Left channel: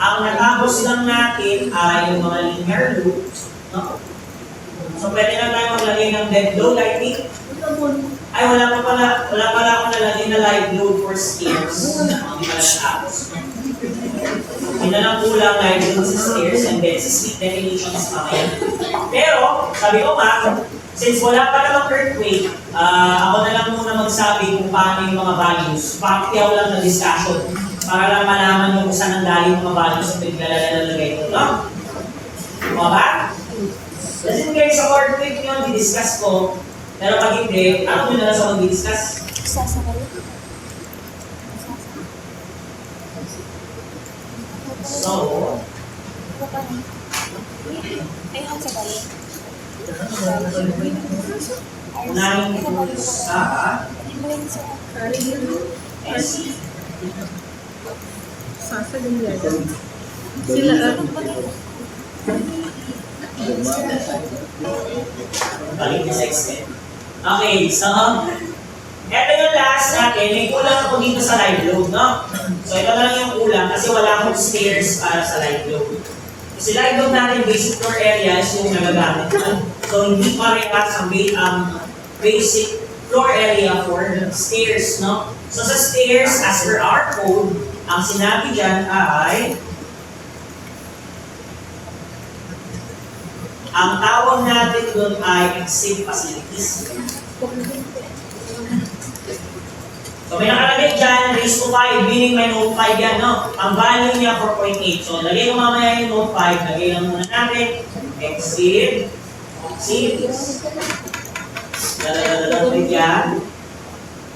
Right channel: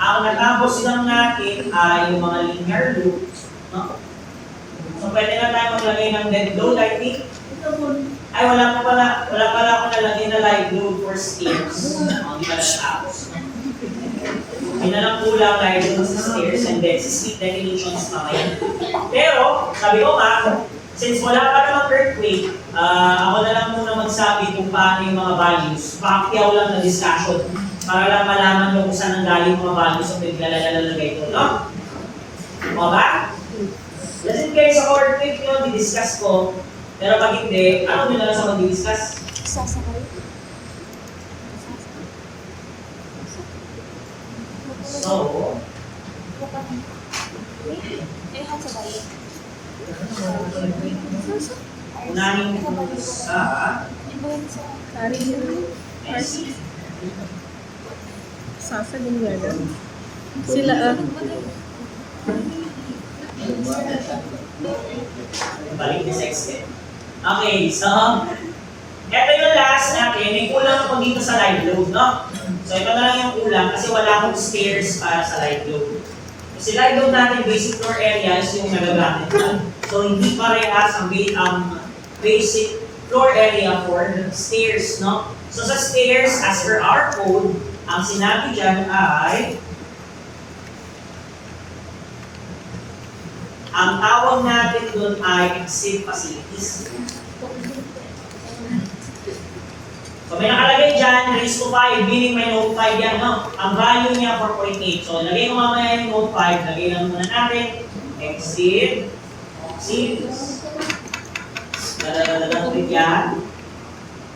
ang natapos lang natin ay yung mga linear loops. No? So, pwede na tayo maglagay ng dead load, I think. Ay, wala pala ako nalagay na live load for stairs. Hindi pala natapos. Hindi na lang kulang live load sa stairs and then sa sleep definitions mamaya. Pero, sabi ko nga, since wala pa namang earthquake, ako na lang muna magsabi kung paano yung mga values. Pakyaw lang na discussion para lang malaman nyo kung saan ang galing yung mga values at naglalagay ito, no? Mga ba? Kasi kayo sa earthquake yun, di-discuss ko. Pero pag hindi, ano nyo na lang sa mag-discuss? So, unahin ko sa SC. Sila Balik sa extent. Okay, so, eto yung last natin. May kulang ako dito sa live load, no? So, ito na lang yung kulang kasi wala akong stairs para sa live load. Kasi live load natin, basic floor area is yung nagagamit. So, hindi parehas ang basic floor area for stairs, no? So, sa stairs, as per our code, ang sinabi dyan ay ang tawag natin doon ay exit facilities. So may nakalagay dyan, raise to 5, meaning may node 5 yan, no? Ang value niya 4.8. So lagay ko mamaya yung node 5, lagay lang muna natin, exit facilities. Lalagay yan,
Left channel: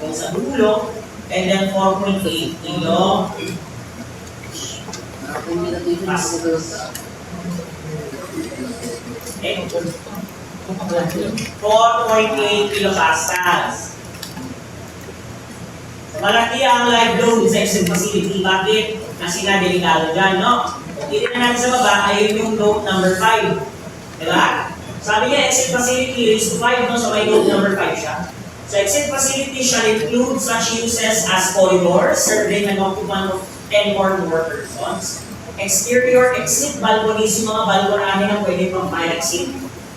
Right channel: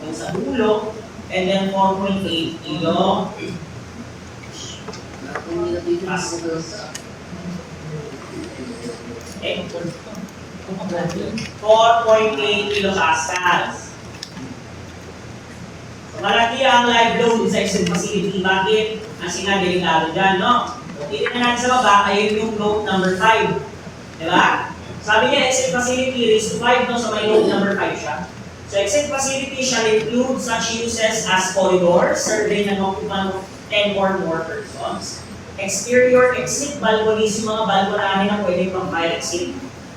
kung sa dulo, and then 4.8 kilo. Okay. 4.8 kilopascals. So, malaki ang live load sa exit facility. Bakit? Kasi nga delikado dyan, no? Hindi na natin sa baba, ayun yung note number 5. Diba? Sabi niya, exit facility raised to 5, no? So, may note number 5 siya. So, exit facility shall include such uses as corridors, serving an occupant of 10 or more persons. Exterior exit balconies, yung mga balconani na pwede pang fire exit.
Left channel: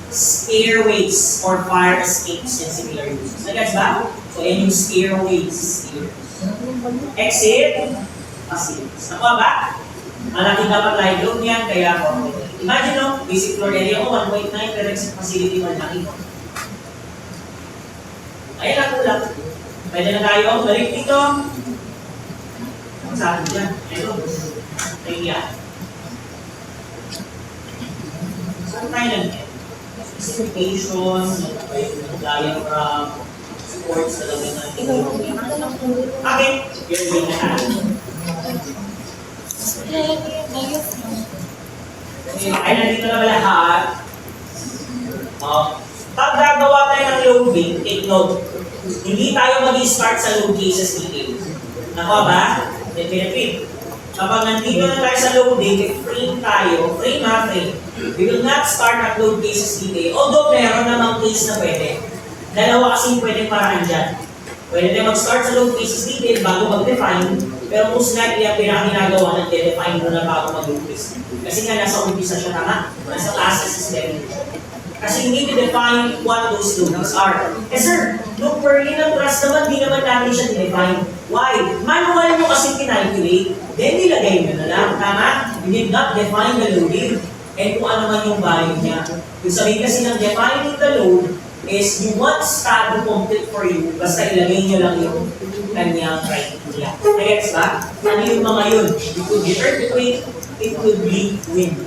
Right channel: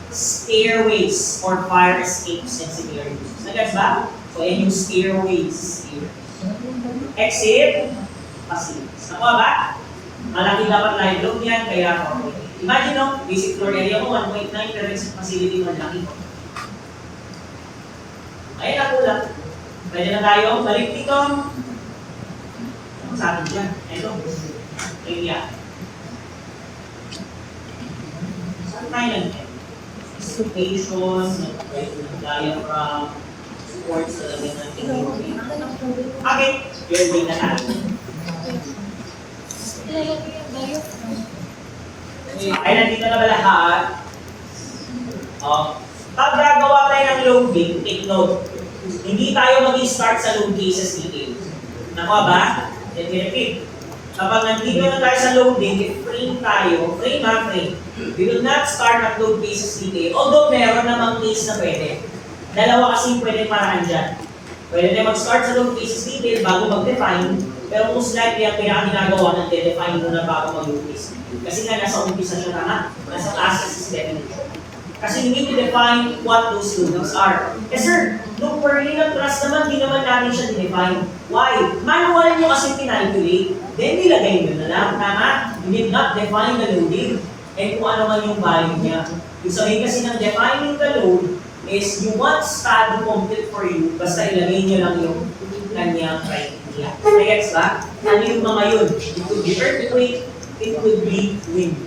Stairways or fire escapes and similar uses. Nagets ba? So, yan yung stairways. Exit facilities. Nakuha ba? Malaki dapat live load niyan, kaya ako. Imagine no, basic floor area mo, 1.9 per exit facility, malaki ko. Ayan ako lang. Pwede na tayo. Balik dito. Ang sabi dyan. Ito. Kaya. Saan tayo nag-get? Specification, diagram, supports talaga natin. Okay. You're going na natin. Ay, nandito na ba lahat? Pag gagawa tayo ng loading, take note. Hindi tayo mag-start sa load cases detail. Nakuha ba? Then repeat. Kapag nandito na tayo sa loading, frame tayo, frame. We will not start at load cases detail. Although meron namang case na pwede. Dalawa kasi pwede paraan dyan. Pwede tayo mag-start sa load cases detail bago mag-define, pero most likely ang pinaka-ginagawa ng de-define mo na bago mag-load case. Kasi nga nasa umpisa siya na nasa classes is definition. Kasi hindi define what those loadings are. Eh sir, look per ng trust naman, di naman natin siya define. Why? Manual mo kasi pinalculate, then nilagay mo na lang. Tama? You did not define the loading. And kung ano man yung value niya. Yung sabihin kasi ng defining the load is you want STAD to complete for you, basta ilagay nyo lang yung kanyang criteria. Nagets ba? Ano yung mga yun? It could be earthquake, it could be wind.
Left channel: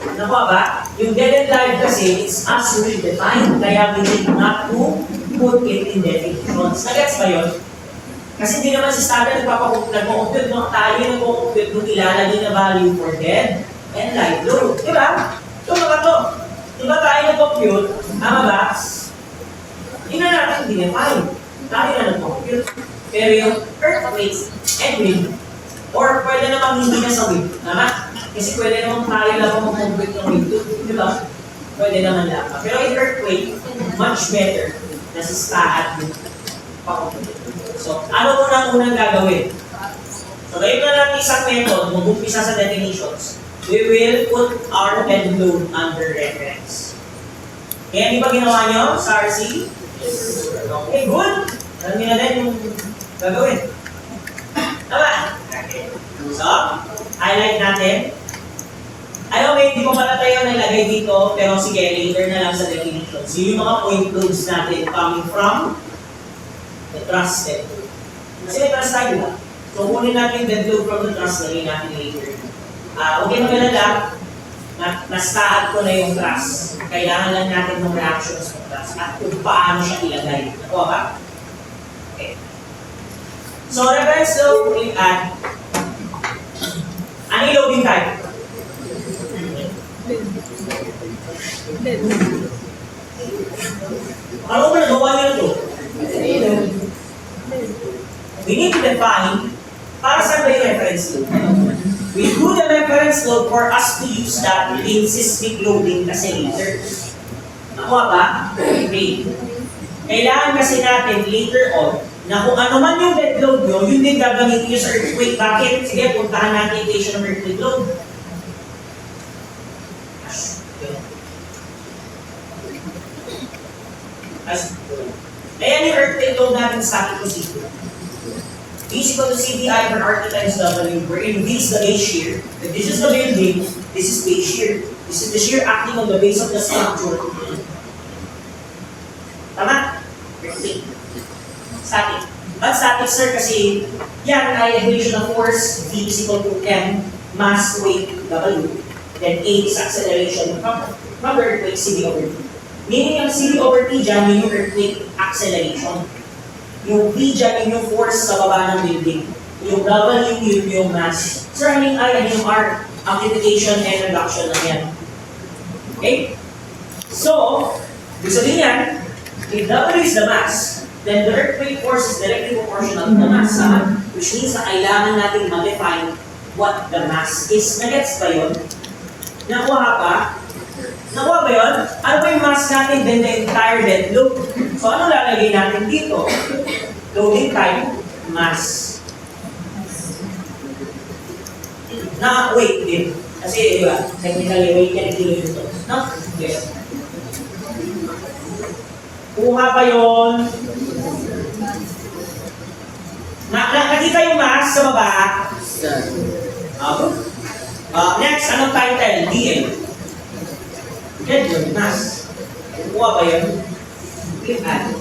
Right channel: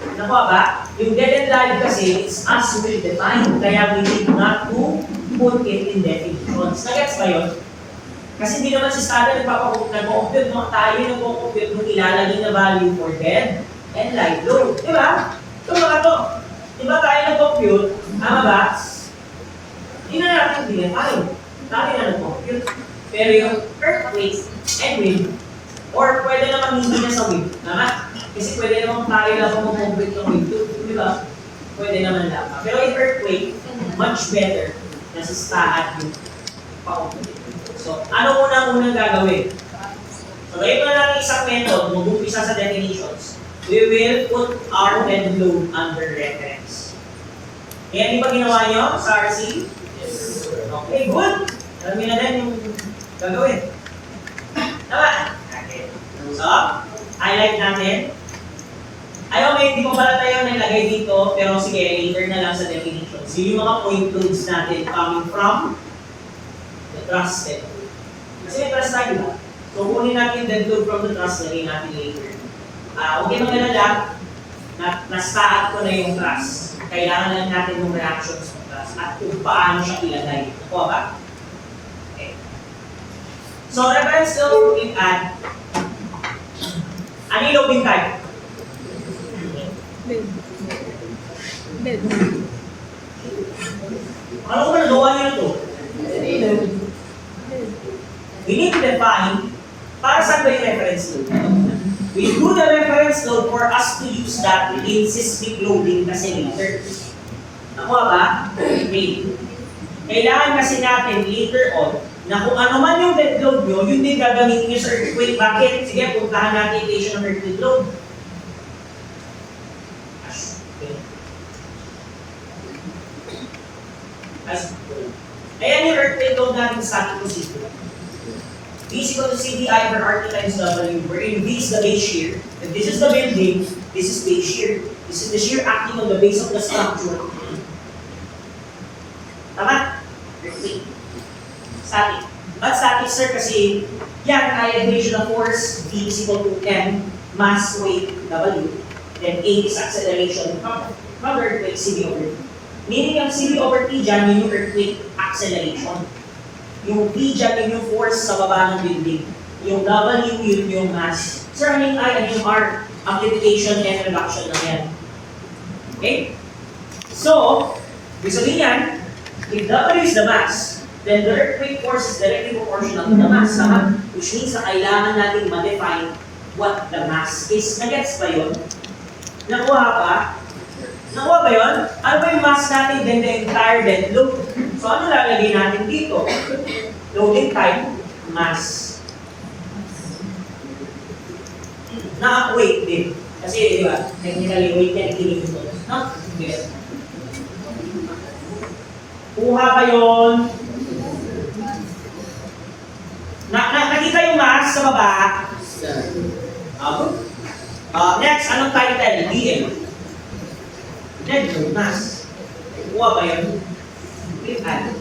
Nakuha ba? Yung dead and live kasi, it's as you will define. Kaya we need not to put it in definitions. Nagets ba yun? Kasi hindi naman si standard nagpo-compute, no? Tayo nagpo-compute nung ilalagay na value for dead and live load. Diba? Ito mga to. Diba tayo nagpo-compute? Tama ba? Hindi na natin dinefine. Tayo na nagpo-compute. Pero yung earthquake and wind, or pwede naman hindi na sa wind. Tama? Kasi pwede naman tayo lang mag-compute ng wind. Diba? Pwede naman lang. Pero in earthquake, much better na sa STAD yung pa-compute. So, ano unang gagawin? So, ngayon na natin isang method, mag-umpisa sa definitions. We will put our dead load under reference. Kaya di ba ginawa nyo sa RC? Okay, good. Alam nyo na din yung gagawin. Tama? Okay. So, highlight natin. Ayaw, may hindi ko pala tayo nilagay dito, pero sige, later na lang sa definition. So, yung mga point loads natin coming from the trusted. Kasi may trust tayo ba? So, kunin natin dead load from the trust, lagay natin later. Okay, magalala, nastaat ko na yung trust. Kailangan lang natin ng reactions ng trust at kung paano siya ilagay. Nakuha ba? Okay. So, reference load, we add. Ano yung loading type? Ano ba nagawa niyo ito? We need to define para saan ba yung reference load? We do the reference load for us to use that in seismic loading kasi later. Nakuha ba? Okay. Kailangan kasi natin later on na kung ano man yung dead load nyo, yun din gagamitin nyo sa earthquake. Bakit? Sige, puntahan natin yung equation ng earthquake load. Ayan yung earthquake load natin static procedure. V is equal to CDI per RT times W, wherein V is the base shear. If this is the building, this is base shear. This is the shear acting on the base of the structure. Tama? Static. But static, sir, kasi yan ay equation of force, V is equal to M, mass, weight, W. Then A is acceleration from the earthquake, CV over T. Meaning yung CV over T dyan, yun yung earthquake acceleration. Yung V dyan, yun yung force sa baba ng building. Yung W, yun yung mass. Sir, ano yung I and yung R? Amplification and reduction lang yan. Okay? So, gusto din yan, if W is the mass, then the earthquake force is directly proportional to the mass. Which means na kailangan natin ma-define what the mass is. Nagets ba yun? Nakuha pa? Nakuha ba yun? Ano ba yung mass natin then the entire dead load? So ano lalagay natin dito? Loading type, mass. Weight din. Kasi, di ba, technically weight yan kilograms. No? Yes. Kuha pa yun. Nakita yung mass sa baba? Next, anong title? DL. Dead load, mass. Kuha pa yun. Click add.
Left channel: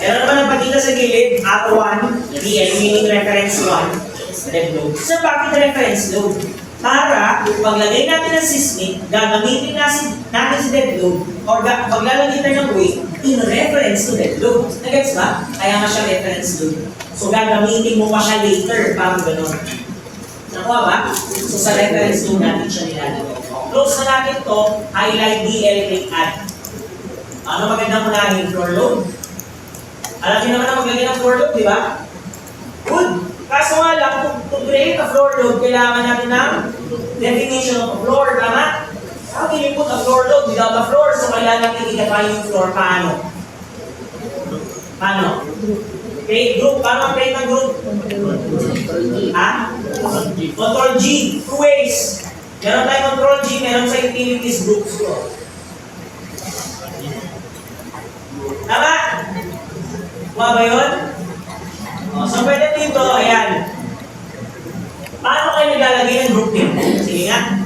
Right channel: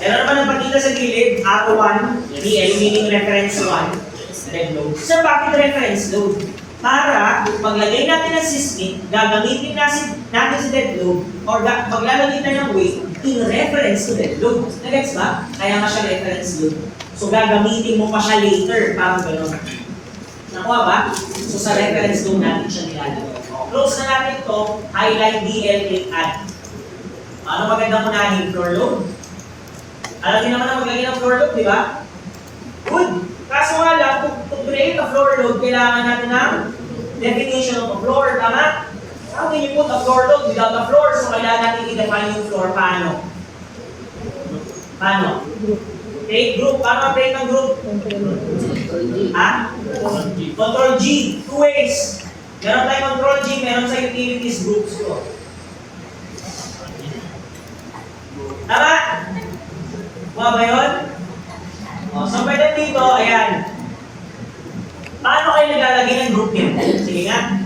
Meron naman ang pagkita sa gilid, ATO 1, DL, meaning reference 1, dead load. So, bakit reference load? Para, paglagay natin ng seismic, gagamitin natin si dead load, or paglalagay tayo ng weight, in reference to dead load. Nagets ba? Kaya nga siya reference load. So, gagamitin mo pa siya later, parang gano'n. Nakuha ba? So, sa reference load natin siya nilalagay. Close na natin to, highlight DL, click add. Ano magandang unahin? Floor load? Alam niyo naman ang maglagay ng floor load, di ba? Good! Kaso nga lang, to create a floor load, kailangan natin ng definition of a floor, tama? How can you put a floor load without a floor? So kailangan natin i-define yung floor. Paano? Paano? Create group. Paano ang-create ng group? Ha? Control G. Two ways. Meron tayong control G, meron sa utilities groups ko. Tama? Kuha ba yun? So pwede dito, ayan. Paano kayo naglalagay ng group name? Sige nga.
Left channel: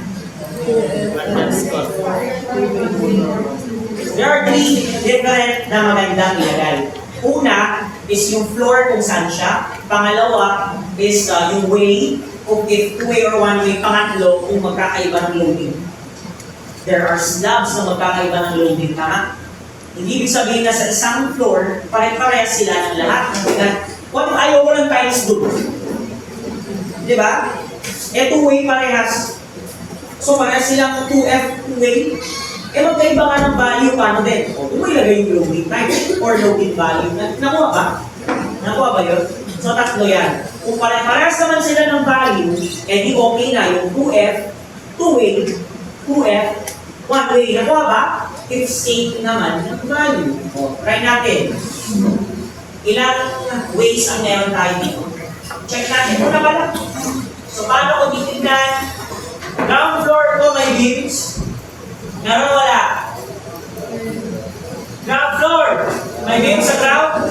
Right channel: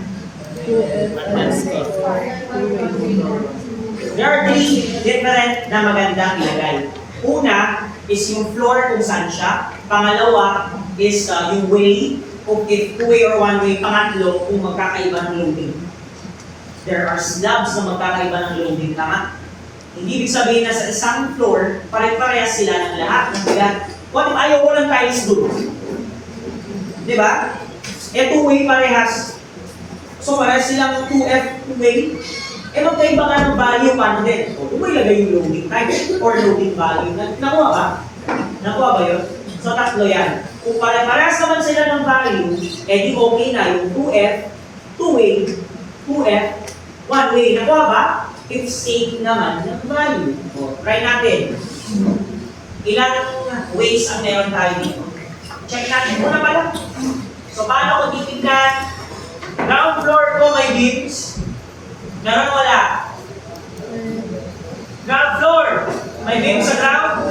There are three different na magandang ilagay. Una is yung floor kung saan siya. Pangalawa is yung way, kung if two-way or one-way. Pangatlo, kung magkakaiba ng loading. There are slabs na magkakaiba ng loading. Tama? Hindi ibig sabihin na sa isang floor, pare-parehas sila ng lahat ng bigat. What if ayaw ko ng tiles doon? Di ba? Two-way parehas. So, parehas silang 2F, two-way. Magkaiba nga ng value, paano din? Kung mo ilagay yung loading type or loading value. Nakuha ba? Nakuha ba yun? So, tatlo yan. Kung pare-parehas naman sila ng value, di okay na yung 2F, two-way, 2F, one-way. Nakuha ba? If state naman ng value. Try natin. ilang ways ang meron tayo dito. Check natin muna pala. So, paano ko titignan? Ground floor ko may beams. Meron wala? Ground floor. May beams sa ground?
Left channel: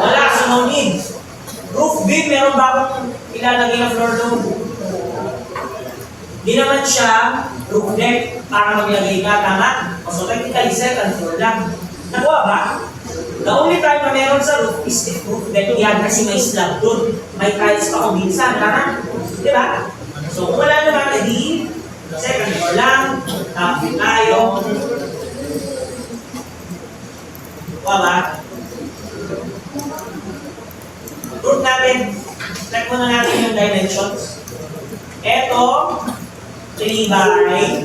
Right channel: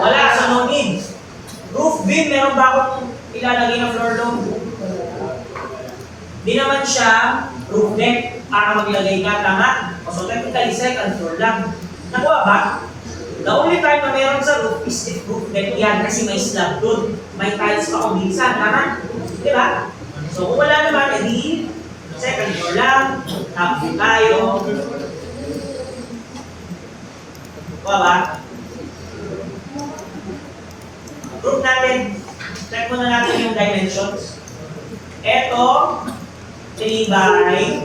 Wala, so no need. Roof beam, meron ba akong ilalagay na floor load? Di naman siya roof deck para maglagay ka, tama? So technically, second floor lang. Nakuha ba? The only time na meron sa roof is the roof deck yan kasi may slab doon. May tiles pa kung minsan, tama? Di ba? So kung wala naman, edi second floor lang, tapos tayo. Kuha ba? Group natin, check muna natin yung dimensions. Ito, 3 by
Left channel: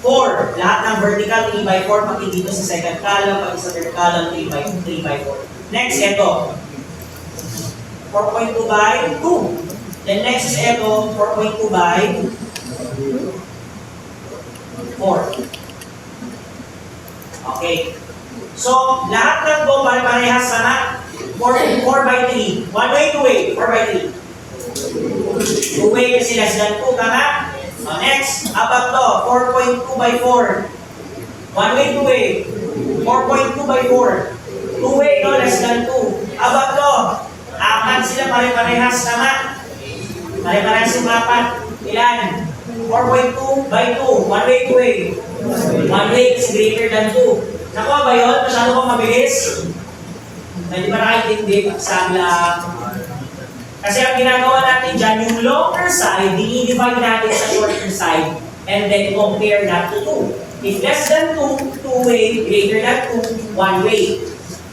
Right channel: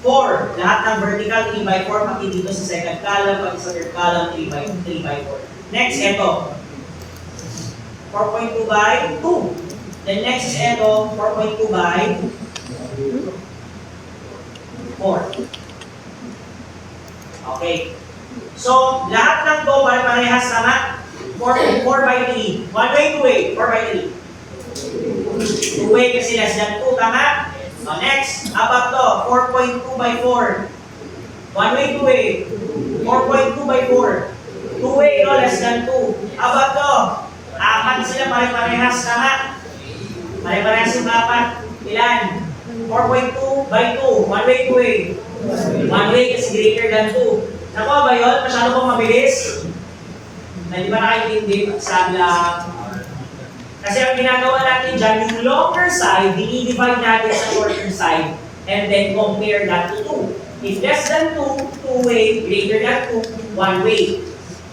4. Lahat ng vertical, 3 by 4, pati dito sa second column, pati sa third column, 3 by 4. Next, ito, 4.2 by 2. Then next is ito, 4.2 by 4. Okay. So, lahat ng to parehas sama. 4 by 3. One way, two way. 4 by 3. Two way kasi less than 2, tama? So next, apat to. 4.2 by 4. One way, two way. 4.2 by 4. Two way, no? Less than 2. Apat to. Apat sila parehas, tama? Parehas yung apat. Ilan? 4.2 by 2. One way, two way. One way kasi greater than 2. Nakuha ba yun? Masyado bang mabilis? Hindi ba nakikindi? Sabi lang. Kasi ang ginagawa natin dyan, yung longer side, dinidivide natin sa shorter side, and then compare that to 2. If less than 2, 2 way, greater than 2, 1 way.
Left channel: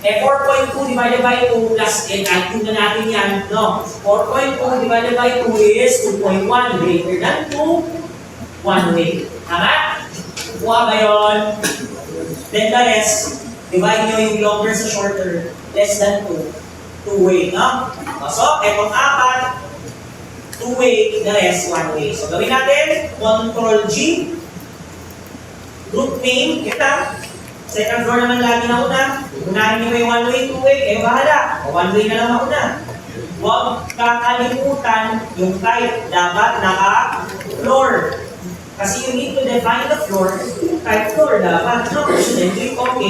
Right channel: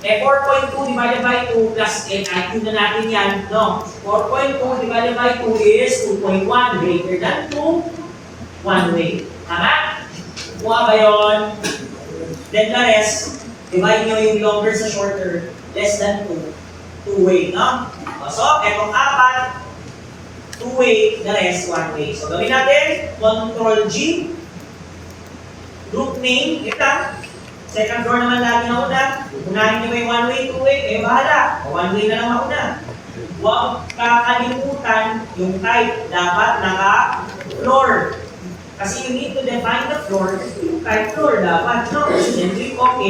Eh, 4.2 divided by 2 plus, kahit yun na natin yan, no? 4.2 divided by 2 is 2.1, greater than 2, 1 way. Tama? Kuha ba yun? Then the rest, divide nyo yung longer sa shorter, less than 2, 2 way, no? So, etong apat, 2 way, the rest 1 way. So, gawin natin, Control G, group name, kita. Second floor naman lagi na una. Unahin nyo yung 1 way, 2 way, eh bahala. O 1 way na lang mauna. Huwag kakalimutan yung type, dapat naka-floor. Kasi you need to define the floor, yung type floor dapat, no? Then click OK.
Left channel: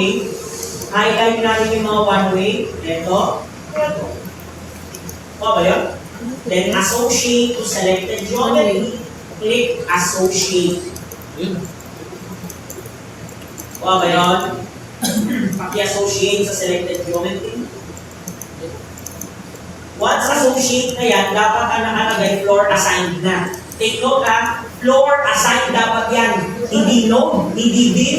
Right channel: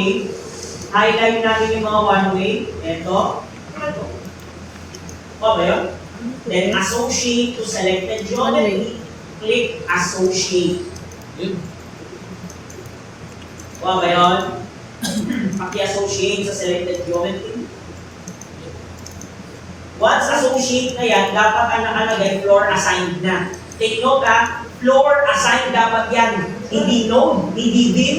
Highlight natin yung mga 1 way. Ito. Ito. O ba yun? Then associate to selected geometry. Click associate. O ba yun? Paki-associate sa selected geometry. Once associate na yan, dapat ang nakalagay floor assigned na. Take note ha, floor assigned dapat yan. Hindi node, hindi bin,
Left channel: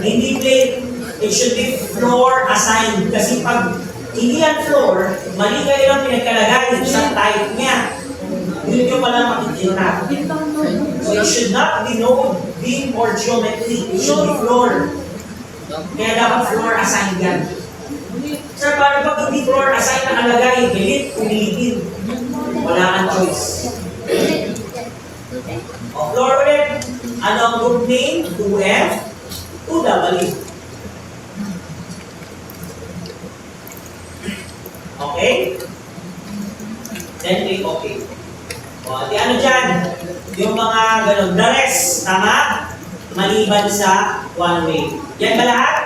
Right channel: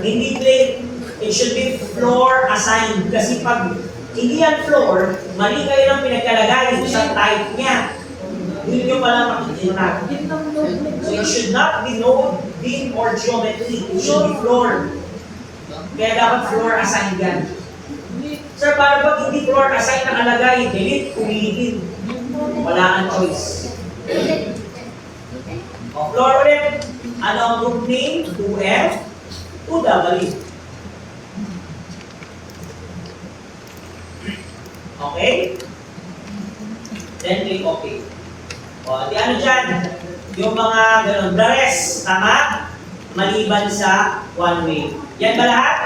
hindi plate. It should be floor assigned. Kasi pag hindi yan floor, mali kayo lang pinagkalagay sa type niya. Yun yung pala makikita. So it should not be node, bin, or geometry. It should be floor. Kaya dapat floor assigned yan. Sir, paano pag hindi floor assigned nakalagay? Delete, ulitin. Wala kang choice. O, floor ulit. Ano ang group name? 2F, 2W. Okay? Then click OK. O, di ano dyan? Yung mga ganun, the rest, tama? Maliban sa one way. Yan ba lahat?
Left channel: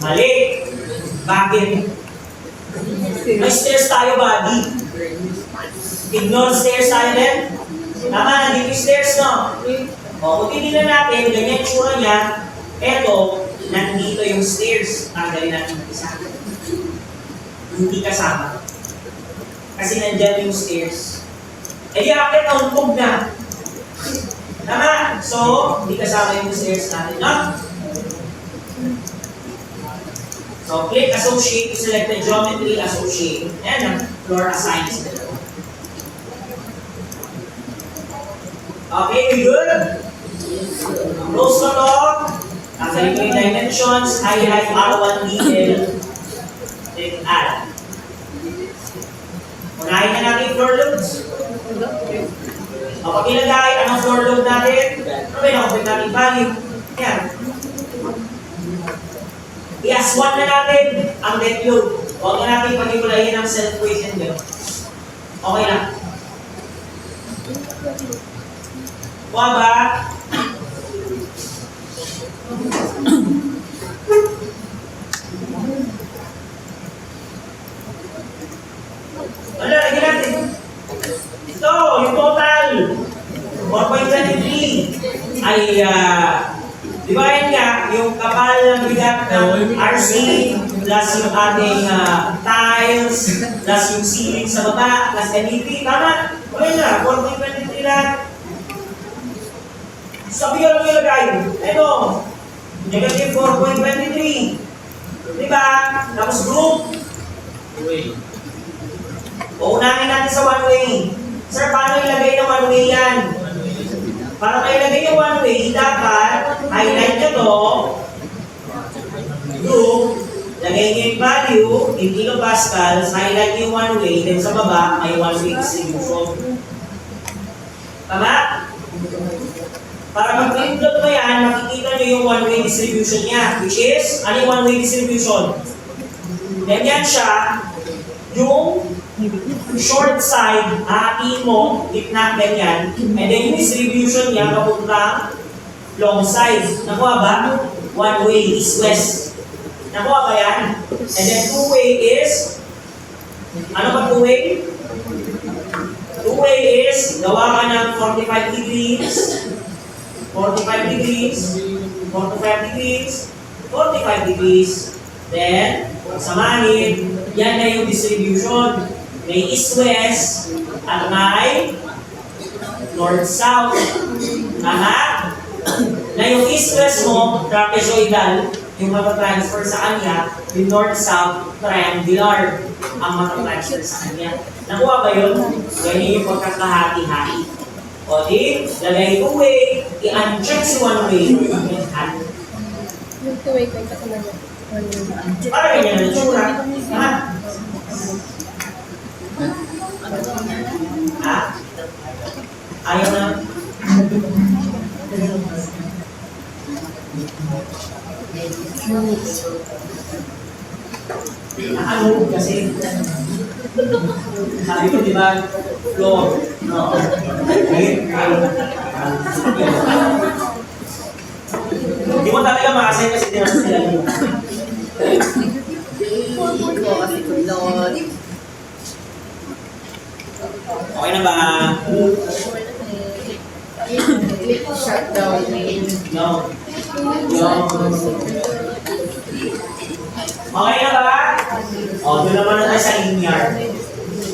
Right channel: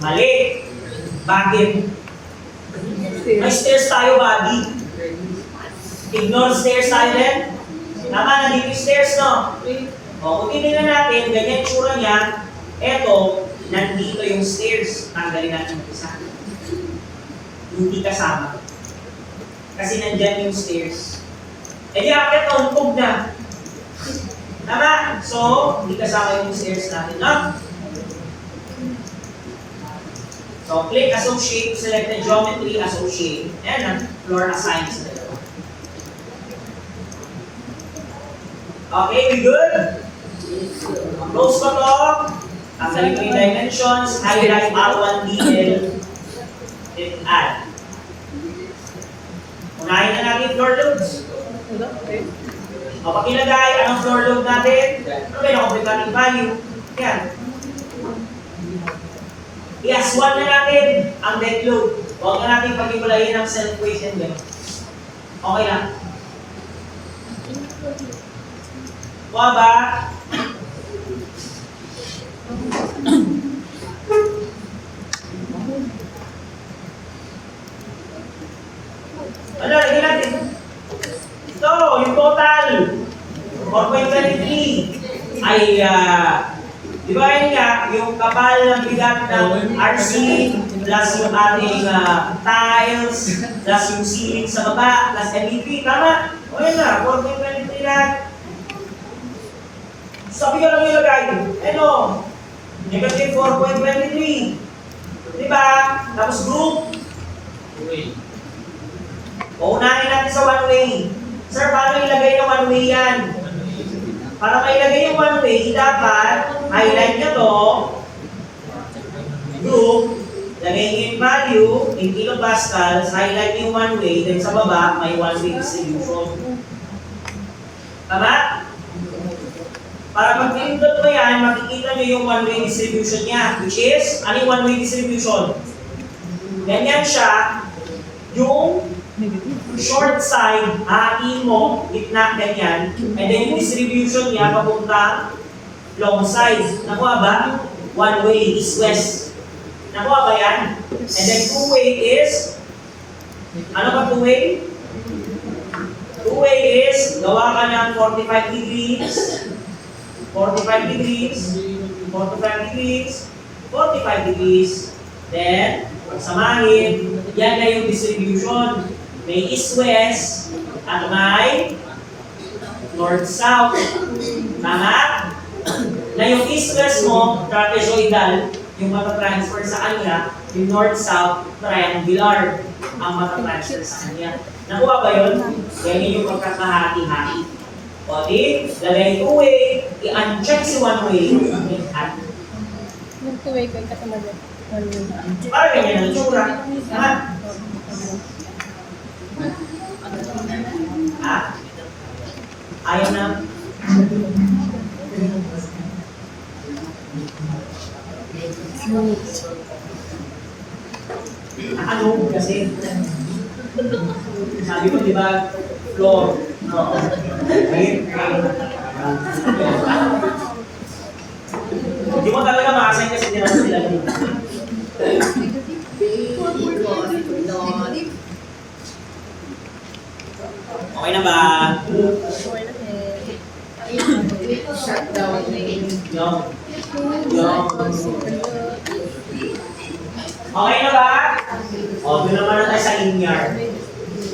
Mali. Bakit? May stairs tayo, buddy. Ignore stairs tayo din. Tama, nandito yung stairs, no? O, kung titignan natin, ganyan yung tsura niya, eto, nandito yung stairs. Tanggalin natin yung isa. Hindi kasama. Kasi nandyan yung stairs. E di akit na untog na. Tama? So, hindi kasama yung stairs natin, no? So, click associate to select the geometry, associate. Ayan ang floor assigned. Okay, we good? Close ko to. Tanggalin ko yung dimensions, highlight R1 detail, then add. Unahin na natin floor loads. Kapag ilagay, anong floor load natin? Ano ba yung natin value? Yan. Last one na natin, ang dead load. Huwag na natin pag-ibulayin ng self-weight and weight. Okay lang. Kuha ba? Wala, lagyan natin. Ito, yung total. 4.23 ay, di ba yun nga, yung kapal ng bigat ng RC plus yung ating tiles plus yung ceiling sa baba plus MEP, tama? Okay na, 4.23 lang. Sabi ko lang yung lagay. Ano? Negative 4.23. Di ba? Tapos group. Uunahin natin sa one way. Sir, paano ilagay ng one way yan? Para kayo ilagay yung one way, dapat highlight nyo to, group, lagay nyo yung value in kilopascals, highlight yung one way, then sa baba, may one way distribution. Tama? Para pag pinindot mo yan, makikita nyo yung one way distribution niya, which is, ano yung one way distribution? Ganyan siya, yung short side, hatiin mo, gitna, ganyan, and then yung distribution niya papuntang long side. Nakuha ba? One way is west. Nakuha ba yan? And then two way is, ano ba two way? Two way is, gawa ka ng 45 degrees, 45 degrees, 45 degrees, 45 degrees, then, samahin, yan na yung distribution. May east-west at may north-south. Tama? Na yung east-west mo, trapezoidal, yung matatransfer sa kanya, yung north-south, triangular ang matatransfer sa kanya. Nakuha ba yun? Ganyan yung pagkakahati-hati. O di, lalay two-way, i-uncheck si one-way, Yung two-way ko yung para ganyan ang tsura. Ha? Ha? Ayaw na. Ano kasi? Sabi ko, di ba? Floor. No. Hindi mo talaga makasign kasi di naman sila. Okay na ba? No. Okay na ba? O, doon naman na tayo sa linear.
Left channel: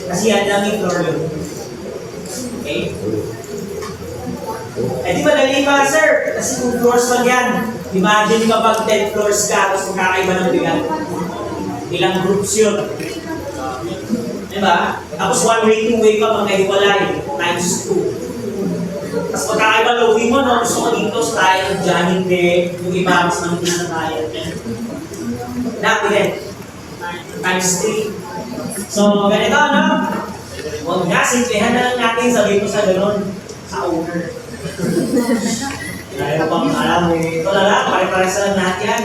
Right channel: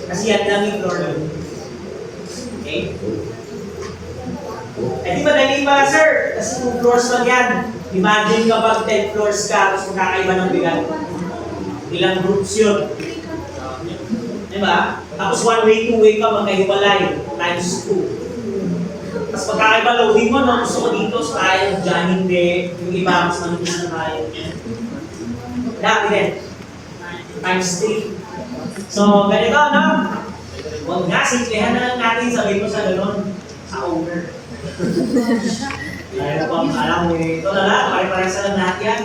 Kasi yan daming floor yun. Okay? Eh di ba dali ba, sir? Kasi 2 floors lang yan. Imagine kapag 10 floors ka, tapos magkakaiba ng bigat. Ilang groups yun. Diba? Tapos one way, two way ka, magkahiwalay. Times 2. Tapos magkakaiba loading mo, no? Gusto ko dito style, dyan hindi. Yung iba, mas manipis na tayo. Lahat din. Times 3. So, ganito, no? Huwag na, simplihan na lang natin, sabi ko sa gano'n, sa owner. Kaya pang alam mo, ito na lang, pare-pares lang lahat yan.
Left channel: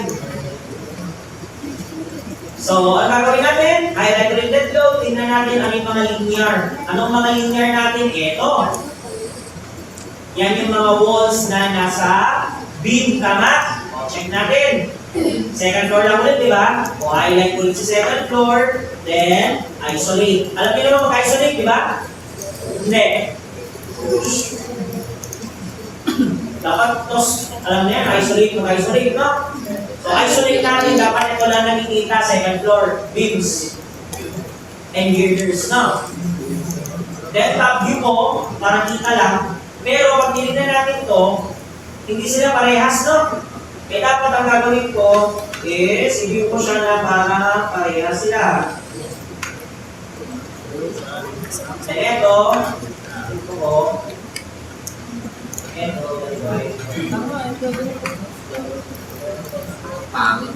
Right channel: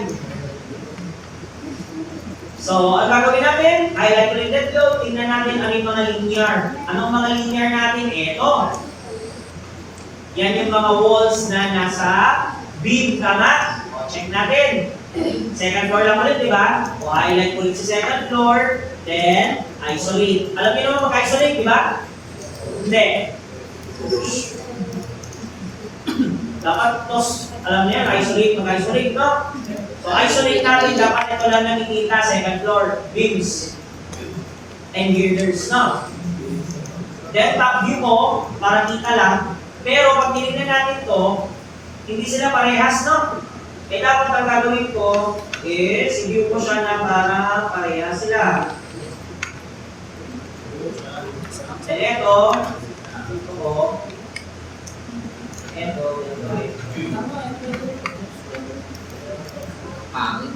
So, ang gagawin natin, highlight related load, tingnan natin ano yung mga linear. Anong mga linear natin? Ito. Yan yung mga walls na nasa beam, tama? O, check natin. Second floor lang ulit, di ba? O, highlight ulit sa second floor, then isolate. Alam niyo naman mag-isolate, di ba? Hindi. Dapat tos, alam niya, mag-isolate, no? So, isolate natin, dapat ito lang nakikita, second floor, beams, and girders, no? Then, top view mo, para kita lang, pero pag tinignan natin to, hindi sila parehas, no? Kaya dapat ang gagawin ko is, i-view ko siya na para parehas sila. Then, ito ko, ito, pangit.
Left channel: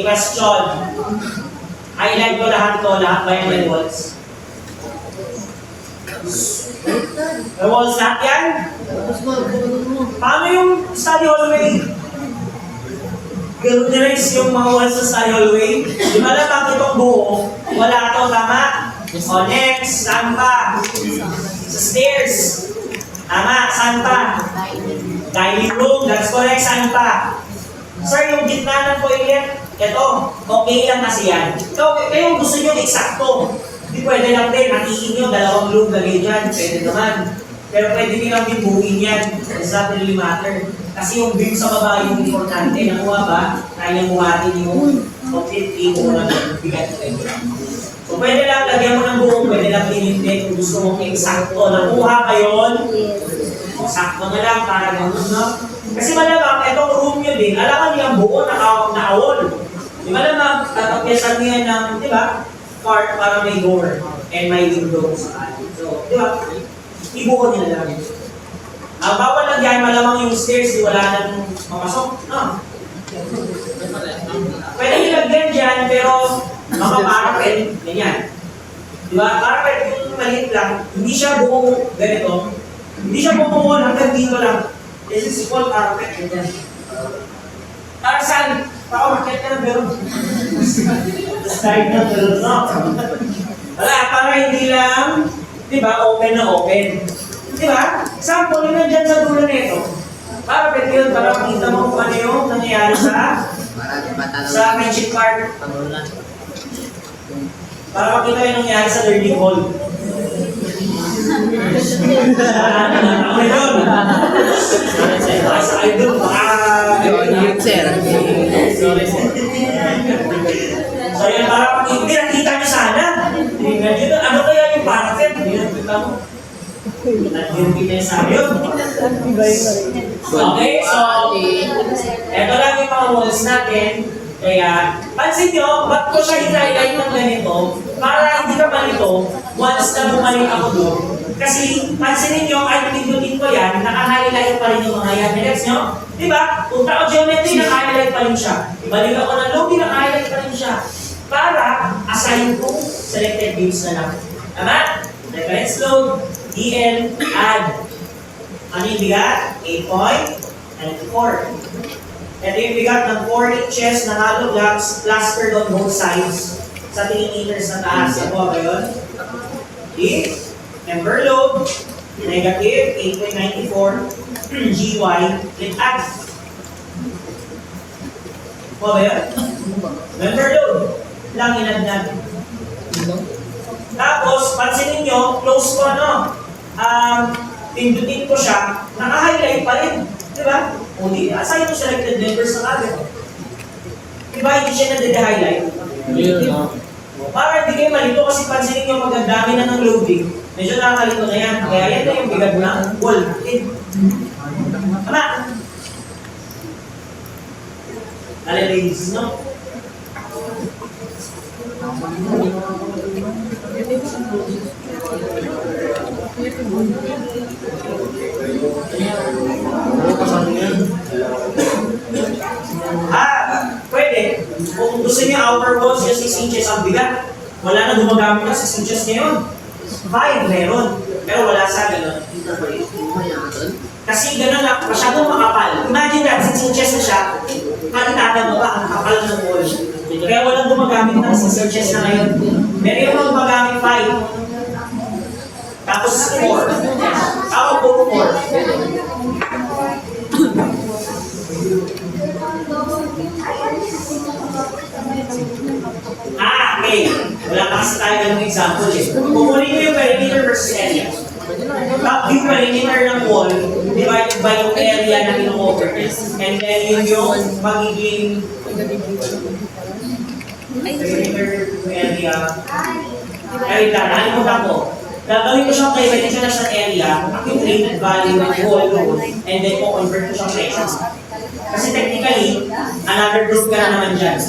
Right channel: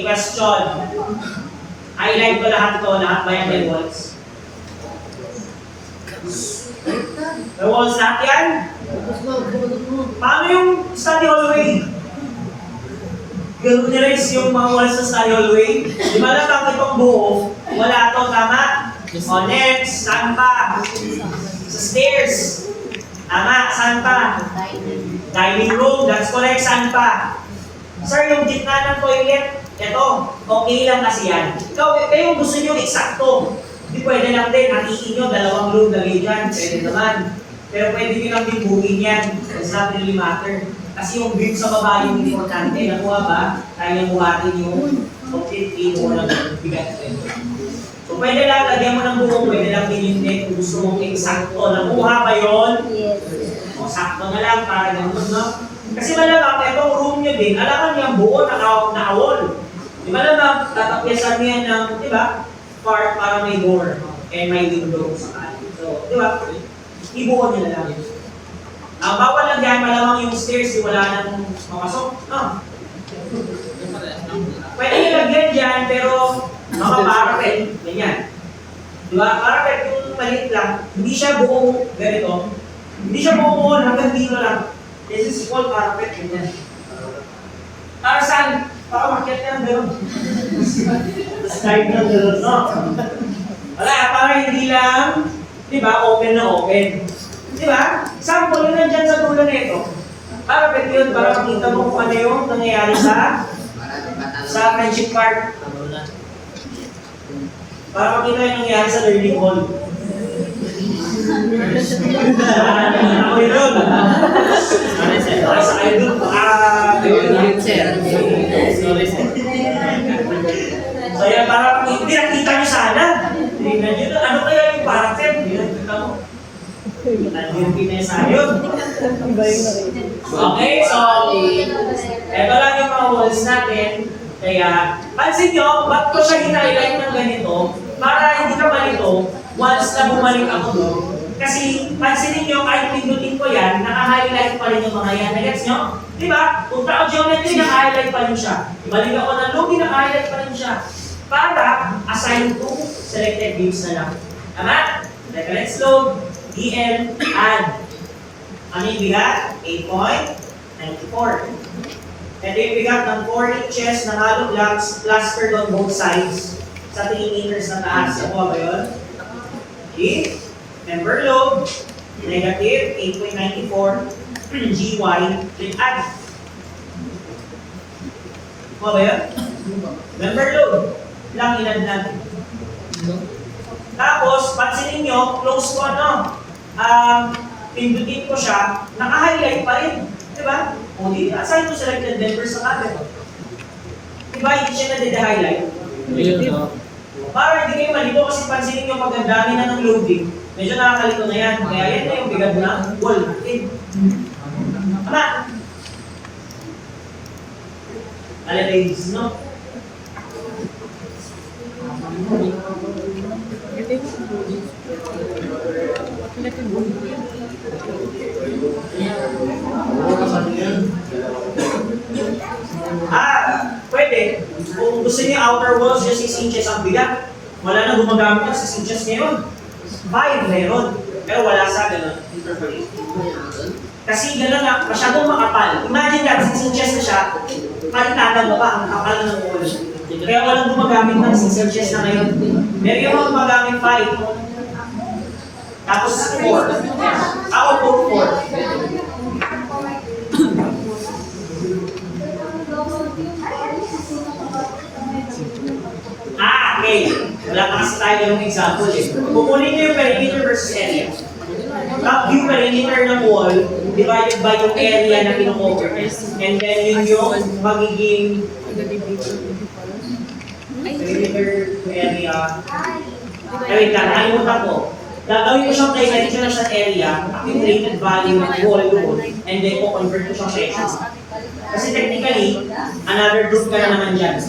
Okay, question. Highlight ko lahat ito, lahat ba yung may walls? May walls lahat yan? Paano yung study hallway? Ganun-nirais yung mga walls sa study hallway? Di ba lang bakit itong buo? Wala to, tama? O next, saan pa? Sa stairs. Tama, saan pa? Dining room, that's correct, saan pa? Sir, yung gitna ng toilet, eto, okay lang kasi yan. Kayo gusto nyo eksakto. Hindi pwede lang din, hatiin nyo, dalawang room lagay dyan, pwede naman. Pero pwede nyo lang din buuin yan. It's not really matter. Kasi yung beam sa baba yung importante. Nakuha ba? Kaya buhatin yung complete mo ng bigat. So pwede lang, lagyan mo ng buong, pwede lang pinindin kung gusto mong eksakto. Nakuha ba yun? O sakto na lang para ganun, no? Kasi malamang, itong room nyo din, alam niyo ang buo na awol. Di ba naman, tatapyasan niya ng, di ba, part para may door and may window sa kanin. So, di ba, ibuo niya lang. Ang bawal lang yan, malamang yung stairs, di wala nang mapasok. No? Pwede nyo lagyan dyan, pero mga carpet, ganyan. Di ba, carpet kung maliit lang, hindi siya buong ganito, hindi siya buong hanggang dito lang. This is called carpet, ganyan. Tarzan, baka makita ng gano'n. Start ng gano'n, no? Wala, para hindi lang, di ba, open na open. Di ba? Example, yun nandyan sa dulo nito. Para pwede yun, para makita mo kung ano yung nangyayari sa friendship park. Para makita yung nangyayari sa learning hall. Ako yun. Ay, sa idol. So yan, para hindi nakita niyo sana. Tingnan niyo, ano kaya yung parang hindi nakita mo. Hindi na sayo. Okay, so eto lang yung mga walls natin. Kaya, pansin nyo, ba't ko siya highlight ng ganito? Para hindi ka malito, once na bumalik ako doon. Kasi, pansinin nyo, kahit pindutin ko yan, naka-highlight pa rin yung mga yan. Next nyo, di ba? Kung tao geometry, naka-highlight pa rin siya. Balik ako ng lobby, naka-highlight pa rin siya. Para, assign to selected views na lang. Tama? Let's load, DL, add. Ano yung bigat? 8.94. Ito yung bigat ng 4 inches na hollow blocks plastered on both sides sa 3 meters na taas. Ako ba yun? Okay. Member load, negative 8.94 GY with add. Ako ba yun? Member load, lang inad natin. Tapos, pansinin nyo, close ko ano, pindutin ko siya, naka-highlight pa rin. Diba? O di, assign mo selected members sa kanan. Diba, hindi siya na-highlight? Para hindi kayo malito kasi pansinin nyo magandami na ng loading. Medyo nakakalito na yan. Kaya yan na yung bigad na wall natin. Tama? Ladies, no? Pwede. Kung gusto niya outer walls, just 6 inches ang bigat. Wala na gumagamit ng 6 inches ngayon. 5 meron. Pero wala sa gano'n. Kasi gano'n na, masyadong makapal. Imagine that, 6 inches na siya, palitada mo pa ang kapal ng wall. Kaya walang gumagamit ng 6 inches na ngayon. Pero yung mga gumagamit 5. Tapos 4. Ako puro 4. Okay. Wala pa kasi tayo ganung example eh. Kukunin ko yung perimeter versus area. Top view perimeter ng wall divided by yung area na kino-cover. And then yun yung magiging perimeter area. Wait lang, nalimutan ko. Gagawin ko siyang dimensional sa area, yung rated value ng wall doon, and then convert ko siyang sections. Kasi technically, another group ka na naman dyan.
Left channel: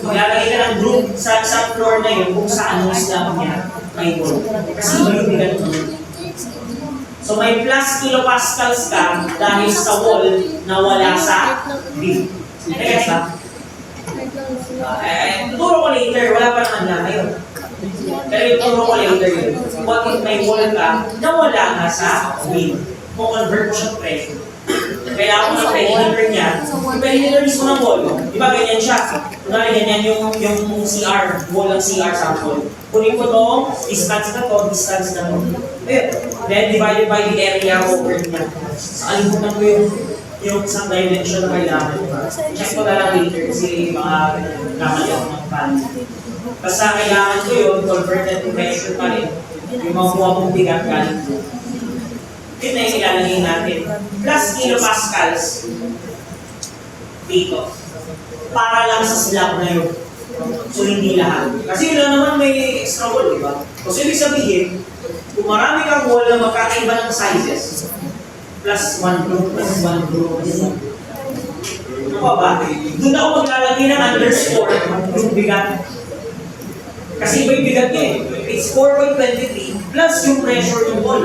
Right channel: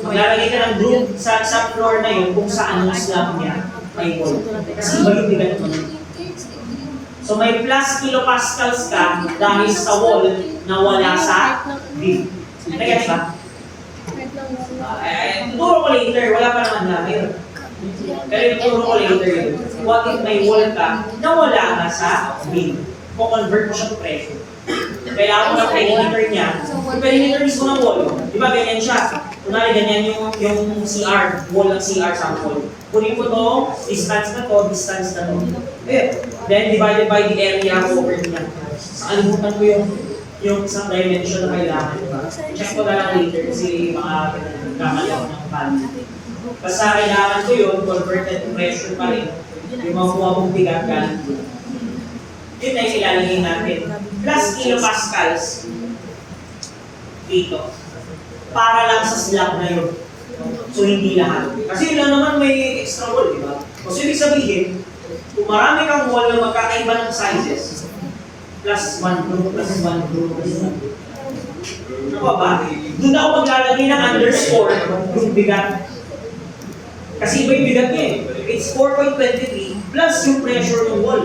Maglalagay ka ng group sa floor na yun kung saan yung slab niya may wall. Kasi iba yung bigat mo. So may plus kilopascals ka dahil sa wall na wala sa beam. Next ba? Turo ko later, wala pa naman lang ngayon. Pero yung turo ko later yun. What if may wall ka na wala ka sa bin? Kung convert mo siya to pressure. Kailangan mo ng perimeter niya. Yung perimeter mismo ng wall. Di ba ganyan siya? Kunwari ganyan yung CR, wall ng CR sample. Kunin mo itong distance na to, distance na to. Then divided by the area over niya. Sa kalimutan ko yung isang dimension na kailangan. Check ko na lang later kasi mga nakali ako ng pan. Basta kailangan ko yun, converted to pressure pa rin. Yung mga kuha mong bigat galing ko. Yun na yung ilalagay natin. Plus kilopascals dito. Para lang sa slab na yun. So hindi lahat. Kasi yun naman may extra wall, di ba? So ibig sabihin, kung marami kang wall na magkakaiba ng sizes, plus 1 group, plus 1 group, plus 1 group. Ano ba? Doon ako maglalagay ng underscore yung bigat. Kasi iba yung bigat niya eh. It's 4.23 plus yung pressure ng wall.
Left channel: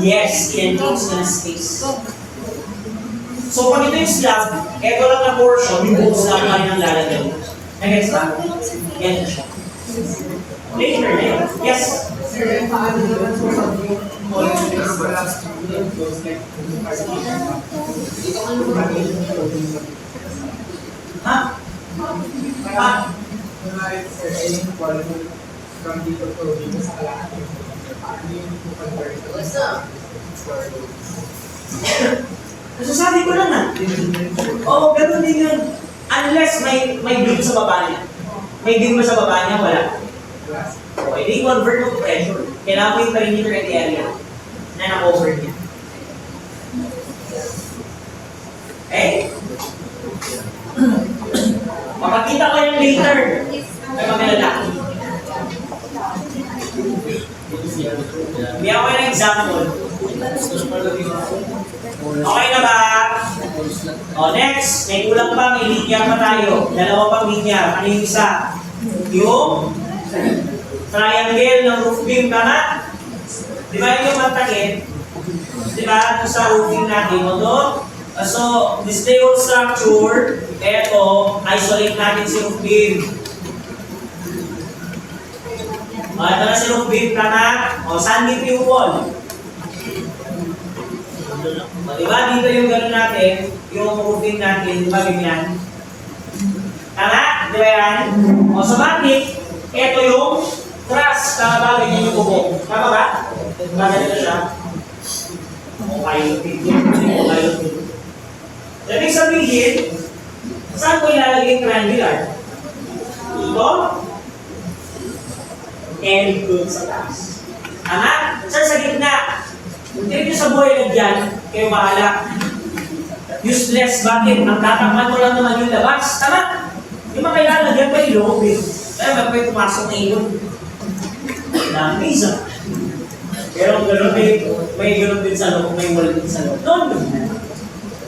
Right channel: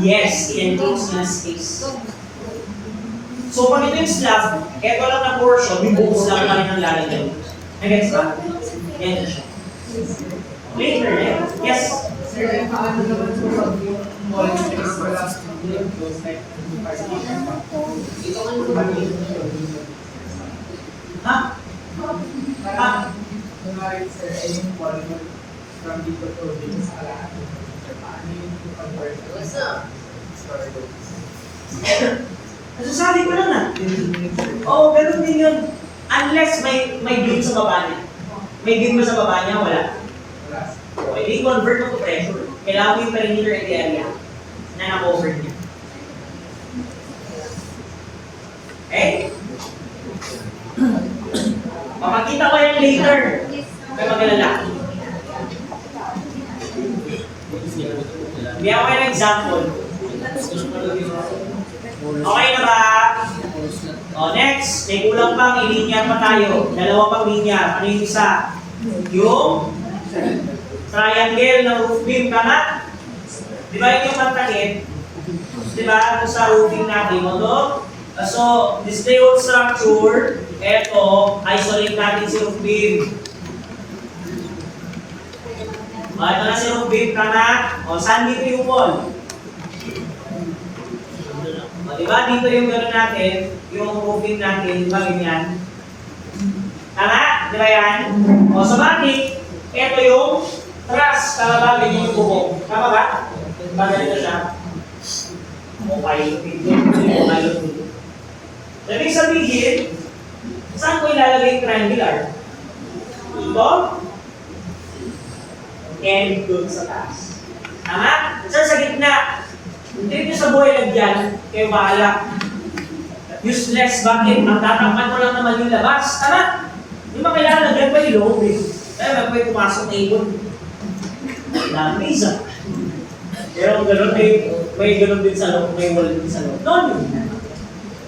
Yes, in-enclose na space. So pag ito yung slab, eto lang na portion, yung buong slab pa rin ang lalagay. Nag-gets ba? Yan siya. Later na yun. Yes? Sir, paano naman po yung Ha? Ha? from dito to dito sa kalahati. Paano yung conversion? Nasasabi ko lang ah. Oo, ganun din yun. Unless may beam sa baba niya. May beam sa baba niya, wala. Okay, di convert mo to pressure. Kailangan mo yung perimeter and the area na na-cover niya. Eh, papakita ko yan later. May magalala. Bigyan ko kayo ng example. Okay na ba? O, next. May kulang pa. May linear pa tayo. Dalawa pang linear. Ano yung isa? Yung triangle ng roof beam. Tama? Di ba yun yung mantakit? Di ba? Ito sa roofing natin. Ito. So, display of structure. Ito. Isolate natin si roof beam. O, ito na si roof beam. Tama? O, saan dito yung wall? O, diba? Dito yung gano'n natin, yung roofing natin, diba ganyan? Tama? Diba yan? O, so bakit? Ito yung truss. Tama ba? Ganyan yung bubong. Tama ba? Diba ganito siya? O, pilot video. O, pilot video. Ibig sabihin, saan ko ilalagay yung triangular? Dito? And dun sa taas. Tama? Saan sa gitna? Hindi nyo sa buhay lagyan, kayo bahala. Useless, bakit? Ang tatakman mo lang naman yung labas. Tama? Hindi ba kailangan lagyan pa yung loob eh? Kaya ba pwede pumasok na ibon? Dami isa. Pero gano'n may gano'n din sa loob, may wall din sa loob. No.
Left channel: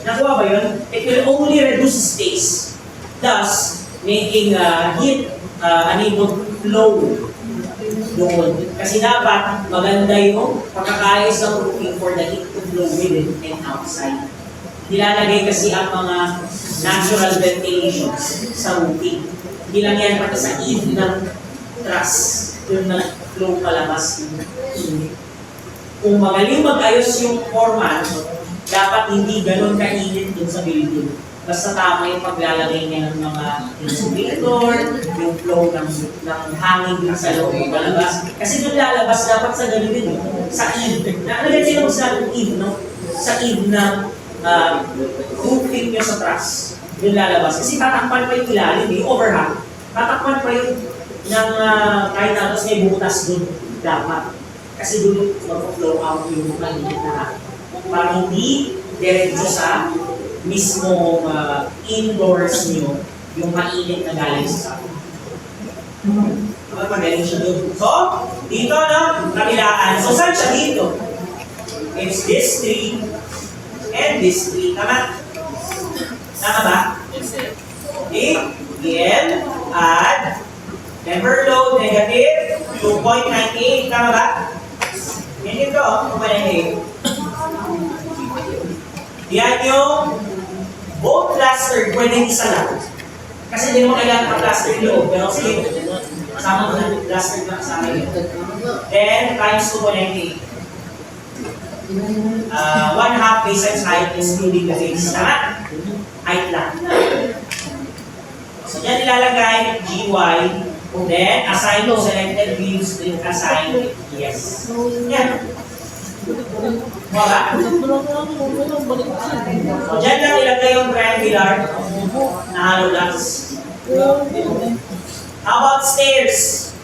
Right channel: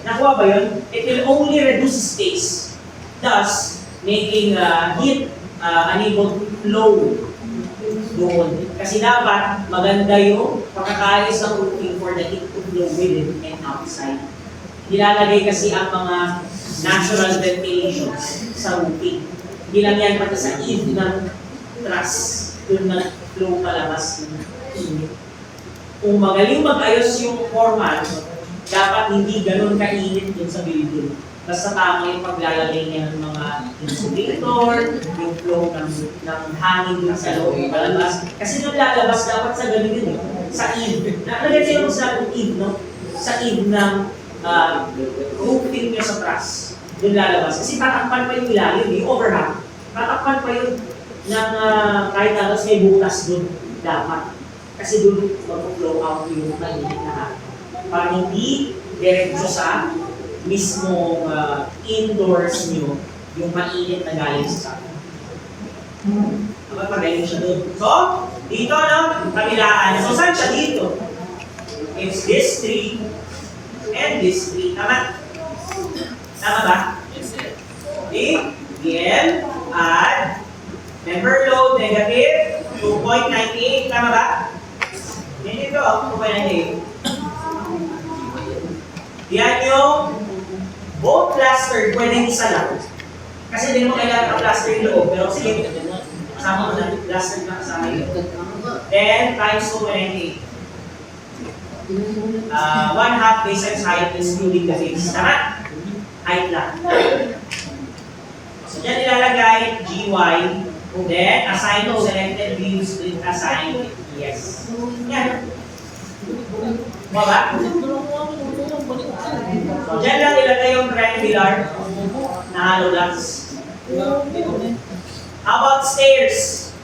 Nakuha ba yun? It will only reduce space. Thus, making heat unable to flow doon. Kasi dapat maganda yung pagkakaayos ng roofing for the heat to flow within and outside. Nilalagay kasi ang mga natural ventilations sa roofing. Hindi lang yan pati sa eave ng truss. Yung nag-flow palabas. Kung magaling mag-ayos yung foreman, dapat hindi ganun kainit dun sa building. Basta tama yung paglalagay niya ng mga insulator, yung flow ng hangin din sa loob ng palabas. Kasi nung lalabas, dapat sa ganun din eh. Sa eave. Nakalit sila sa eave, no? Sa eave ng roofing niya sa truss. Yung lalabas. Kasi tatakpan pa yung ilalim, yung overhang. Tatakpan pa yun ng kahit anos may butas dun. Dapat. Kasi dun mag-flow out yung mainit na. Para hindi diretso sa mismo indoors nyo yung mainit na galing sa sakit. Magaling siya doon. So, dito na, kabilaan. So, saan siya dito? It's this tree and this tree. Tama? Tama ba? Okay. Again, add. Member load, negative, 2.98. Tama ba? Yan dito, 2.98. Yan yung both cluster, pwedeng isa lang. Kasi hindi naman kailangan ng plaster yung loob, pero sige, kasama mo na yung plaster na kasama yun. Then, times 2.98. 1/2 base times height excluding the base. Tama? Height lang. So, dyan ilalagay GY, then assign to selected views, then assign yes. Yan. Wala? So, dyan lang ilagay yung triangular na hollow blocks. How about stairs?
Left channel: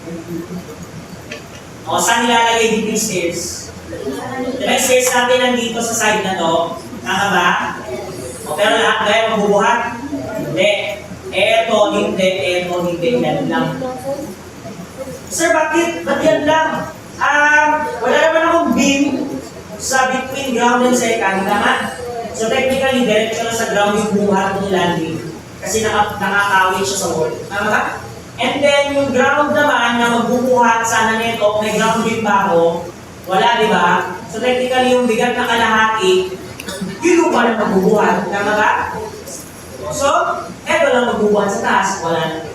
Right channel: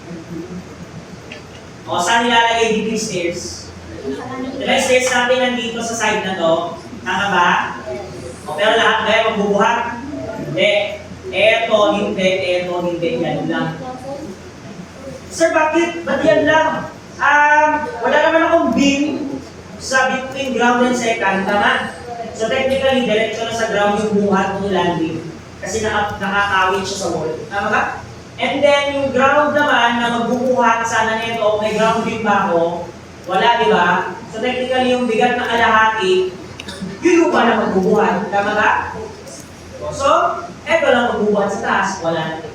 O, saan nilalagay dito yung stairs? Diba yung stairs natin nandito sa side na to? Tama ba? O, pero lahat kayo magbubuhat? Hindi. Eto, hindi. Yan lang. Sir, bakit? Ba't yan lang? Wala naman akong beam sa between ground and second, tama? So technically, diretso na sa ground yung buhat ng landing. Kasi nakakawit siya sa wall. Tama ka? And then, yung ground naman na magbubuhat sana nito, may ground beam ba ako? Wala, di ba? So technically, yung bigat na kalahati, yung lupa na magbubuhat. Tama ka? So, eto lang magbubuhat sa taas, wala na.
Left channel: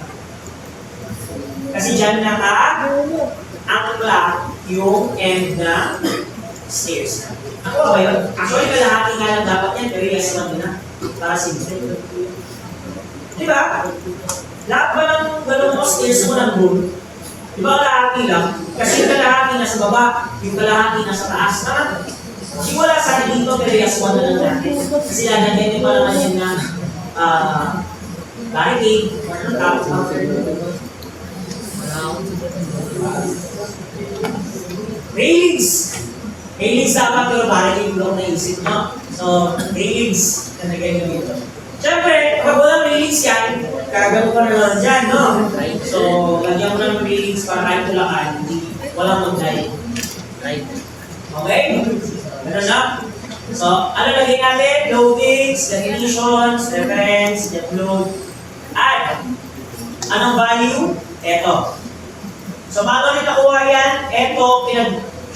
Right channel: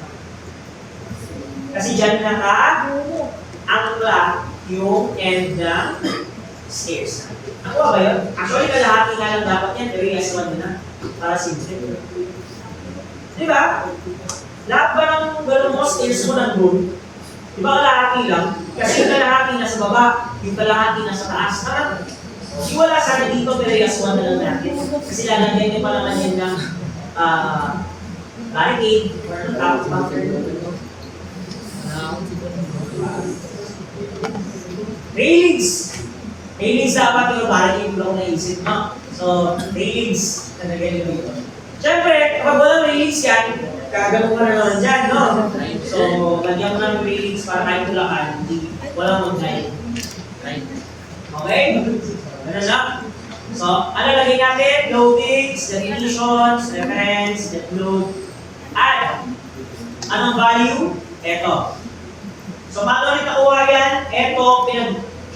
Kasi dyan naka-angkla yung end na stairs. Ako ba yun? Actually, kalahati nga lang dapat yan, pero yes, one na. Para simple. Di ba? Lahat ba ng galong mo stairs mo ng room? Di ba kalahati lang? Kasi yung kalahati na sa baba, yung kalahati na sa taas. Kasi wala sana dito, pero yes, one na lang natin. Kasi lalagyan niyo pa naman yan ng barricade, tapos railings! Railings dapat pero barricade block na isip mo. So, railings, nalagyan nyo dito. Siyempre, kapag walang railings yan, kagamo ka na naman dyan, no? So, lagyan mo ng railings para kahit tulakan, walang mag-drive. Okay? Ganun lang. So, ano lagay natin? Loadings, definitions, reference, load, add. Anong value? Ito. So, paano rin nakuha yan? Ito,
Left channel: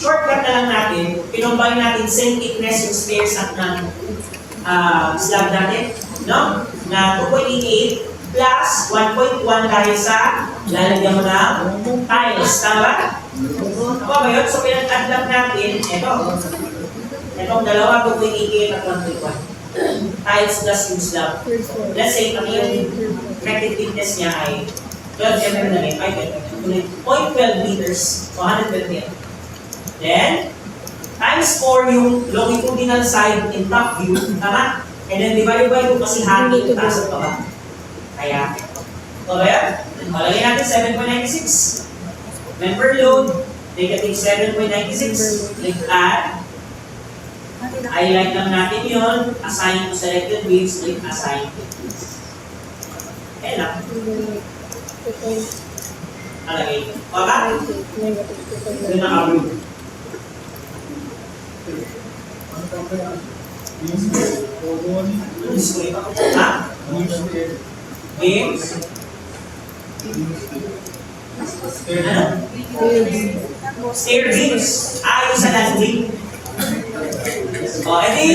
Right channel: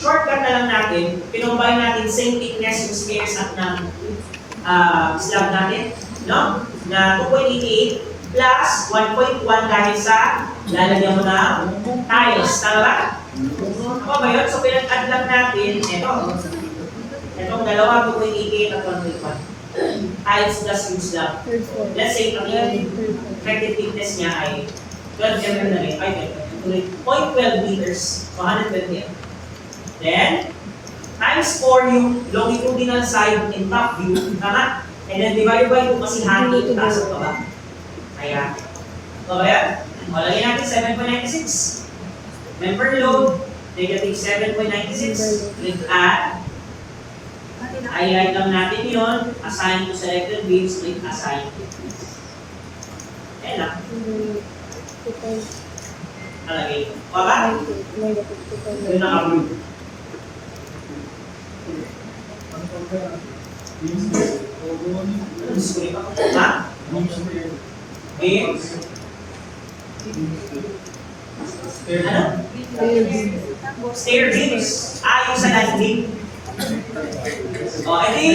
shortcut na lang natin. Pinumbay natin same thickness yung stairs at ng slab natin. No? Na 2.88 plus 1.1 dahil sa lalagyan mo ng tiles. Tama? Ako ba yun? So, pinag-add lang natin. Ito. Itong dalawa, 2.88 at 1.1. Tiles plus yung slab. Let's say, ang yung effective thickness niya ay 12 mm na rin. 0.12 meters. So, 120. Then, times 4 yung longitudinal side in top view. Tama? And then, divide by 2 kasi hangin yung taas at baba. Kaya, ito ba yan? O, lagyan natin 7.96. Member load, negative 7.96. Click add. Highlight lang natin yun. Assign to selected beams. Click assign. Ayan lang. Nalagay. O ba? Ito yung naka-blue. Display ba? Ha? Beams? Ano? Stair beams. Yung sa landing. O, edi.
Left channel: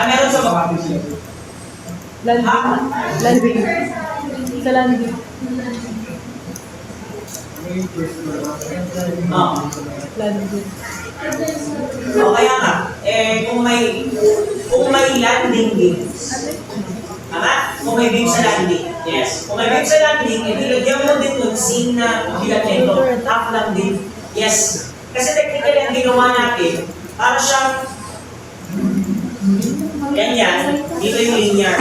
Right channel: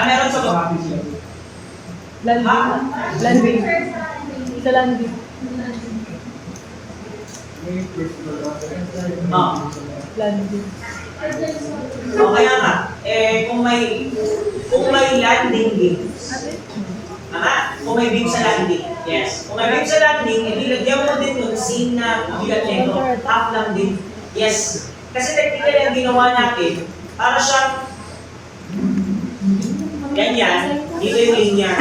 Meron sa baba. Landing. Sa landing. Landing. O, kaya nga, kung may landing beams, tama? Kung may beam sa landing, yes. Kung may beam sa landing, ilagyan mo din yung scene na bigat nito, half lang din. Yes. Kasi technically ang ginawa natin, para siyang ganyan, dito yung linear.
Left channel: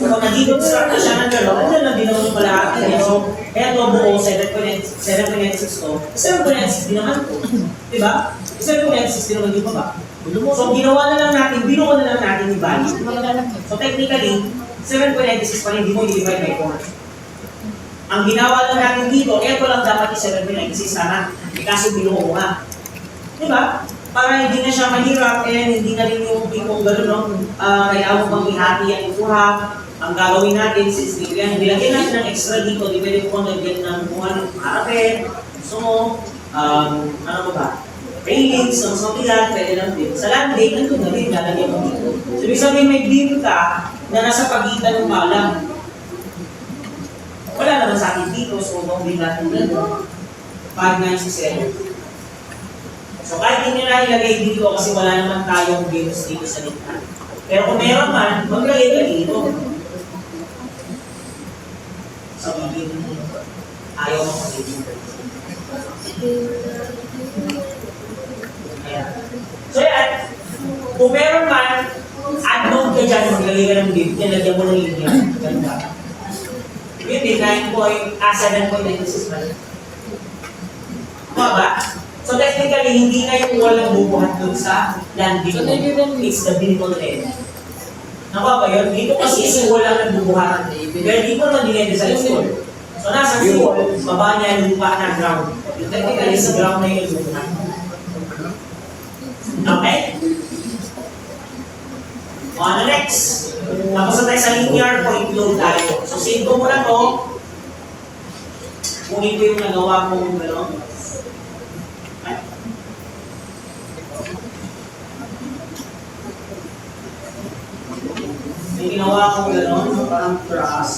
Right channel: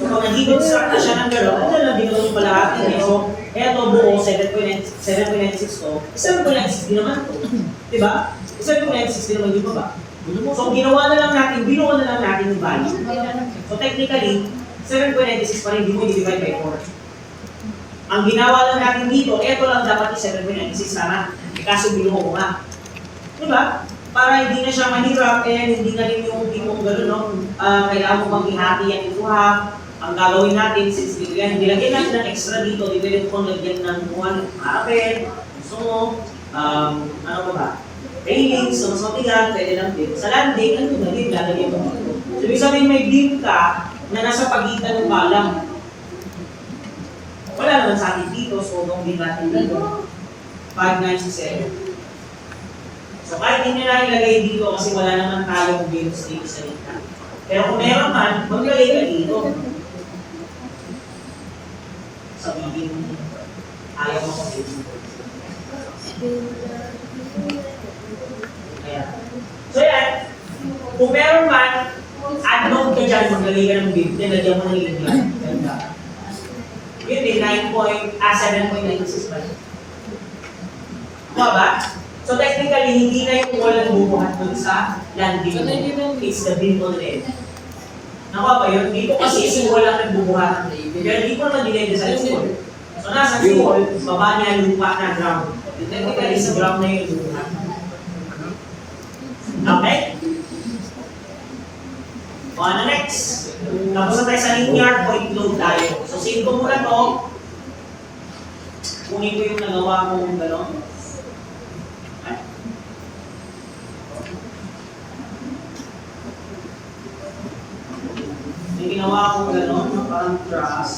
So kung nag-deconstruct na siya ng gano'n, ano na ginawa yung palahati niya. So, eto buo, 7.96 to. 7.96 din naman po. Diba? 7.96 din naman yung baba. So, ginawa na lang natin, binuo na lang natin yung value. So, technically, 7.96 pa rin, hindi mo i-divide by 4. Ang ginawa lang natin dito, eto lang dapat yung 7.96 sana. Kaso binuo mo nga. Diba? Para hindi na siya mahirap, hindi na rin yung tipong gano'n, no? Kailangan mo bang ihati at ikuha. Ang gagawin natin, since nilagyan natin ng extra dito, di pwede kung nagyan ng buwan, harapin, gusto mo, ano ba ba? Railings, ng sotigan, pwede lang din. Sa landing, ano na din, lalagyan mo dito. So, ibig sabihin may beam ka na nasa pagitan ng kalam. Wala naman sa atin dito, so kung din natin dito. 597. So kahit hindi na ilagay dito kasi wala naman tayong beams dito sa gitna. Pero kung meron man, maglagay ka dito. Sabihin, ayaw mo kung dito. Ayan. So yan, kung meron man, add node ka dyan, maglagay ka ng beam, nilagyan mo ng linya. Ganda. Yun din, 7.96 ba? Tama ba? So technically, hindi na yung wall ang bubuhat dun sa landing. It's the vehicle end. Nakuha ba yun? Dito kasi si wall ang nagbubuhat. Pero dito naman dinay-design si wall. So nasa si wall, baba niya lupa na ground. Technically, si ground na yung bubuhat. Okay? O ano next? Tapos na tayo sa linear point load tayo. So save ko muna to. Kunin ko yung nagawa kong gano'n. May ginawa kong gano'n, parang truss.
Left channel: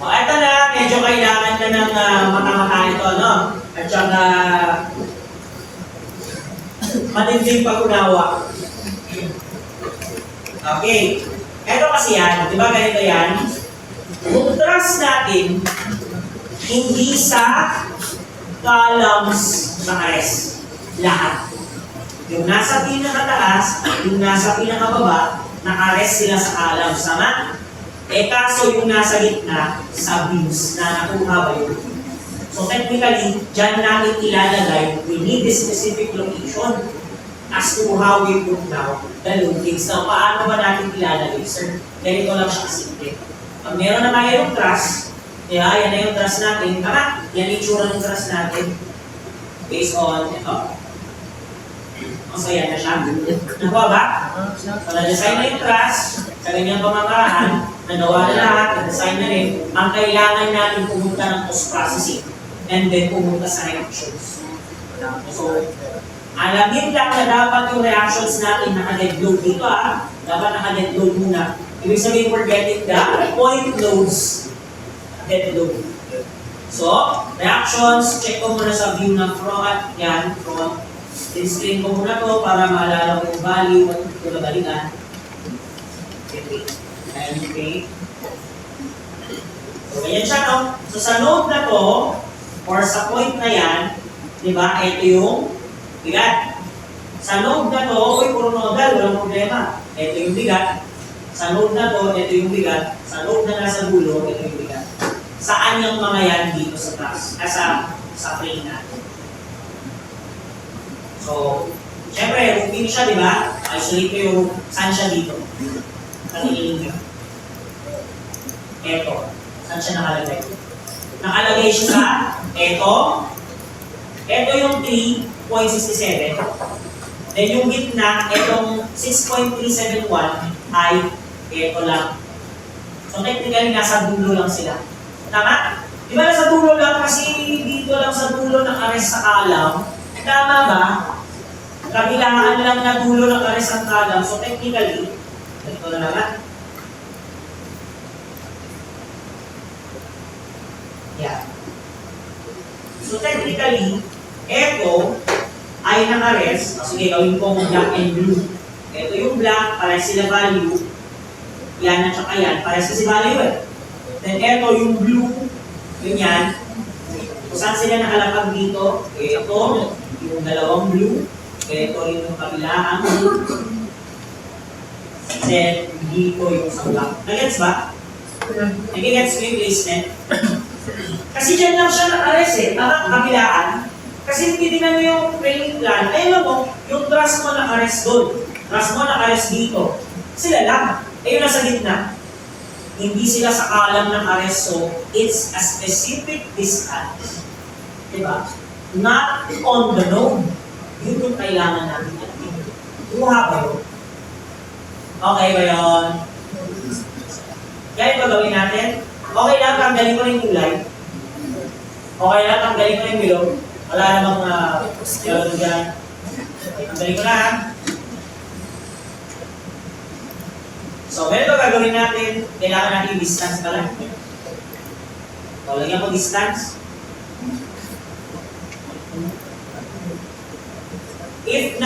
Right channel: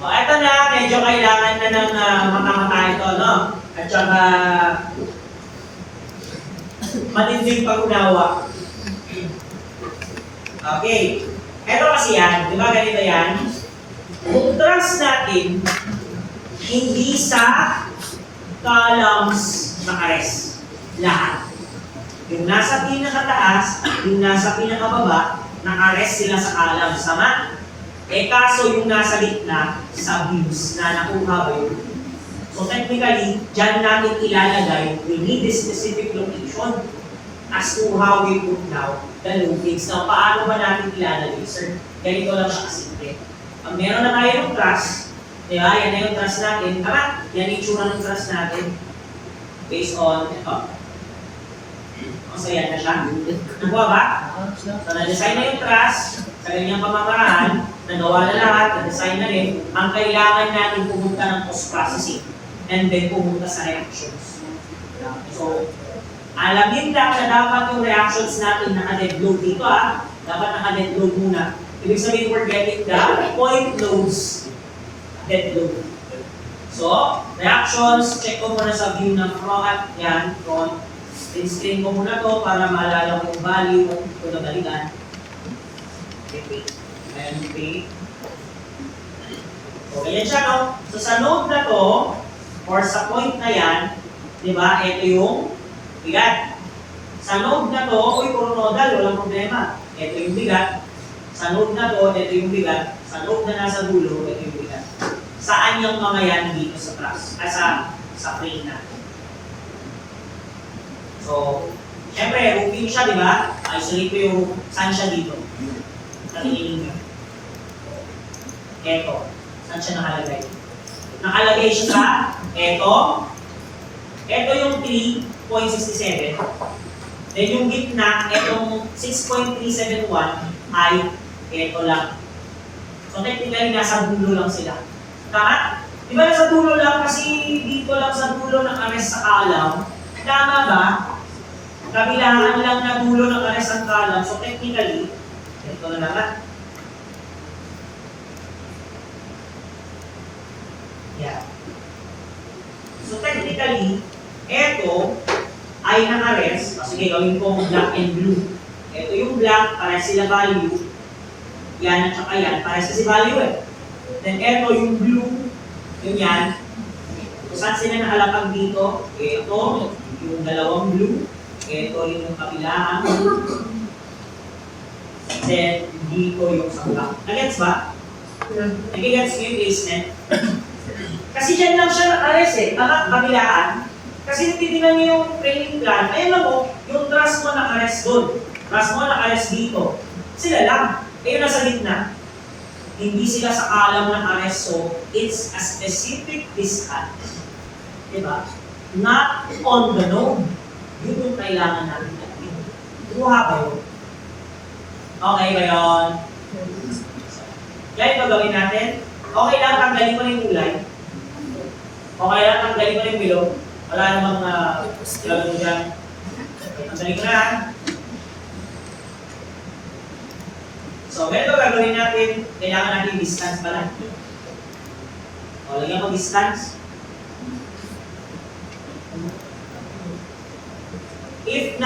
O, eto na, medyo kailangan na ng mata-mata ito, no? At saka, matinding pag-unawa. Okay. Eto kasi yan, di ba ganito yan? Kung truss natin, hindi sa columns naka-rest. Lahat. Yung nasa pinakataas, yung nasa pinakababa, naka-rest sila sa columns. Tama? Eh kaso yung nasa gitna, sa beams na nakuha ba yun? So technically, dyan namin ilalagay, we need a specific location as to how we put down the load gates. Now, paano ba natin ilalagay, sir? Ganito lang siya kasimple. Pag meron na tayo yung truss, kaya yan na yung truss natin. Tama, yan yung itsura ng truss natin. Based on ito. So yan na siya. Nakuha ba? So na-design na yung truss, sa ganyang pamamaraan, nagawa na lahat, na-design na rin. Ang kailangan natin pumunta ng post-processing and then pumunta sa reactions. So, alamin lang na dapat yung reactions natin naka-dead load dito dapat naka-dead load muna. Ibig sabihin we're getting the point loads dead load. So, reactions, check ko muna sa view ng front, yan, front. Screen ko muna to para maalala ko yung value at ito na balikan. Okay. So, ganyan siya, no? So, sa node na to, or sa point na yan, di ba, ito yung bigat. Sa node na to, puro nodal, walang problema. Ito yung bigat. Sa node na to, ito yung bigat. Sa node na nasa dulo, ito yung bigat. Saan yung mga yan dito sa taas? Sa frame natin. So, syempre, roofing siya, di ba? Isolate ko yung saan siya dito. Nakikinig nyo. Eto. Saan siya nakalagay? Nakalagay siya sa eto. Eto yung 3.67. Then yung gitna, etong 6.371 ay eto lang. So technically, nasa dulo lang sila. Tama? Di ba nasa dulo lang? Kasi dito lang sa dulo ng ares sa kalam. Tama ba? Kabilaan lang na dulo ng ares ang kalam. So technically, ito na naman. Yeah. So technically, ito ay naka-rest. Sige, gawin ko black and blue. Ito yung black, parehas sila value. Yan at saka yan, parehas kasi value eh. Then ito yung blue, yun yan. Kung saan sila nakalapag dito, ito, yung dalawang blue. Ito yung kabilaan. Then dito yung sangka. Nagets ba? Nagigets mo yung placement? Kasi dyan lang siya naka-rest eh, kabilaan. Kasi titignan nyo yung training plan, ayun mo, yung truss mo naka-rest doon. Truss mo naka-rest dito. Sila lang. Ayun nasa gitna. Hindi sila sa kalam naka-rest, so it's a specific distance. Diba? Not on the node. Yun yung kailangan natin. Kuha ba yun? Okay ba yun? Kaya ba gawin natin? Okay lang, tanggalin ko na yung kulay. Okay lang, tanggalin ko na yung bilog. Wala namang kalagod dyan. Okay, tanggalin ko na. So, ganito gagawin natin. Kailangan natin yung distance pala. O, lagyan mo distance. If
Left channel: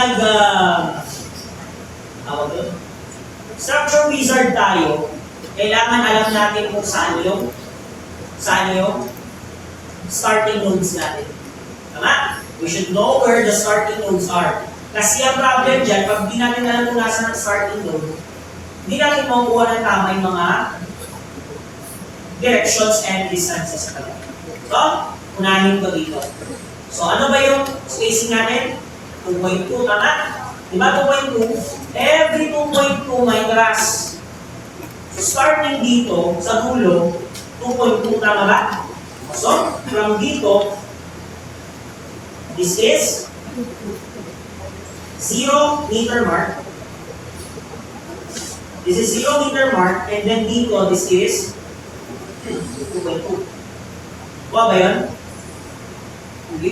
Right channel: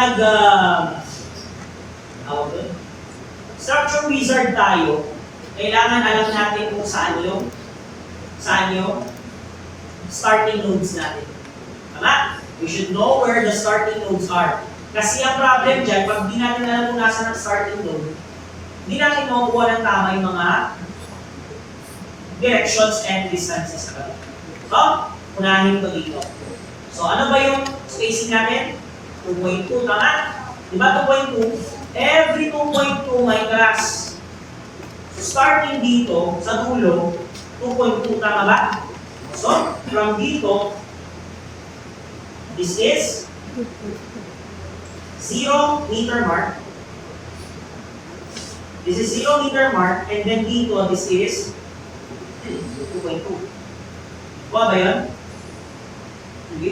structure wizard tayo, kailangan alam natin kung saan yung starting nodes natin. Tama? We should know where the starting nodes are. Kasi ang problem dyan, pag di natin alam kung nasa ng starting node, hindi natin makukuha ng tama yung mga directions and distances. So, unahin ko dito. So, ano ba yung spacing natin? 2.2, tama? Diba 2.2? Every 2.2 may cross. So, starting dito, sa dulo, 2.2, tama ba? So, from dito, this is 0 meter mark. This is 0 meter mark, and then dito, this is 2.2. Kuha ba yun? Hindi.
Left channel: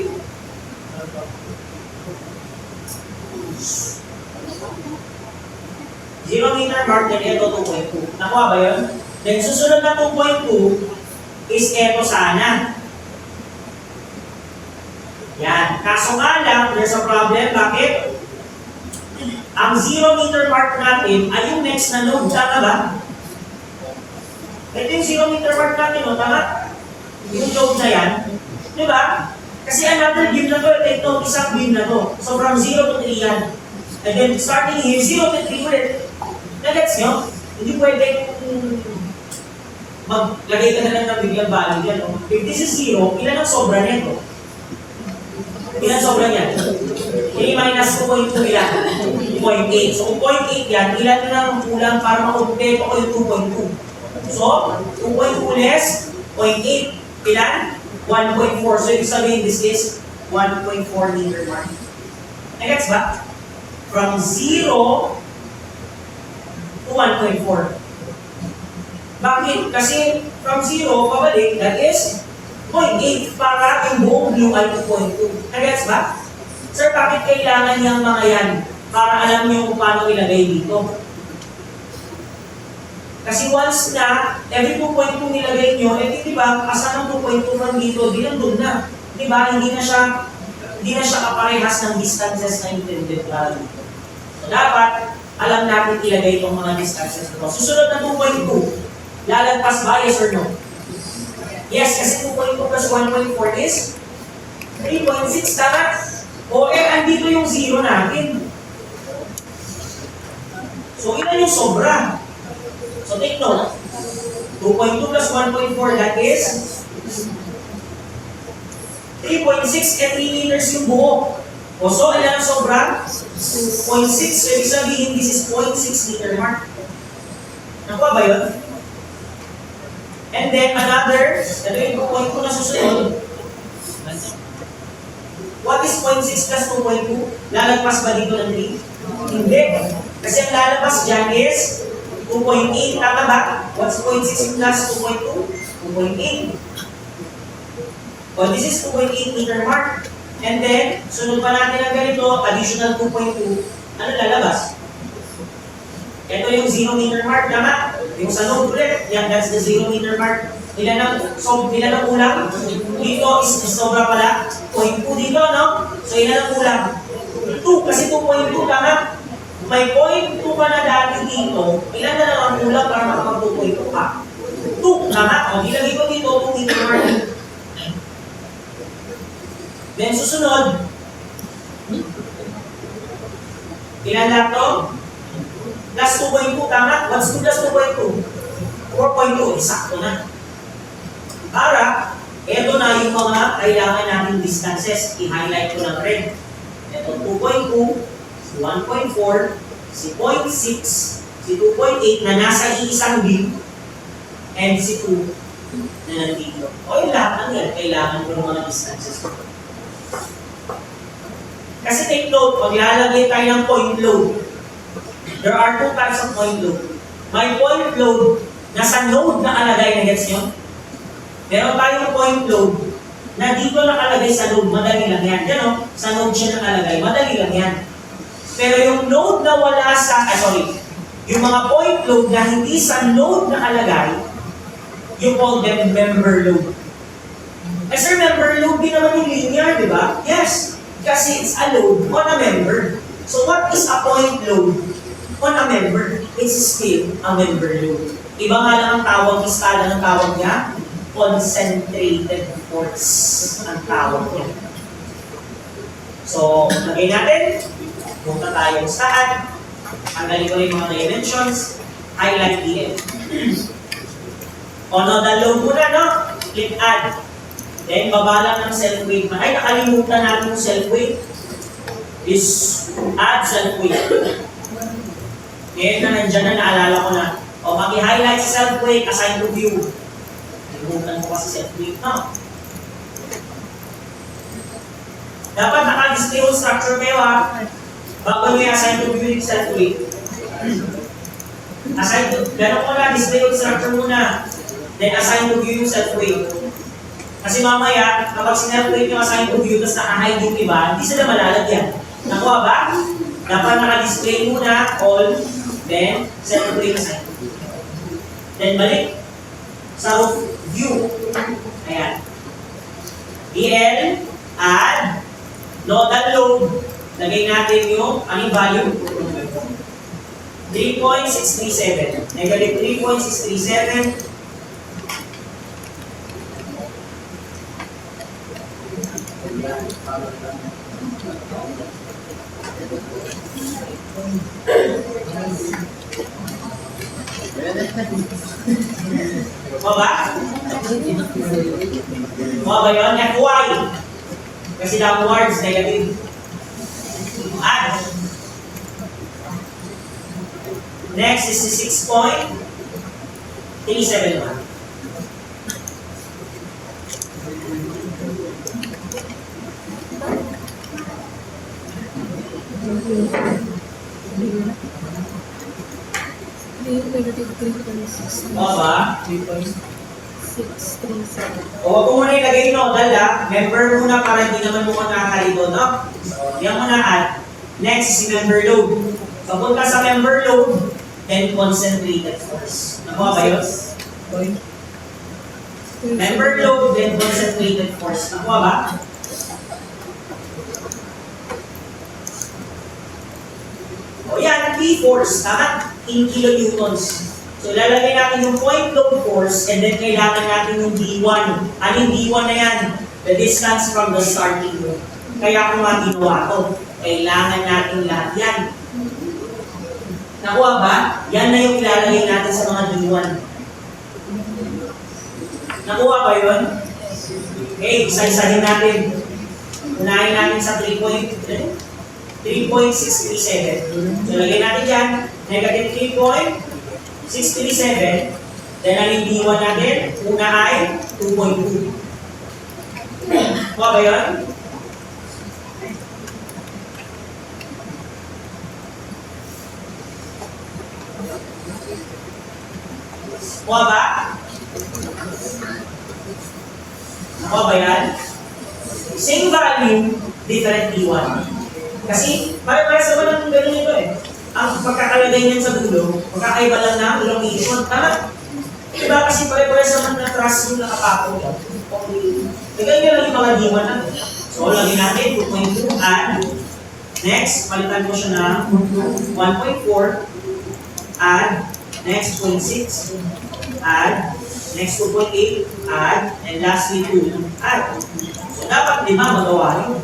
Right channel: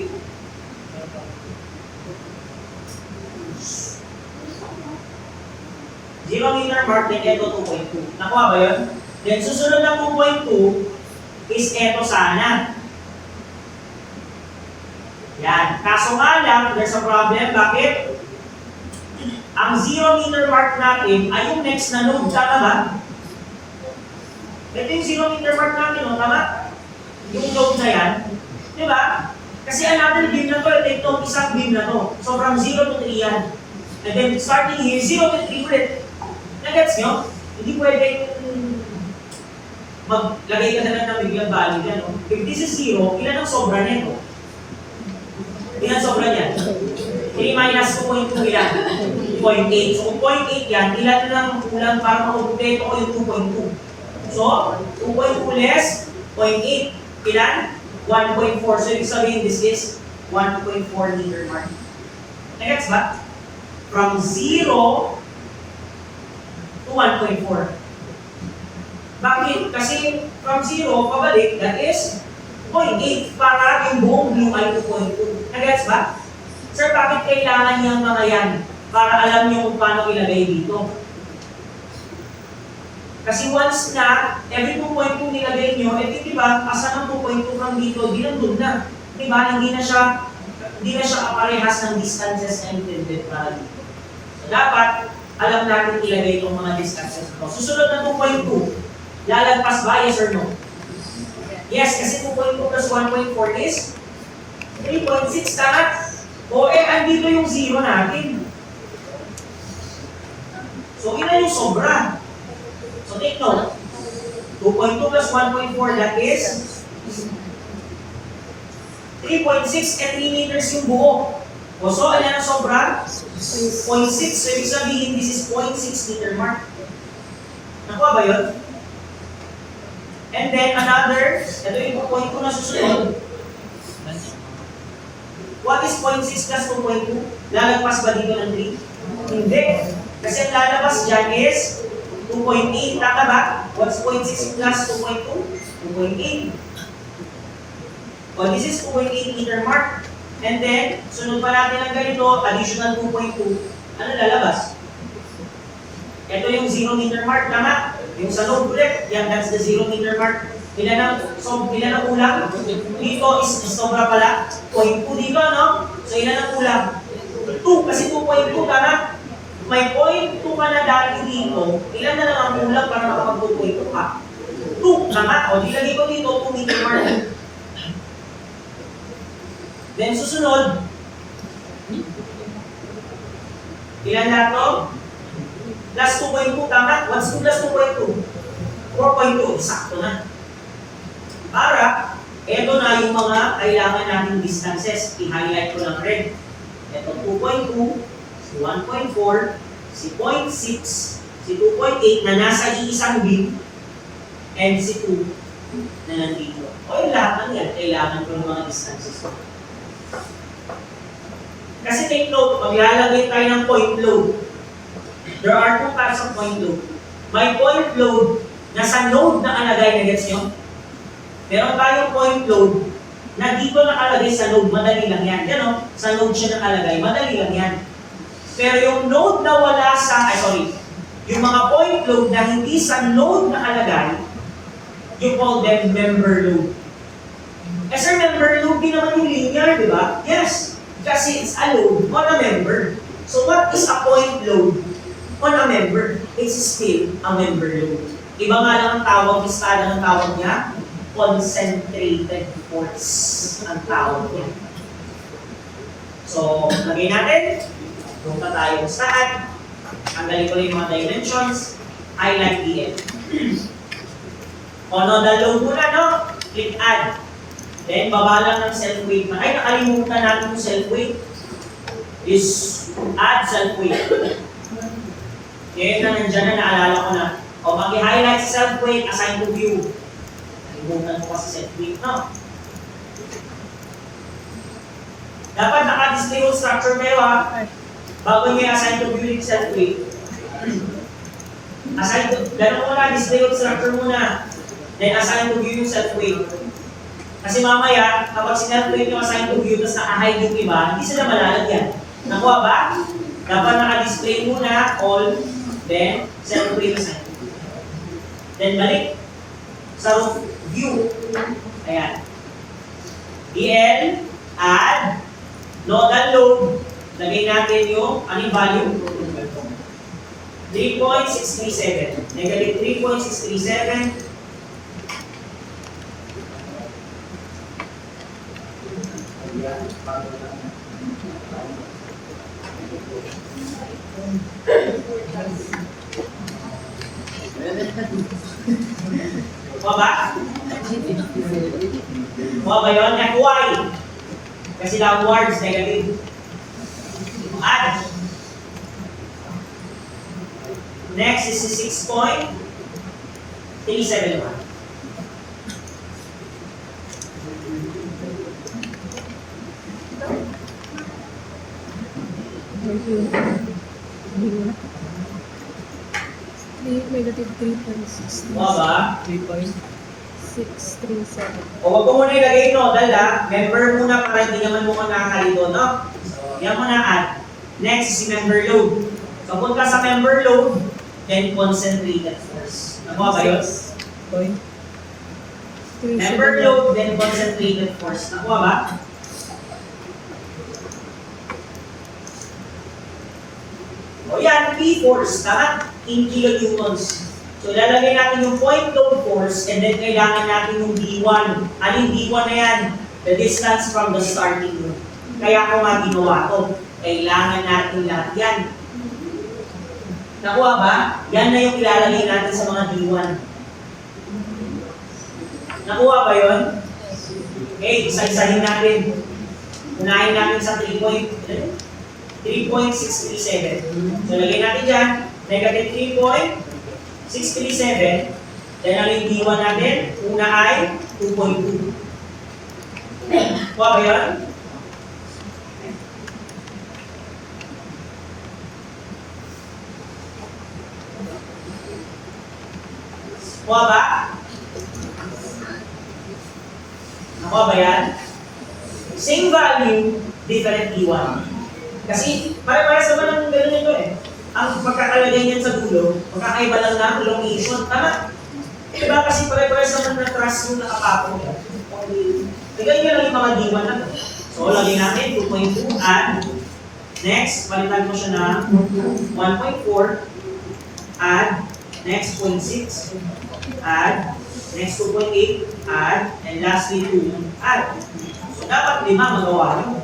0 meter mark, then ito 2.2. Nakuha ba yun? Then susunod na 2.2 is ito sana. Yan. Kaso nga lang, there's a problem. Bakit? Ang 0 meter mark natin ay yung next na node. Tama ba? Ito yung 0 meter mark natin, no? Tama? Yung node na yan. Di ba? Kasi another beam na to, ito isang beam na to. So from 0 to 3 yan. And then starting here, 0 to 3 ulit. Nagets nyo? Hindi pwede maglagay ka na lang ng biglang value dyan. No? If this is 0, ilan ang sobra nito? Ilan sobra niyan? 3 minus 2.2 ilan? 2.8. So 0.8 yan, ilan lang ang kulang para makumpleto ko yung 2.2. So, 2.2 less 0.8. Ilan? 1.4. So, ibig sabihin, this is 1.4 meter mark. Nagets ba? From 0 to 1.4. Bakit? Kasi from 0, pabalik, that is 0.8 para yung buong view ay 2.2. Nagets ba? Sir, bakit kailangan niyang mga yan? Para alam niyo kung paano ilagay dito. Kasi once na, every 2.2 nilagay niyo, eh di ba, asan ang 2.2 from dito, di nandun na. Di ba, hindi na siya kaparehas ng distances na intended para dito. So, dapat, alam natin ilagay itong mga distances ito. Susunod na 2.2, lalagpas ba, yes or no? Yes, kasi 2.2 plus 1.4 is 3.6, tama? O andito yung 0 natin. So, ilan yung sobra? So, take note. 2.2 plus 1.4, that is 3.6 and 3 meters yung buo. O so, ilan ang sobra? 0.6. So, ibig sabihin, this is 0.6 meter mark. Nakuha ba yun? And then, another, ito yung 2.2 na susunod. What is 0.6 plus 2.2? Lalagpas ba dito ng 3? Hindi. Kasi ang lalabas dyan is 2.8. Tama ba? What's 0.6 plus 2.2? 2.8. Well, this is 2.8 meter mark. And then, sunod pa natin ang ganito, additional 2.2. Ano lalabas? Ito yung 0 meter mark. Tama? Yung sa node ulit. Yan, that's the 0 meter mark. Ilan ang kulang? Dito is sobra pala. 0.2 dito, no? So, ilan ang kulang? 2. Kasi 2.2, tama? May 0.2 ka na dati dito. Ilan na lang ang kulang para makapag-2.2 ka? 2, tama? O, dilagay ko dito, 2 meter mark. Then, susunod. Ilan lang to? Plus 2.2, tama? What's 2 plus 2.2? 4.2, eksakto na. Para, eto na yung mga kailangan nating distances. I-highlight ko ng red. Ito 2.2, si 1.4, si 0.6, si 2.8 na nasa isang beam, and si 2 na nandito. O yung lahat ng yan, kailangan ko ng mga distances. Kasi take note, maglalagay tayo ng point load. There are 2 types of point load. May point load na sa node na alagay na gets nyo. Meron tayong point load na dito nakalagay sa node, madali lang yan. Yan o, sa node siya nakalagay, madali lang yan. Pero yung node na wala sa, yung mga point load na hindi sa node nakalagay, you call them member load. Eh sir, member load din naman yung linear, di ba? Yes, kasi it's a load on a member. So what is a point load on a member? It's still a member load. Iba nga lang ang tawag, istala ng tawag niya, concentrated force ang tawag niya. So, lagay natin, punta tayo saan, tanggalin ko yung mga dimensions, highlight DL. O, nodal load muna, no? Click add. Then, baba lang ng self-weight. Ay, nakalimutan natin yung self-weight. Is add self-weight. Ngayon na nandiyan na, naalala ko na. O, maki-highlight sa self-weight, assign to view. Nakalimutan mo kasi self-weight, no? Dapat naka-display yung structure kayo, ha? Bago nyo i-assign to view yung self-weight. Assign to, ganun ko na, display yung structure muna. Then, assign to view yung self-weight. Kasi mamaya, kapag sinalculate yung assign to view, tapos naka-hide yung iba, hindi sila malalagyan. Nakuha ba? Dapat naka-display muna, all, then, separate assign to view. Then, balik sa view. Ayan. DL, add, nodal load. Lagay natin yung, anong value? 3.637. Negative 3.637. Mga ba? Mga ba yun? FY. Kasi lang words, negative. Add. Next is 6.371. Mga ba? 637. O wag ko muna ilagay nodal ha. Member muna para hindi naman mo nakakalito, no? So, yan muna add. Next is member load. So, punta sa member load, then concentrated force. Nakuha ba yun? Member load, then concentrated force. Nakuha ba? O yan, P-force. Tama? In kilonewtons. So, ilalagay natin yung point load force and then kailangan natin yung D1. Ano yung D1 na yan? The distance from the starting node. Kaya kung nga ginawa to, kailangan natin lahat yan. Nakuha ba? Yan na yung ilalagay natin sa mga D1. Nakuha ba yun? Okay, isa-isahin natin. Unahin natin sa 3.637. So, lagay natin dyan, negative 3.637. Then, ang yung D1 natin, una ay 2.2. Kuha ba yun? Kuha ba? Nakuha ba yan? Same value, different D1. Kasi, pare-pares naman ang gano'n ito eh. Ang pagkakalagay niyan sa dulo, magkakaiba lang na ang location. Tama? Diba kasi pare-pares naman na trust yung nakapako yan. Tigay nyo lang yung mga D1 natin. So, lagyan natin 2.2 add. Next, palitan mo siya na 1.4 add. Next, 0.6 add. Next, 2.8 add. And lastly, 2 add. So, dapat 5 magawa nyo.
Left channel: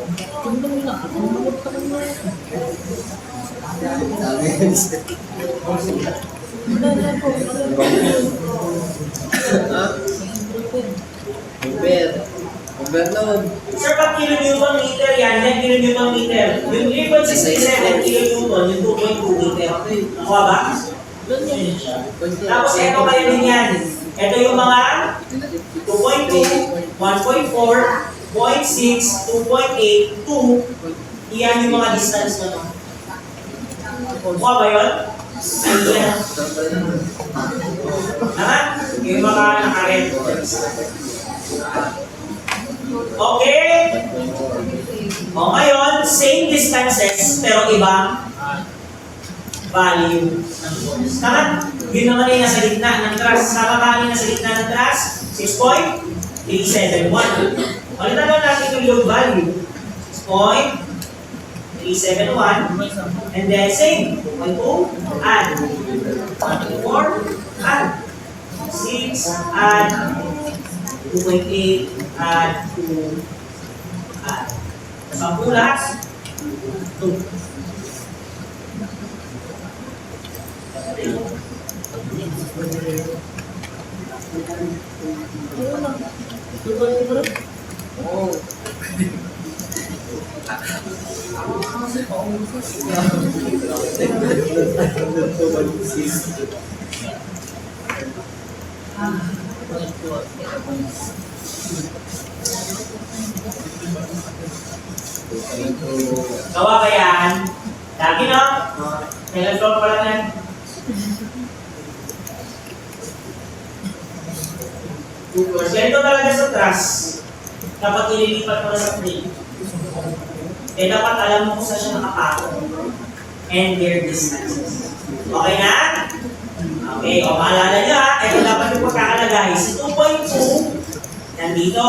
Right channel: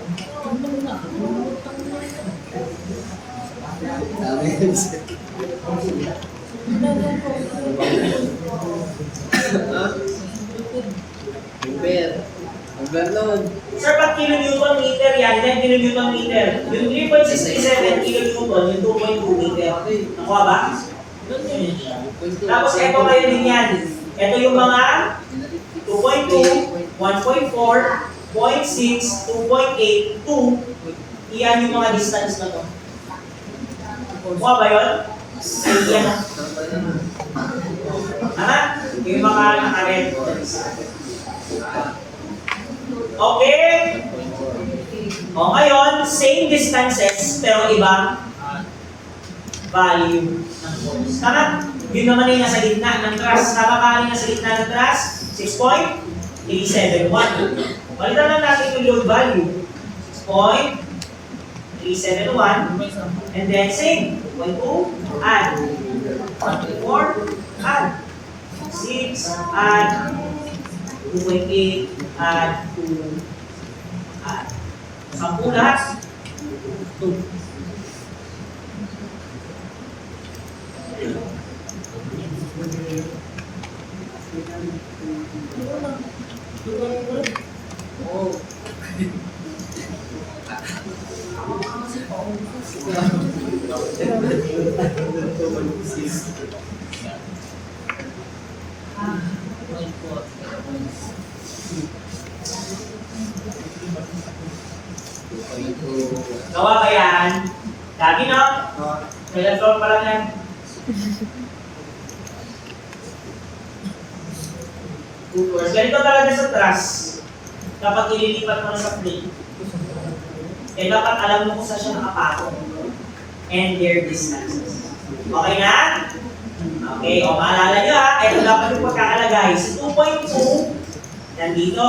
Sir, pag kilonewton meter yan, yan kilonewton meter. Yung 3.67 kilonewton, yung 2.2 meter. Nakuha ba? Tapos ito kayo din yan. Ito yung mga 2.2, 1.4, 0.6, 2.8, 2. Iyan yung mga distance na to. Kuha ba yun? Ay, yan. Ha? Yung mga naka-red. Okay? O ngayon, same distances, pero ibang value ng force. Tama? Yun naman yung nasa gitna ng thrust. Tama ba yung nasa gitna ng thrust? 6.371. Palitan lang natin yung load value. 6.371. And then same. 2.2. Add. 1.4. Add. 6. Add. 2.8. Add. 2. Add. 10 lahat. 2. Gawa ba yan? Lagi no? Telephone pa lang yan. Ganito talaga sa trust. Dapat ililipat mo na sa frame. Kaya dapat alam mo kung saan siya nakapatong. And their distances. Okay na? Okay, o maalala nyo ha, ito dapat yung pagkakalagay. Si 2.2, nandito.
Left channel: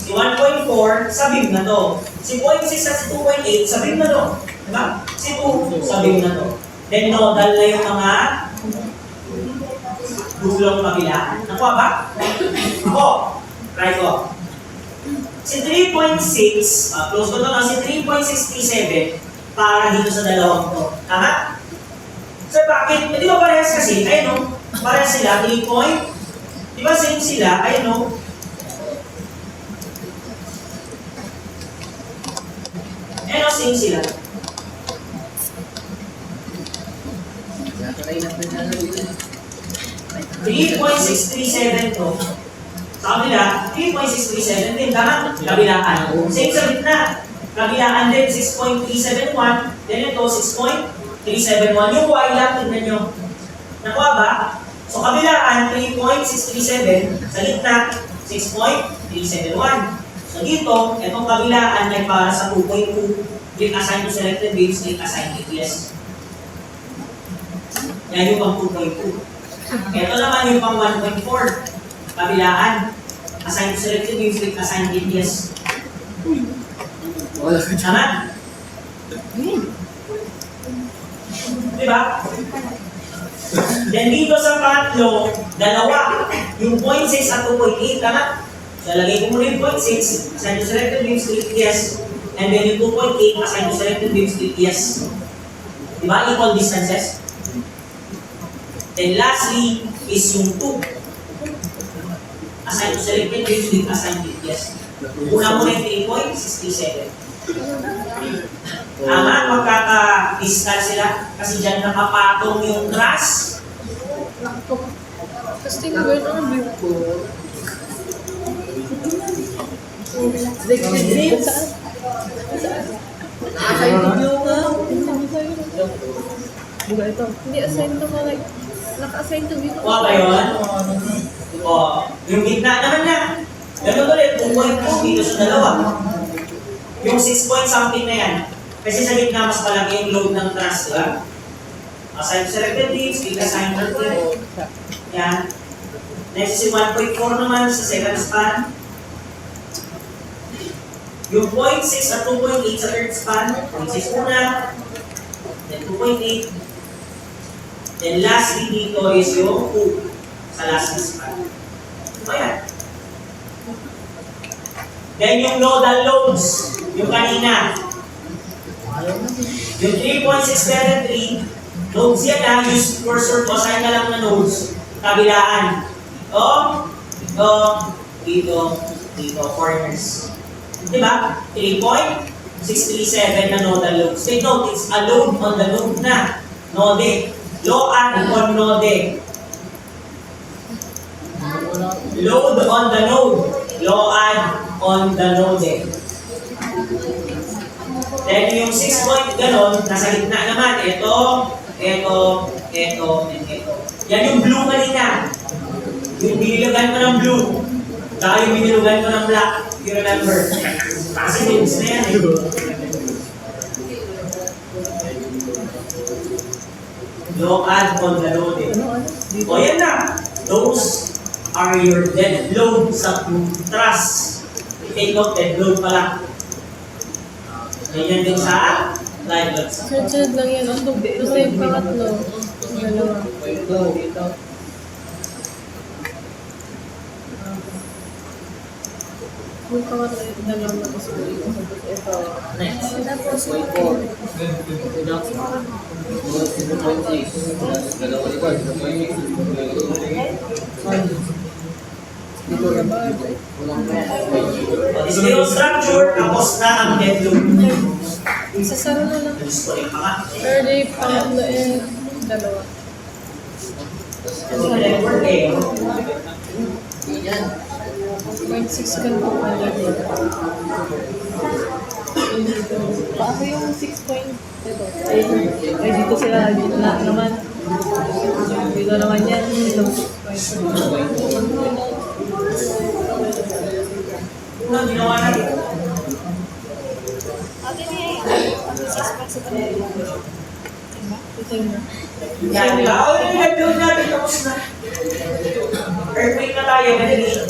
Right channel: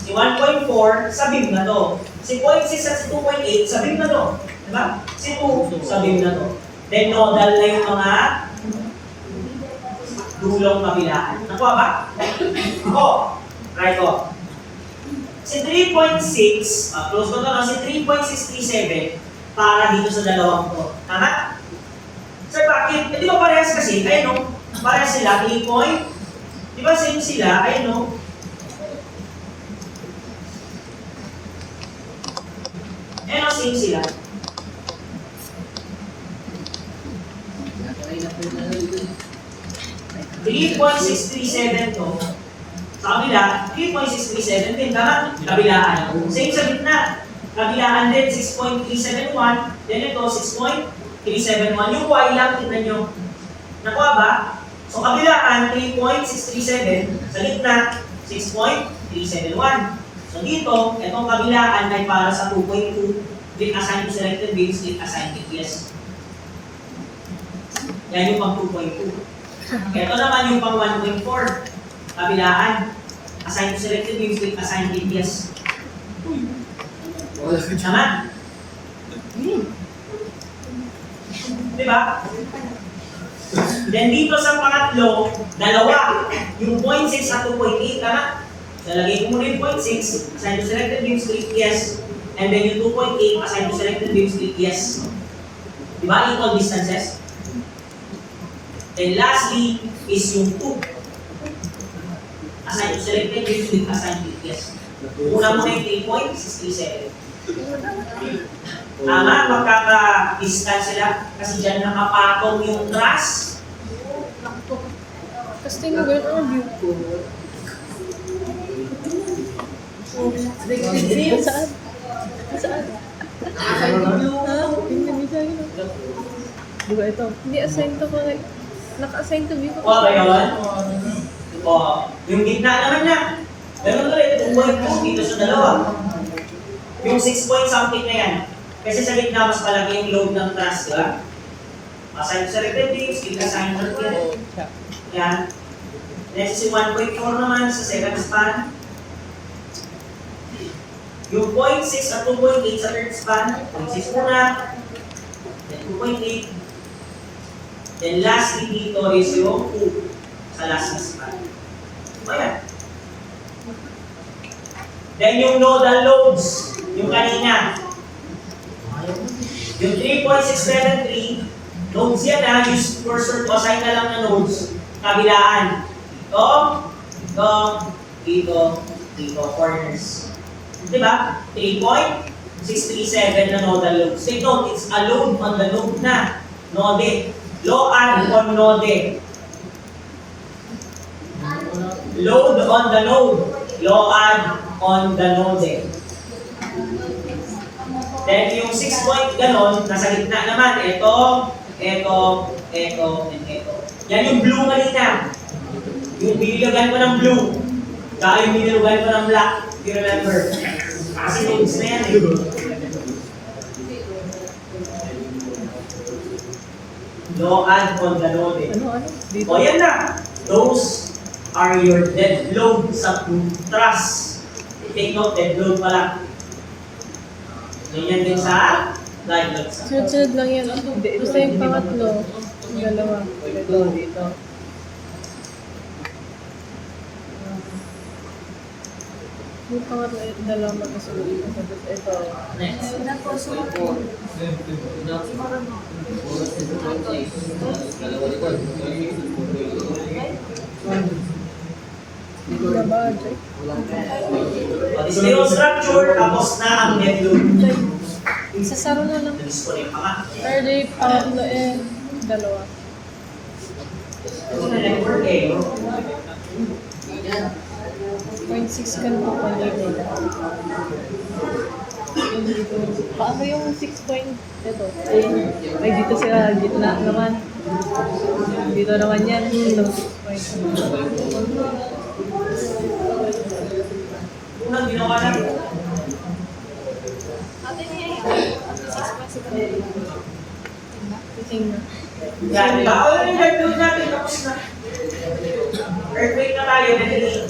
Si 1.4, sa beam na to. Si 0.6 at si 2.8, sa beam na to. Diba? Si 2, sa beam na to. Then nodal na yung mga dulong kabilaan. Nakuha ba? Ako. Try ko. Si 3.6, close ko to lang, si 3.637 para dito sa dalawang to. Tama? Sir, bakit? Di ba parehas kasi? Ayun no? Parehas sila, 3 point. Di ba same sila? Ayun no? Ayun no, same sila. $3.637 to. Sa kabila, 3.637 din. Tama? Kabilaan. Same sa gitna. Kabilaan din, 6.371. Then ito, 6.371. Yung Y lang, tignan nyo. Nakuha ba? So kabilaan, 3.637. Sa gitna, 6.371. So dito, itong kabilaan ay para sa 2.2. With assigned to selected beams, with assigned to yes. Yan yung pang 2.2. Ito naman yung pang 1.4. Kabilaan. Assigned to selected beams with assigned to yes. Tama? Diba? Then dito sa pangatlo, dalawa. Yung 0.6 at 2.8, tama? So, lagay ko muna yung 0.6, assigned to selected beams with yes. And then yung 2.8, assigned to selected beams with yes. Diba? Equal distances. Then lastly, is yung 2. Assigned to selected beams with assigned with yes. Una muna yung 3.637. Tama, magkaka-distance sila kasi dyan nakapatong yung truss. Tapos tingnan mo yun, ang view ko. Saan? Naka-assign to view nga. Diba ito? Hindi assign to mo like, naka-assign to view. Kuha ba yun? O, yung gitna naman na. Ganun ulit, 2.2 dito sa dalawa. Yung 6 point something na yan. Kasi sa gitna mas malaki yung load ng truss, di ba? Assigned to selected beams, assigned to yan. Next si 1.4 naman sa second span. Yung 0.6 at 2.8 sa third span, 0.6 muna, then 2.8. Then lastly dito is yung 2 sa last span. Ayan. Then yung nodal loads, yung kanina. Yung 3.673, nodes yan ha, use cursor ko, assign na lang na nodes. Kabilaan. Ito, dito, corners. Diba? 3.637 na nodal loads. Take note, it's a load on the node na. Node. Load on node. Load on the node. Load on the node. Then yung 6 point ganon, nasa gitna naman. Ito, and ito. Yan yung blue kanina. Yung binilagyan ko ng blue. Kaya yung binilugan ko ng black, you remember. Kasi loads na yan eh. No add on the load eh. O yan na. Those are your dead load sa truss. Take note, dead load pala. Ganyan din sa live load sa Sunod lang yan. Basta yung pangatlo. Dalawa. Yung pangatlo, dalawa na kasi. Steel structure, tapos na ang dead load. Sasara na lang. Disconnect pa nga. Pero yung pangatlo eh, dalawa. Kasi na network eh. 0.6 ganito pa yun. Paano yung 6 point ito? Ay dito sila, gitna naman. Dito naman yan, ito 6 point. Unang ginawa natin. Yan, bawal na yung dead load natin. Tapos na. Earthquake na tayo. Ventilation.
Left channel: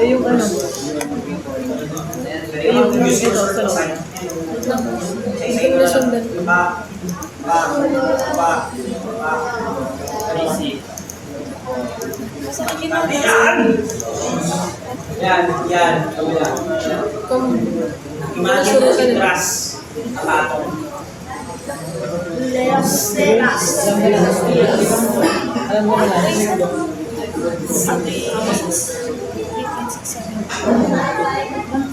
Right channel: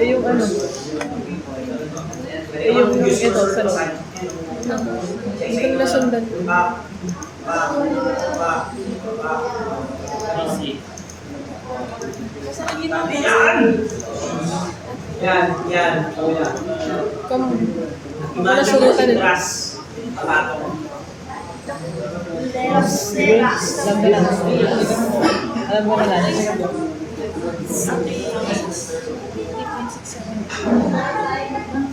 Ay yung ano? Ay yung ito, sa loob. Hindi ko nasundan. Yan. Kung Imagine mo si Tras. Kapatong. Alam mo na.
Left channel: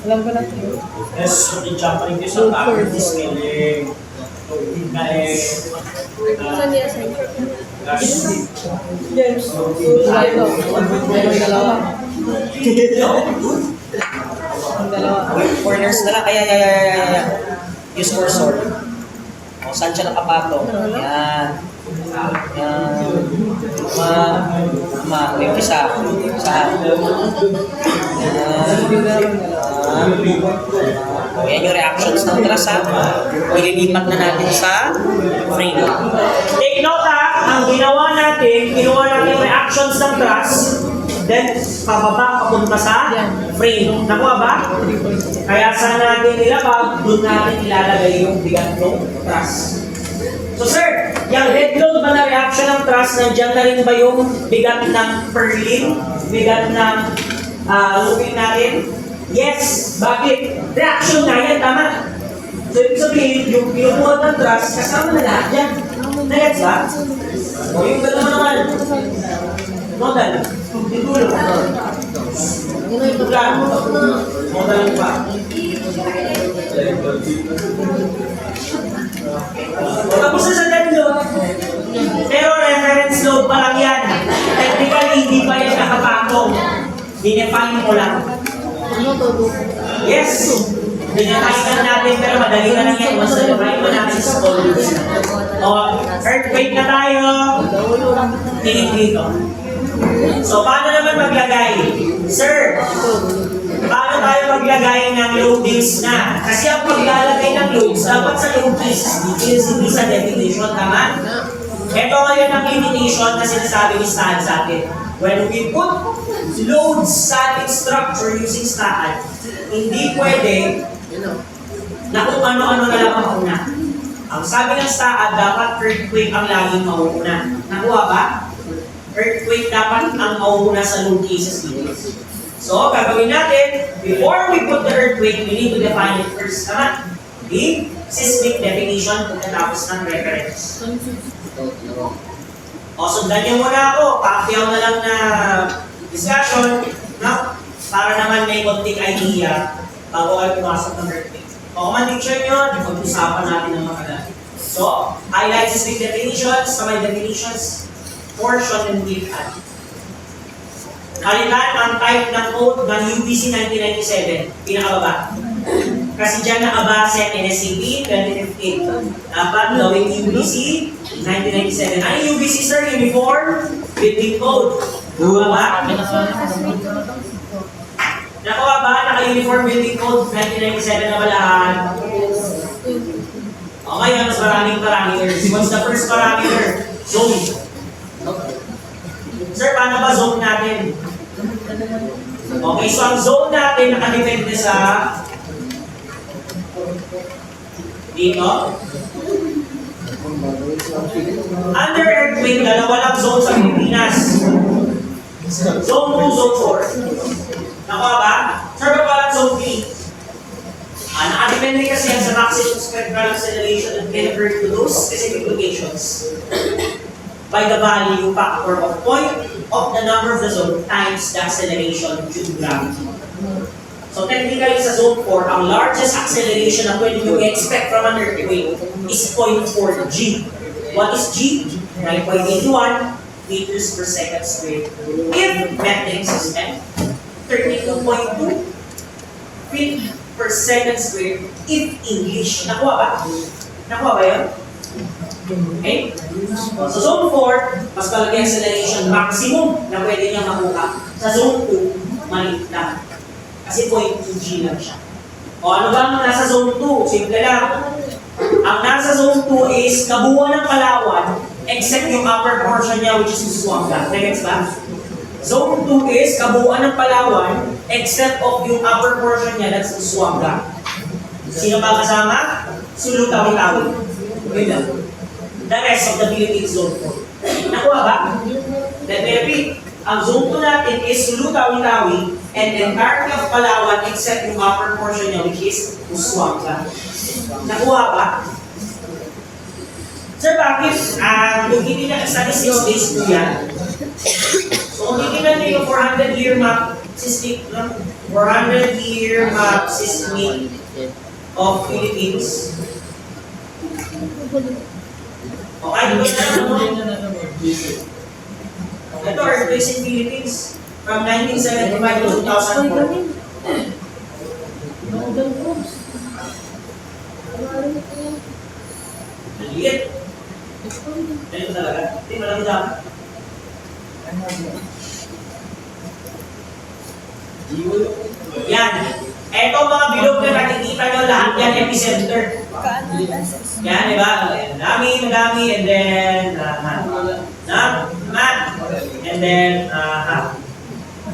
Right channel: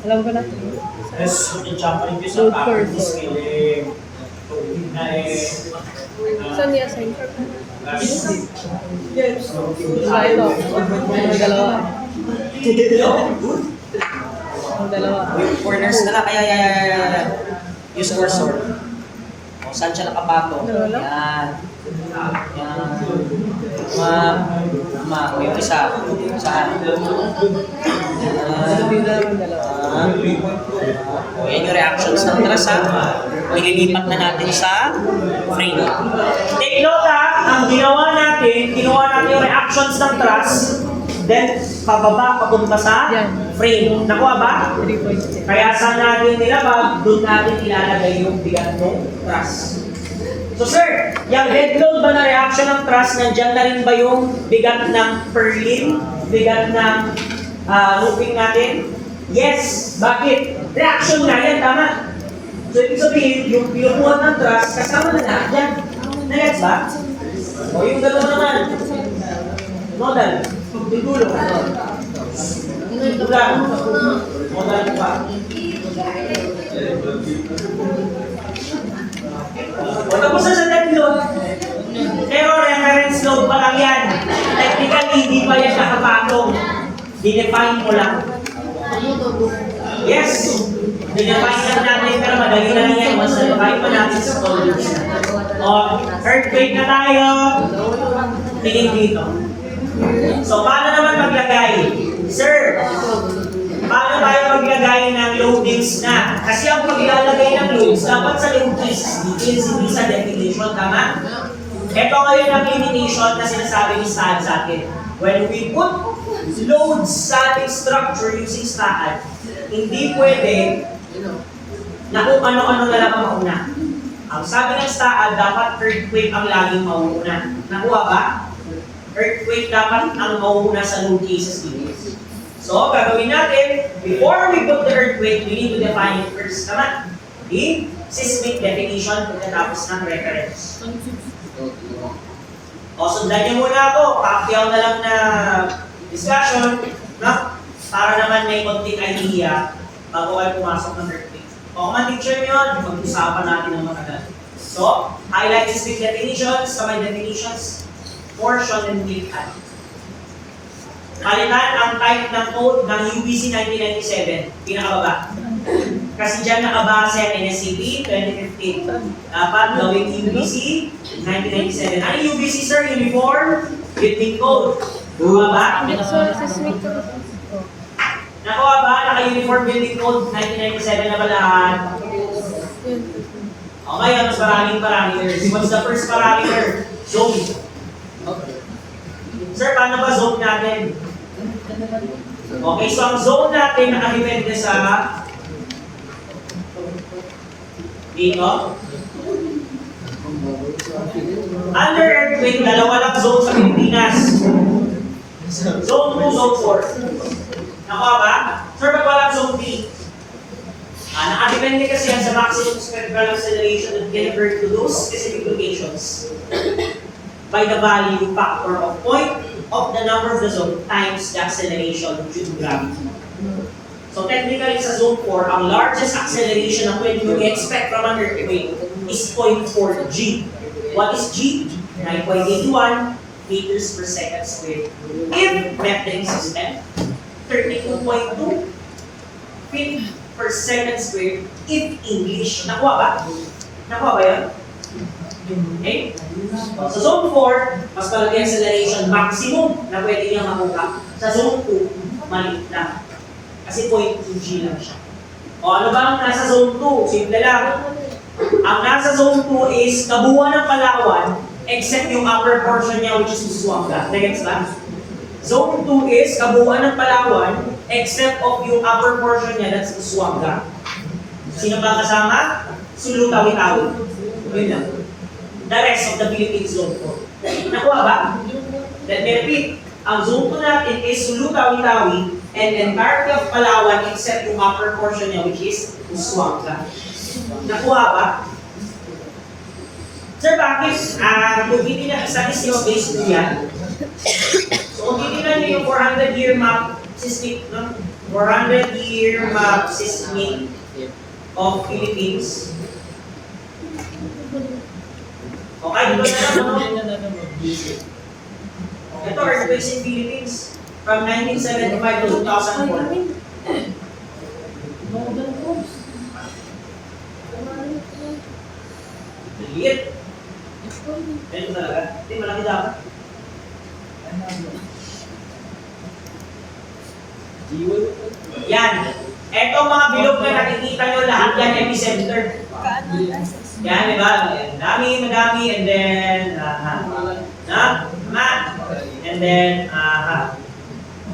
Alam ko na. Yes, yung jumping ko sa top of this feeling. Yung na eh. saan niya sa'yo? Wala ito. Ang dalawa. Ang dalawa. Corners na lang, kaya. Use cursor. O, saan siya nakapatong? Yan. Yung isa. Saan? O, yan yung reactions ng truss ha. O, ililipat na natin sa frame. Take note ha, ang ginawa natin yung reactions ng truss, then pababa papunta sa frame. Nakuha ba? Kaya saan natin nilabag, doon natin ilalagay yung bigat ng truss. So sir, yung dead load ba na reaction ng truss, nandiyan na rin ba yung bigat ng purlin, bigat ng looping natin? Yes! Bakit? Reaction na yan, tama? So ibig sabihin, yung pinukuha ng truss, kasama na lahat yan. Nagets ba? O yung galaw naman. Modal. Tigulo. Tigulang. Modal pa. O tapos na sa dead load. Pero reference load pa lang yan. Technically, hindi pa yan nakapatong. Dinefine mo lang. Yes! Dinefine lang natin, pero madali na lang yan. Once na-define mo natin sa tools. O, earthquake na tayo. Tinig dito. So, paano naman maglagay? Sir, paano tayo maglagay ng loadings na? Kasi ang paglalagay ng loads, dapat sa load cases details, hindi sa definition, tama? Ito ngayon ang limitation na sinasabi ni Stahan sa atin. When we put loads sa ating structure using Stahan, hindi pwede na kung ano-ano na lang ang mauna. Ang sabi ng Stahan, dapat earthquake ang laging mauuna. Nakuha ba? Earthquake dapat ang mauuna sa load cases dito. So, gagawin natin, before we put the earthquake, we need to define it first. Tama? The seismic definition pagkatapos ng reference. O, sundan niyo muna ako. Paakyaw na lang na discussion, no? Para naman may konting idea bago kayo pumasok ng earthquake. O, kung man-teacher nyo, pag-usapan natin ng mga kanan. So, So, highlight specific definitions, sa may definitions, portion and click add. Halikan ang type ng code ng UBC 1997, pinakababa. Kasi dyan nakabase ang NSCP 2015. Dapat gawin UBC 1997. Ano UBC, sir? Uniform Building Code. Nakuha ba? Nakuha ba? Naka-Uniform Building Code 1997 na ba lahat? O ngayon, mas maraming parameters. What's the first parameter? Zone. Sir, paano ba zone natin? Okay, so ang zone natin nakadepende sa dito. Under earthquake, dalawa lang zone sa Pilipinas. Zone 2, zone 4. Nakuha ba? Sir, ba't walang zone 3? Nakadepende kasi yan sa maximum spectral acceleration that can occur to those specific locations by the value factor of point of the number of the zone times the acceleration due to gravity. So technically sa zone 4, ang largest acceleration na pwede nyo i-expect from an earthquake is 0.4 G. What is G? 9.81 meters per second squared. If metric system, 32.2 feet per second squared if English. Nakuha ba? Nakuha ba yun? Okay? Sa zone 4, mas palagi acceleration maximum na pwede niyang makuha. Sa zone 2, maliit lang. Kasi 0.2 G lang siya. O ano ba ang nasa zone 2? Simple lang. Ang nasa zone 2 is kabuuan ng Palawan except yung upper portion niya which is Busuanga. Next ba? Zone 2 is kabuuan ng Palawan except of yung upper portion niya that's Busuanga. Sino ba kasama? Sulu, Tawi-Tawi. Okay na. The rest of the Philippines zone 4. Nakuha ba? Let me repeat. Ang zone 2 natin is Sulu, Tawi-Tawi and entirety of Palawan except yung upper portion niya which is Busuanga. Nakuha ba? Sir, bakit? Yung hindi na statistics based po yan. So, kung titignan niyo yung 400-year map system, 400-year map system of Philippines. Okay, dito na lang. Ito, earthquakes in Philippines from 1975 to 2004. Maliit. Ganito talaga. Hindi, malaki dapat. Yan. Eto mga bilog na nakikita nyo lahat yan, epicenter. Yan, di ba? Madami, and then, and then,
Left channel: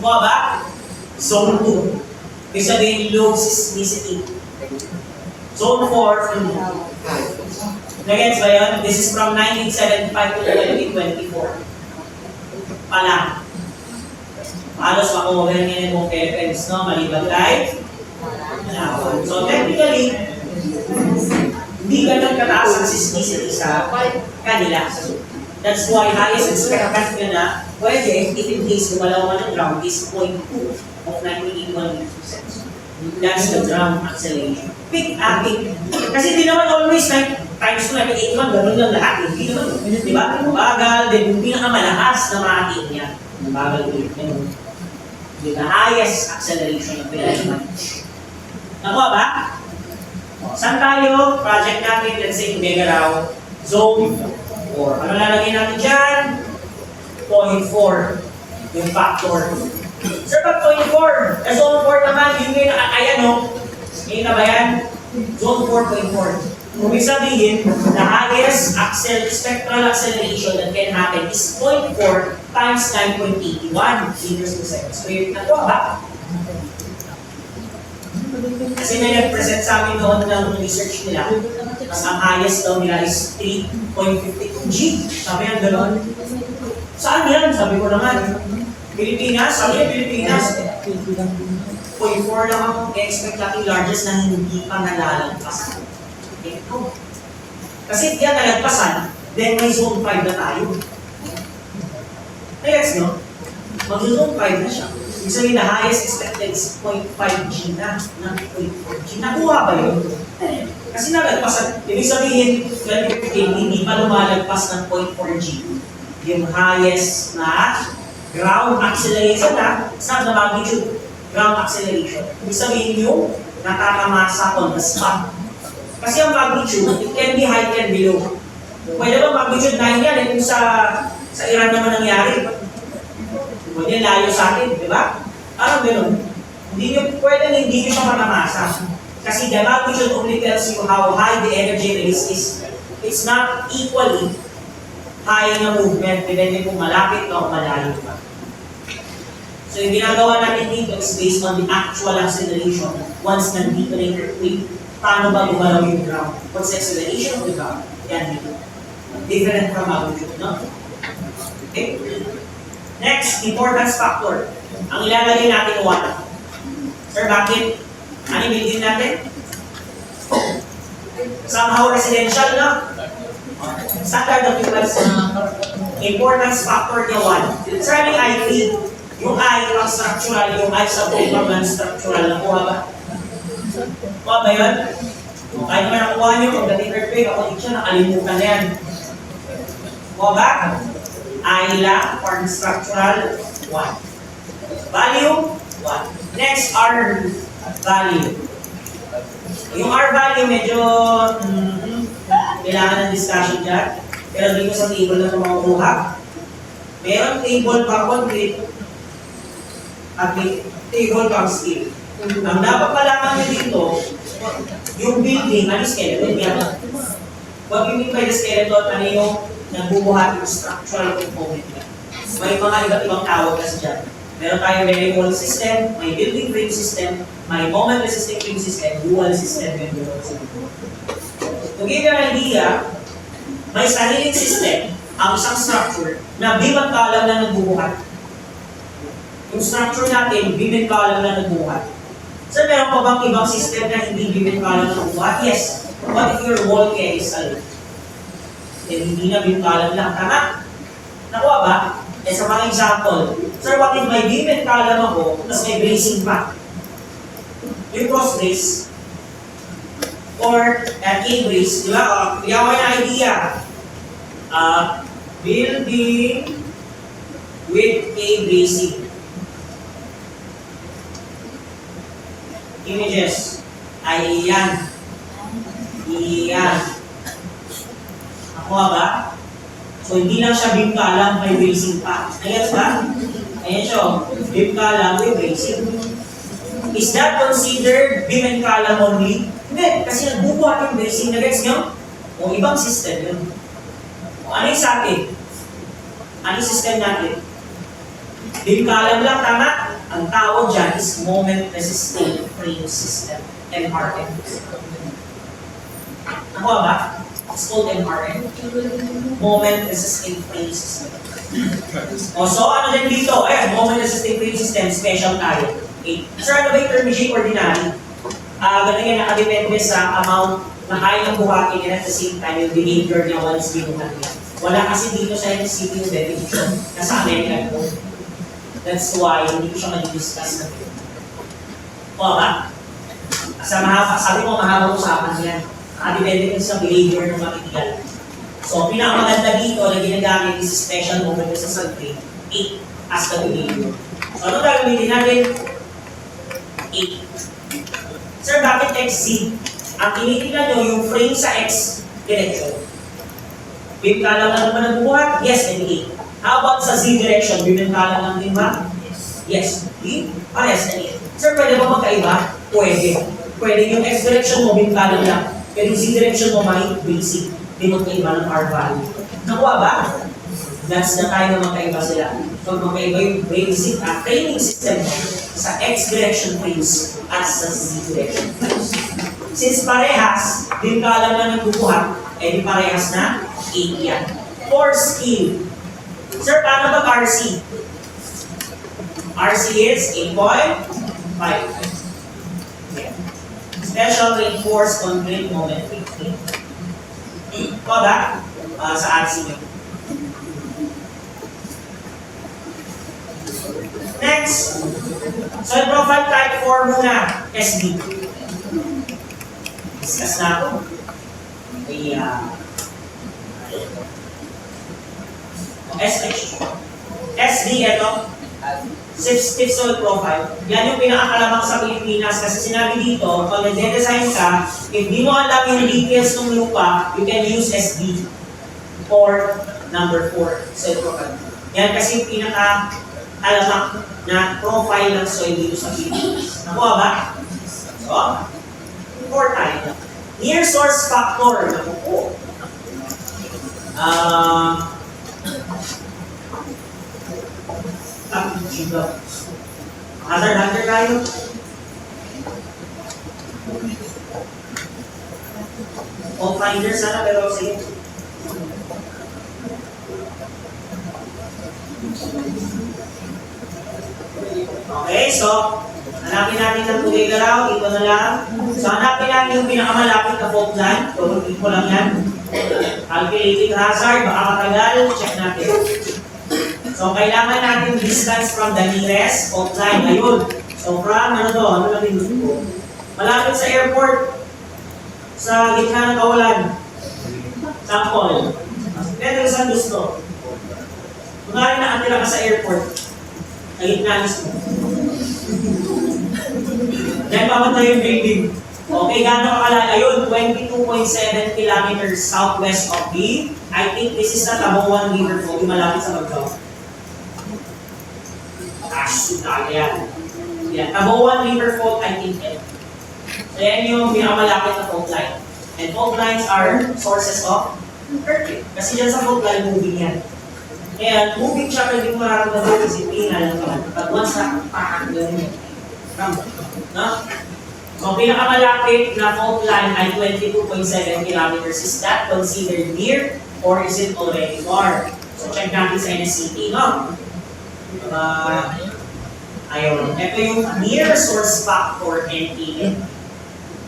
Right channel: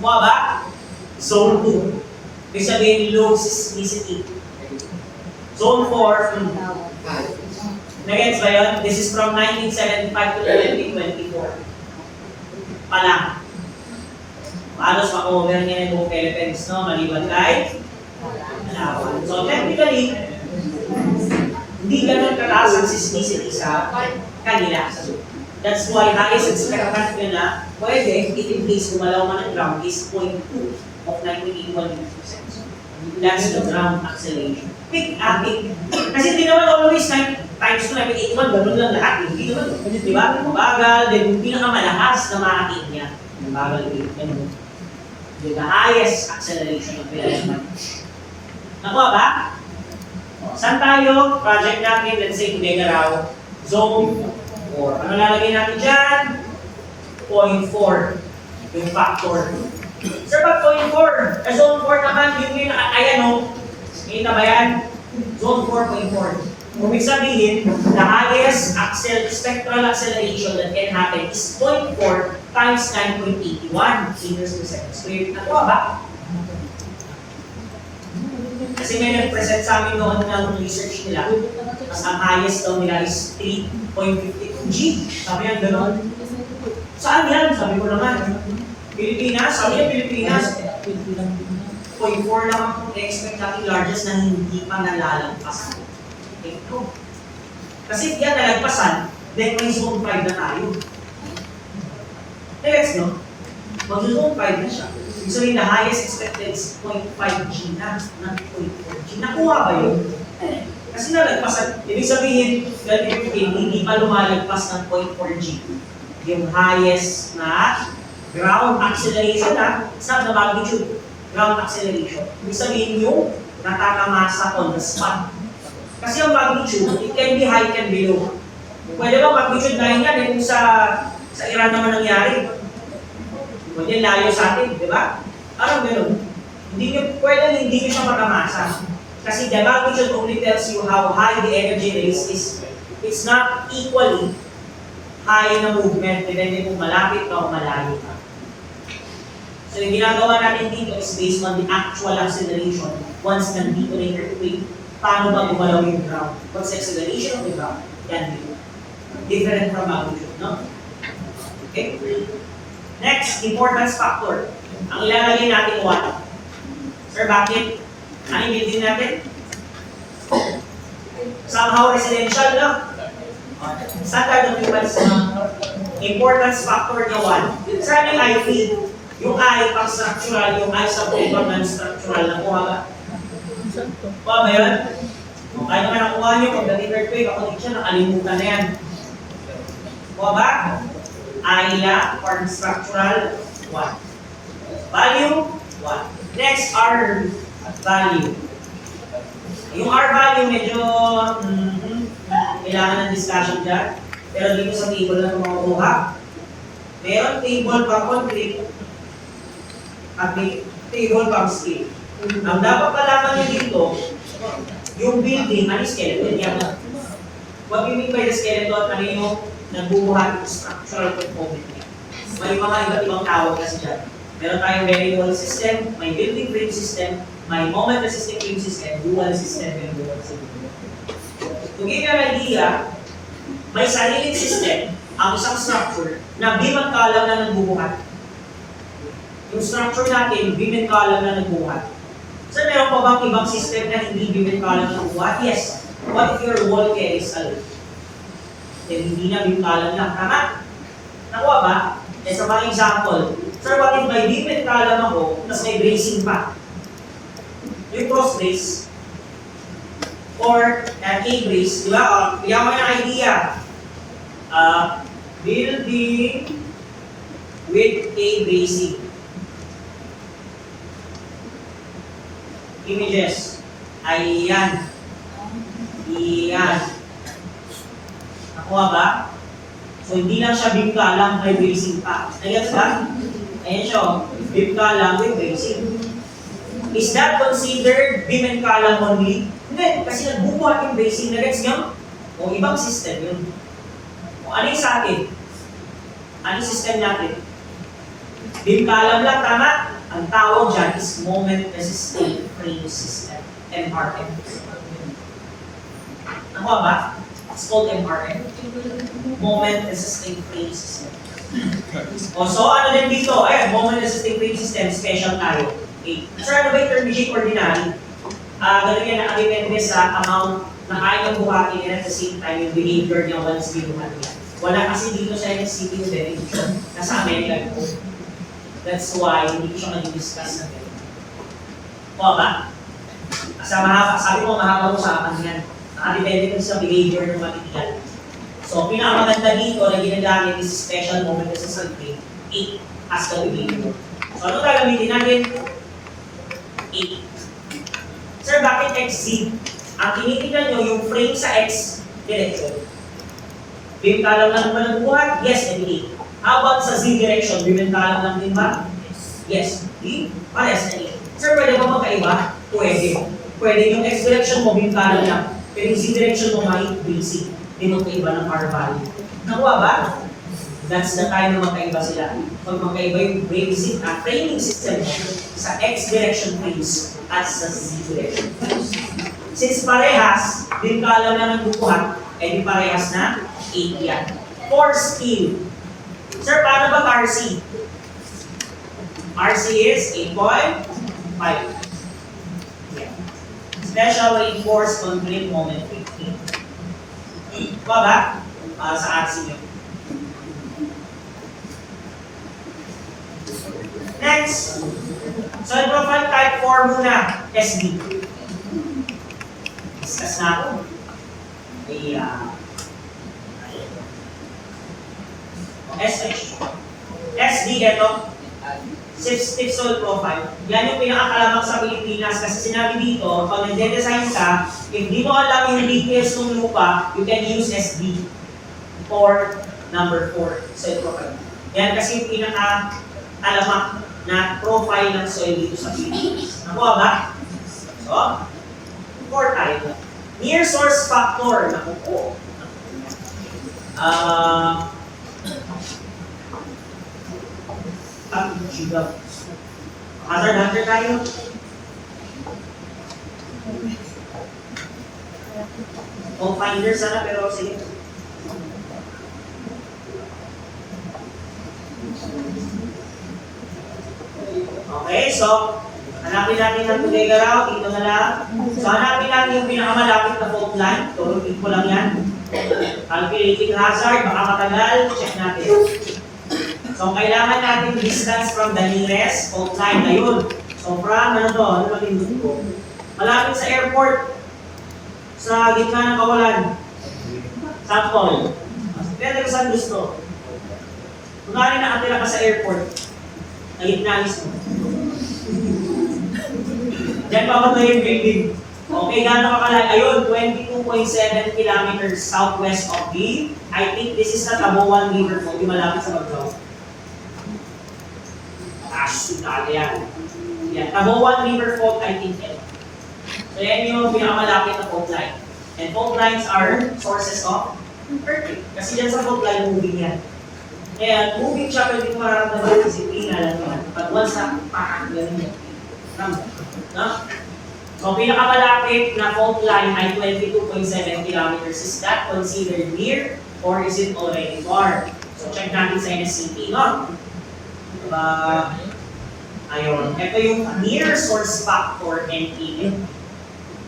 Kuha ba? Zone 2. Ibig sabihin, low seismicity. Zone 4, Nagets ba yun? This is from 1975 to 2024. Pa lang. Halos makover niya yung Philippines, no? Maliban kay Palawan. So technically, hindi ganun kataas ang seismicity sa kanila. That's why highest expectant nyo na pwede, if in case gumalaw man ng ground, is 0.2 of 1981 meters. That's the ground acceleration. Pick at it. Kasi di naman always times 2, 1981, gano'n lang lahat. Hindi naman. Di ba? Bagal, then yung pinakamalakas na maating niya. Bagal din. The highest acceleration of the element. Nakuha ba? Saan tayo? Project natin, let's say, Megaraw, Zone 4. Ano lalagay natin dyan? 0.4. Yung factor. Sir, pag 0.4, Zone 4 naman, yung may nakakaya, no? Kita ba yan? Zone 4.4. Ibig sabihin, the highest spectral acceleration that can happen is 0.4 times 9.81 meters per second squared. Nakuha ba? Kasi may nag-present sa amin noon ng research nila. Mas ang highest daw nila is 3.52 G. Sabi yan, gano'n. Saan yan? Sabi ko naman. Pilipinas? Sabi yan, Pilipinas. 0.4 lang ang expect natin largest na hindi pa nalalagpasan. Ito. Kasi yan nalagpasan, then may zone 5 na tayo. Next, no? Mag-zone 5 na siya. Ibig sabihin, the highest expected is 0.5 G na, not 0.4 G. Nakuha ba yun? Kasi nalagpasan, ibig sabihin, 2015, hindi pa lumalagpas ng 0.4G. Yung highest na ground acceleration na, it's not the magnitude, ground acceleration. Ibig sabihin yung natatamasa on the spot. Kasi ang magnitude, it can be high, can be low. Pwede ba magnitude 9 yan, kung sa Iran naman nangyari. Pwede layo sa atin, di ba? Parang gano'n. Hindi nyo siya matamasa. Kasi the magnitude only tells you how high the energy is. It's not equally high na movement, depende kung malapit ka o malayo ka. So yung ginagawa natin dito is based on the actual acceleration once nandito na yung earthquake. Paano ba gumalaw yung ground? What's the acceleration of the ground? Yan dito. Different from magnitude, no? Okay? Next, importance factor. Ang ilalagay natin 1. Sir, bakit? Ano yung building natin? Somehow residential, no? Standard occupancy. Importance factor niya 1. Sir, may IP. Yung I pang structural, yung I sa pang non-structural. Nakuha ba? Nakuha ba yun? Kahit naman nakuha nyo, pag dating earthquake, ako dito siya, nakalimutan na yan. Nakuha ba? I lang, or structural, 1. Value, 1. Next, R value. Yung R value, medyo kailangan ng discussion dyan. Pero dito sa table na makukuha, meron table pang concrete at may table pang steel. Ang dapat malaman nyo dito, yung building, ano yung skeleton yan? What you mean by the skeleton, ano yung nagbubuhat yung structural component niya? May mga iba't ibang tawag kasi dyan. Meron tayong very wall system, may building frame system, may moment resisting frame system, dual system, and dual system. To give you an idea, may sariling system ang isang structure na beam at column na nagbubuhat. Yung structure natin, beam and column na nagbubuhat. So, meron pa bang ibang system na hindi beam and column na nagbubuhat? Yes. What if your wall carries alone? Then, hindi na beam column lang. Tama? Nakuha ba? Sa pang example, sir, what if may beam and column ako, tapos may bracing pa? Yung cross brace, or K-brace, di ba? Bigyan ko yung idea. Building with K-bracing. Images. Ayan. Iyan. Nakuha ba? So, hindi lang siya beam column, may bracing pa. Ayos ba? Ayan siya. Beam column with bracing. Is that considered beam and column only? Hindi, kasi nagbubuhat yung bracing na gets nyo? O ibang system yun. O ano yung sa atin? Ano yung system natin? Beam column lang, tama? Ang tawag dyan is moment resisting frame system. MRM. Nakuha ba? It's called MRM. Moment resisting frame system. O so ano din dito? Ayan, moment resisting frame system, special tayo. Okay. Sir, ano ba yung term machine ordinary? Ganun yan, nakadepende sa amount na kaya ng buhatin and at the same time yung behavior niya once binuhat niya. Wala kasi dito sa NCT yung definition. Nasa American code. That's why hindi ko siya mag-discuss na ito. O ba? Sabi ko mahabang usapan yan. Nakadepende sa behavior ng material. So, pinakamaganda dito na ginagamit is special moment sa survey, 8 as the behavior. So, ano gagamitin natin? 8. Sir, bakit XZ? Ang tinitingnan nyo, yung frame sa X direction. Beam column lang naman nagbubuhat? Yes, nag-8. How about sa Z direction? Beam and column lang din ba? Yes. Parehas na 8. Sir, pwede ba magkaiba? Pwede. Pwede yung X direction mo, beam column lang. Pero yung Z direction mo, may basic. Hindi magkaiba ng R value. Nakuha ba? That's the time na magkaiba sila. Pag magkaiba yung basic framing system sa X direction frames at sa Z direction frames. Since parehas, din kala na nagbubuhat, eh di parehas na 8 yan. For skill. Sir, paano ba RC? RC is 8.5. Special reinforced concrete moment 15. Ito ba? Sa RC. Next. Solid profile type 4 muna. SD. Discuss na ako. Yeah. SH. SD, ito. Stiff soil profile. Yan yung pinakakalabang sa Pilipinas kasi sinabi dito, pag nag-design ka, if di mo alam yung details ng lupa, you can use SD for number 4, soil profile. Yan kasi yung pinaka-alamak na profile ng soil dito sa Pilipinas. Nakuha ba? So, 4 tayo. Near source factor. Naku po. Hazard hunter tayo. All finders sana pero sige. Okay, so hanapin natin ang today galaw, ito na lang. So hanapin natin yung pinakamalapit na fault line. Turutin ko lang yan. Calculating hazard, baka matagal, check natin. So, kailangan natin distance from the nearest fault line. Ayun. So, from, ano to? Ano lang yung gusto ko? Malapit sa airport. Sa gitna ng kawalan. Sample. Pero isang gusto. Kunwari na atira ka sa airport. Sa gitna mismo. Then, papunta yung building. Okay, gano'n kakalayo? Ayun, 22.7 kilometers southwest of the, I think this is the Taboan River Fault. Di malapit sa Bagao. Yan. Yan. Taboan River Fault, I think. So, yan yung pinakamalapit na fault line. And fault lines are sources of earthquake. Kasi dyan sa fault line, moving yan. Kaya, moving siya, pwede mo mararamdaman kasi tingnan lang naman. Pag once na, ganun yun. No? So, pinakamalapit na fault line ay 22.7 kilometers. Is that considered near or is it already far? So, check natin sa NSCT, no? Ayun. Ito yung near source factor NPN.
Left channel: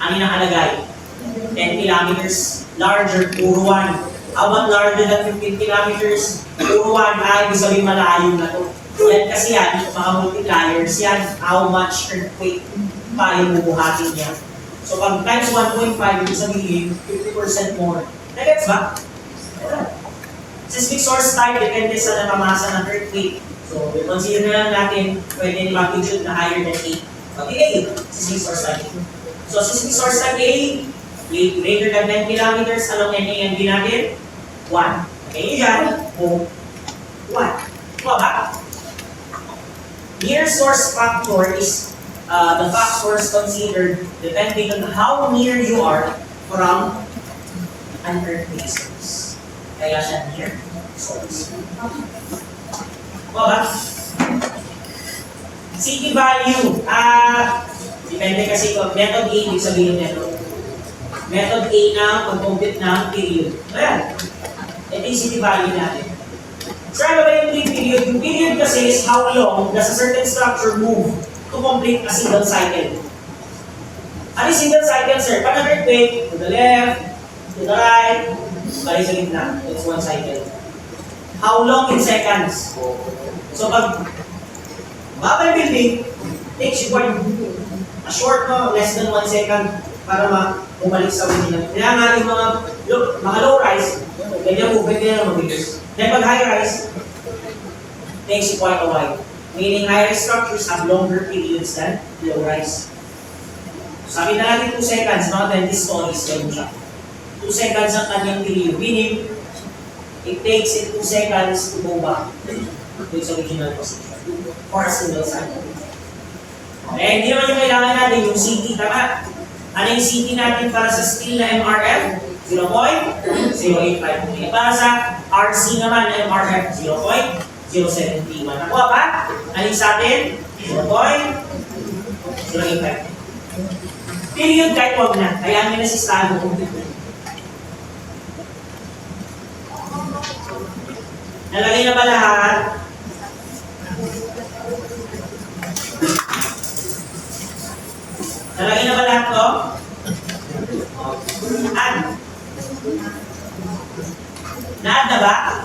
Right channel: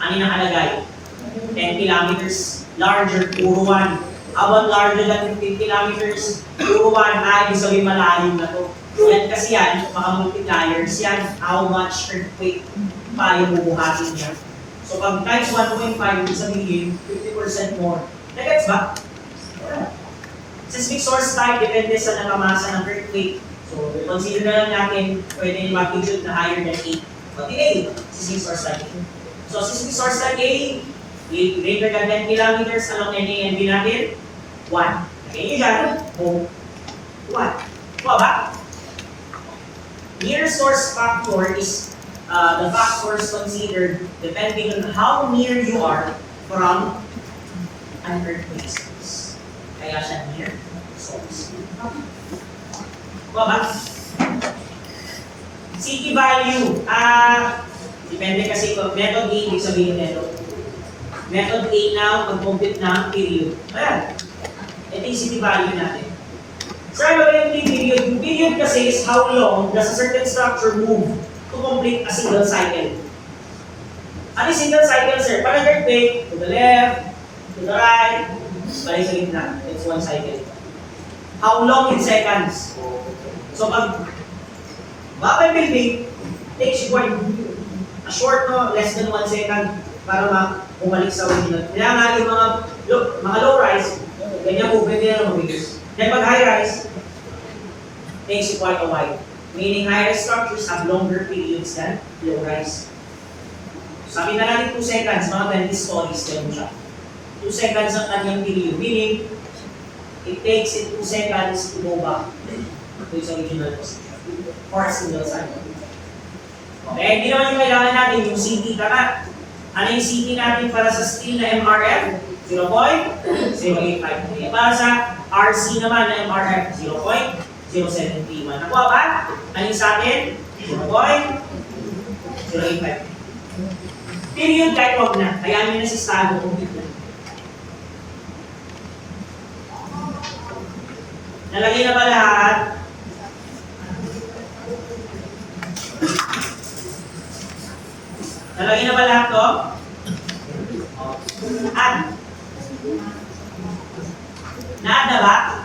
Ano yung nakalagay? 10 kilometers larger, puro 1. How about larger than 15 kilometers? Puro 1. Ibig sabihin malayo na to. Yan kasi yan, mga multipliers yan, how much earthquake pa yung bubuhatin niya. So pag times 1.5, ibig sabihin 50% more. Nagets ba? Seismic source type, depende sa natamasa ng earthquake. So, consider na lang natin pwede magnitude na higher than 8. Pati A, seismic source type. So, seismic source type A, greater than 10 kilometers, along NAND natin, 1. Okay, dyan, 1. Kuha ba? Near source factor is the factors considered depending on how near you are from an earthquake source. Kaya siya near source. Ba? City value. Depende kasi kung method A, ibig sabihin method. Method A na pag-compute ng period. Ayan. Ito yung city value natin. Sir, ano ba yung period? Yung period kasi is how long does a certain structure move to complete a single cycle. Ano yung single cycle, sir? Pag earthquake, to the left, to the right, balik sa gitna. It's one cycle. How long in seconds? So pag mabay building, takes you quite a short, no, less than 1 second para bumalik sa original. Kaya nga yung mga low rise, ganyan movement nila mabilis. Then pag high rise, takes you quite a while. Meaning high rise structures have longer periods than low rise. Sabi na natin 2 seconds, mga 20 stories, ganun siya. 2 seconds ang kanyang period. Meaning, it takes it 2 seconds to go back to its original position for a single cycle. Okay, hindi naman yung kailangan natin yung CT. Tama? Ano yung CT natin para sa screen na MRF? 0.085. Para sa RC naman na MRF, 0.071. Nakuha ba? Ano yung sa atin? 0.085. Period kahit wag na. Kaya may nasistado kung ito. Nalagay na ba lahat? Nalagay na ba lahat to? Lahat na ba?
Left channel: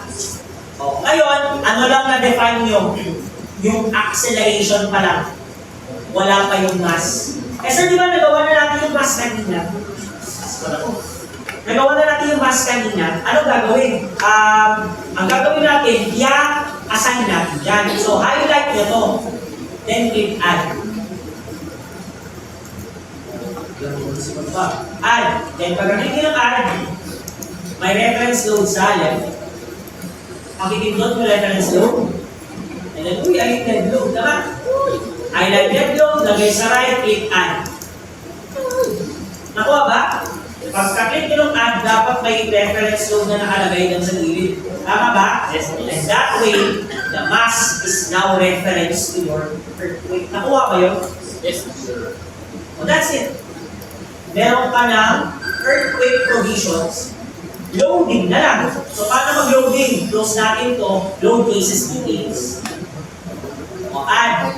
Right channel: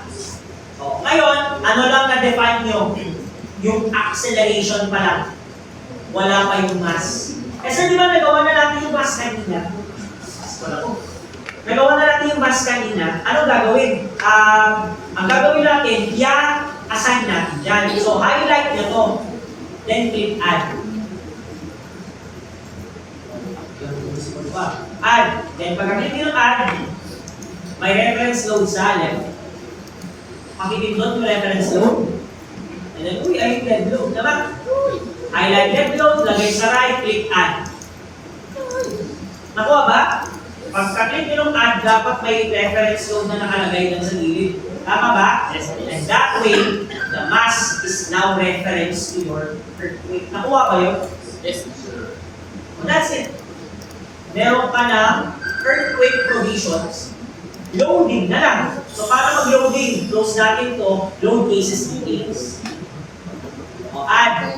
O, ngayon, ano lang na-define nyo? Yung acceleration pa lang. Wala pa yung mass. Eh sir, di ba nagawa na natin yung mass kanina? nagawa na natin yung mass kanina, anong gagawin? Ang gagawin natin, assign natin dyan. So, highlight nyo to. Then, click add. Add. Then, pagkaklik nyo ng add, may reference load sa left. Pakipindot yung reference load. And then, uy, ay dead load. Tama? Highlight dead load, lagay sa right, click add. Nakuha ba? Pagka-click nyo ng add, dapat may reference load na nakalagay dun sa gilid. Tama ba? Yes. And that way, the mass is now referenced to your earthquake. Nakuha ba yun? Yes. So that's it. Meron ka ng earthquake provisions, loading na lang. So paano mag-loading? Close natin to, load cases details. O add.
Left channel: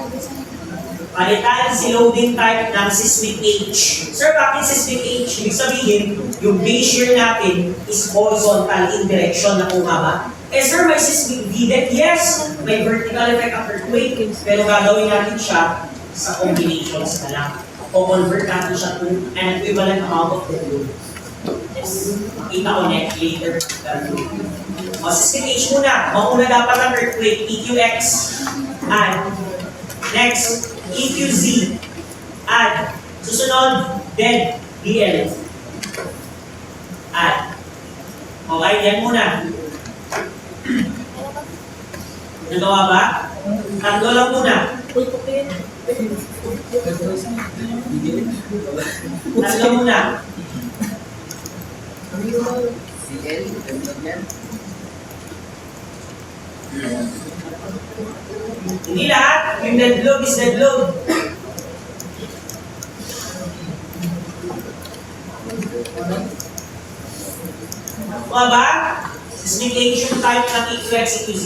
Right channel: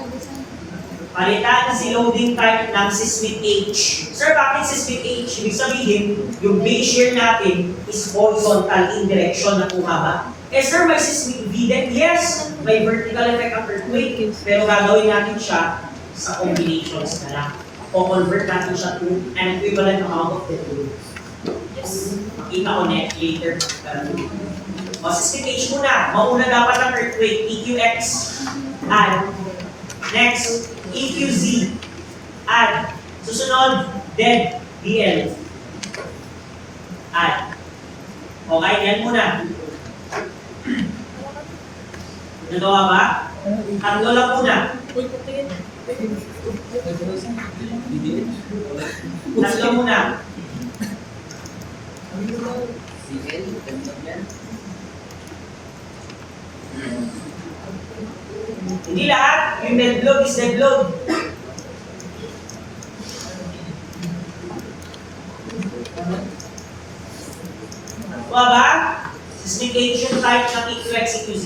Palitan si loading type ng seismic H. Sir, bakit seismic H? Ibig sabihin, yung base shear natin is horizontal in direction na bumaba. Eh sir, may seismic V-deck? Yes! May vertical effect of earthquake. Pero gagawin natin siya sa combinations na lang. O convert natin siya to an equivalent amount of dead load. Yes. Makita ko next later. O seismic H muna. Mauna dapat ang earthquake, EQX. Add. Next, EQZ. Add. Susunod, dead, DL. Add. Okay, yan muna. Nagawa ba? Tatlo lang muna. Tatlo muna. Hindi lahat. Yung dead load is dead load. Kuha ba? Specification type ng EQX, EQZ.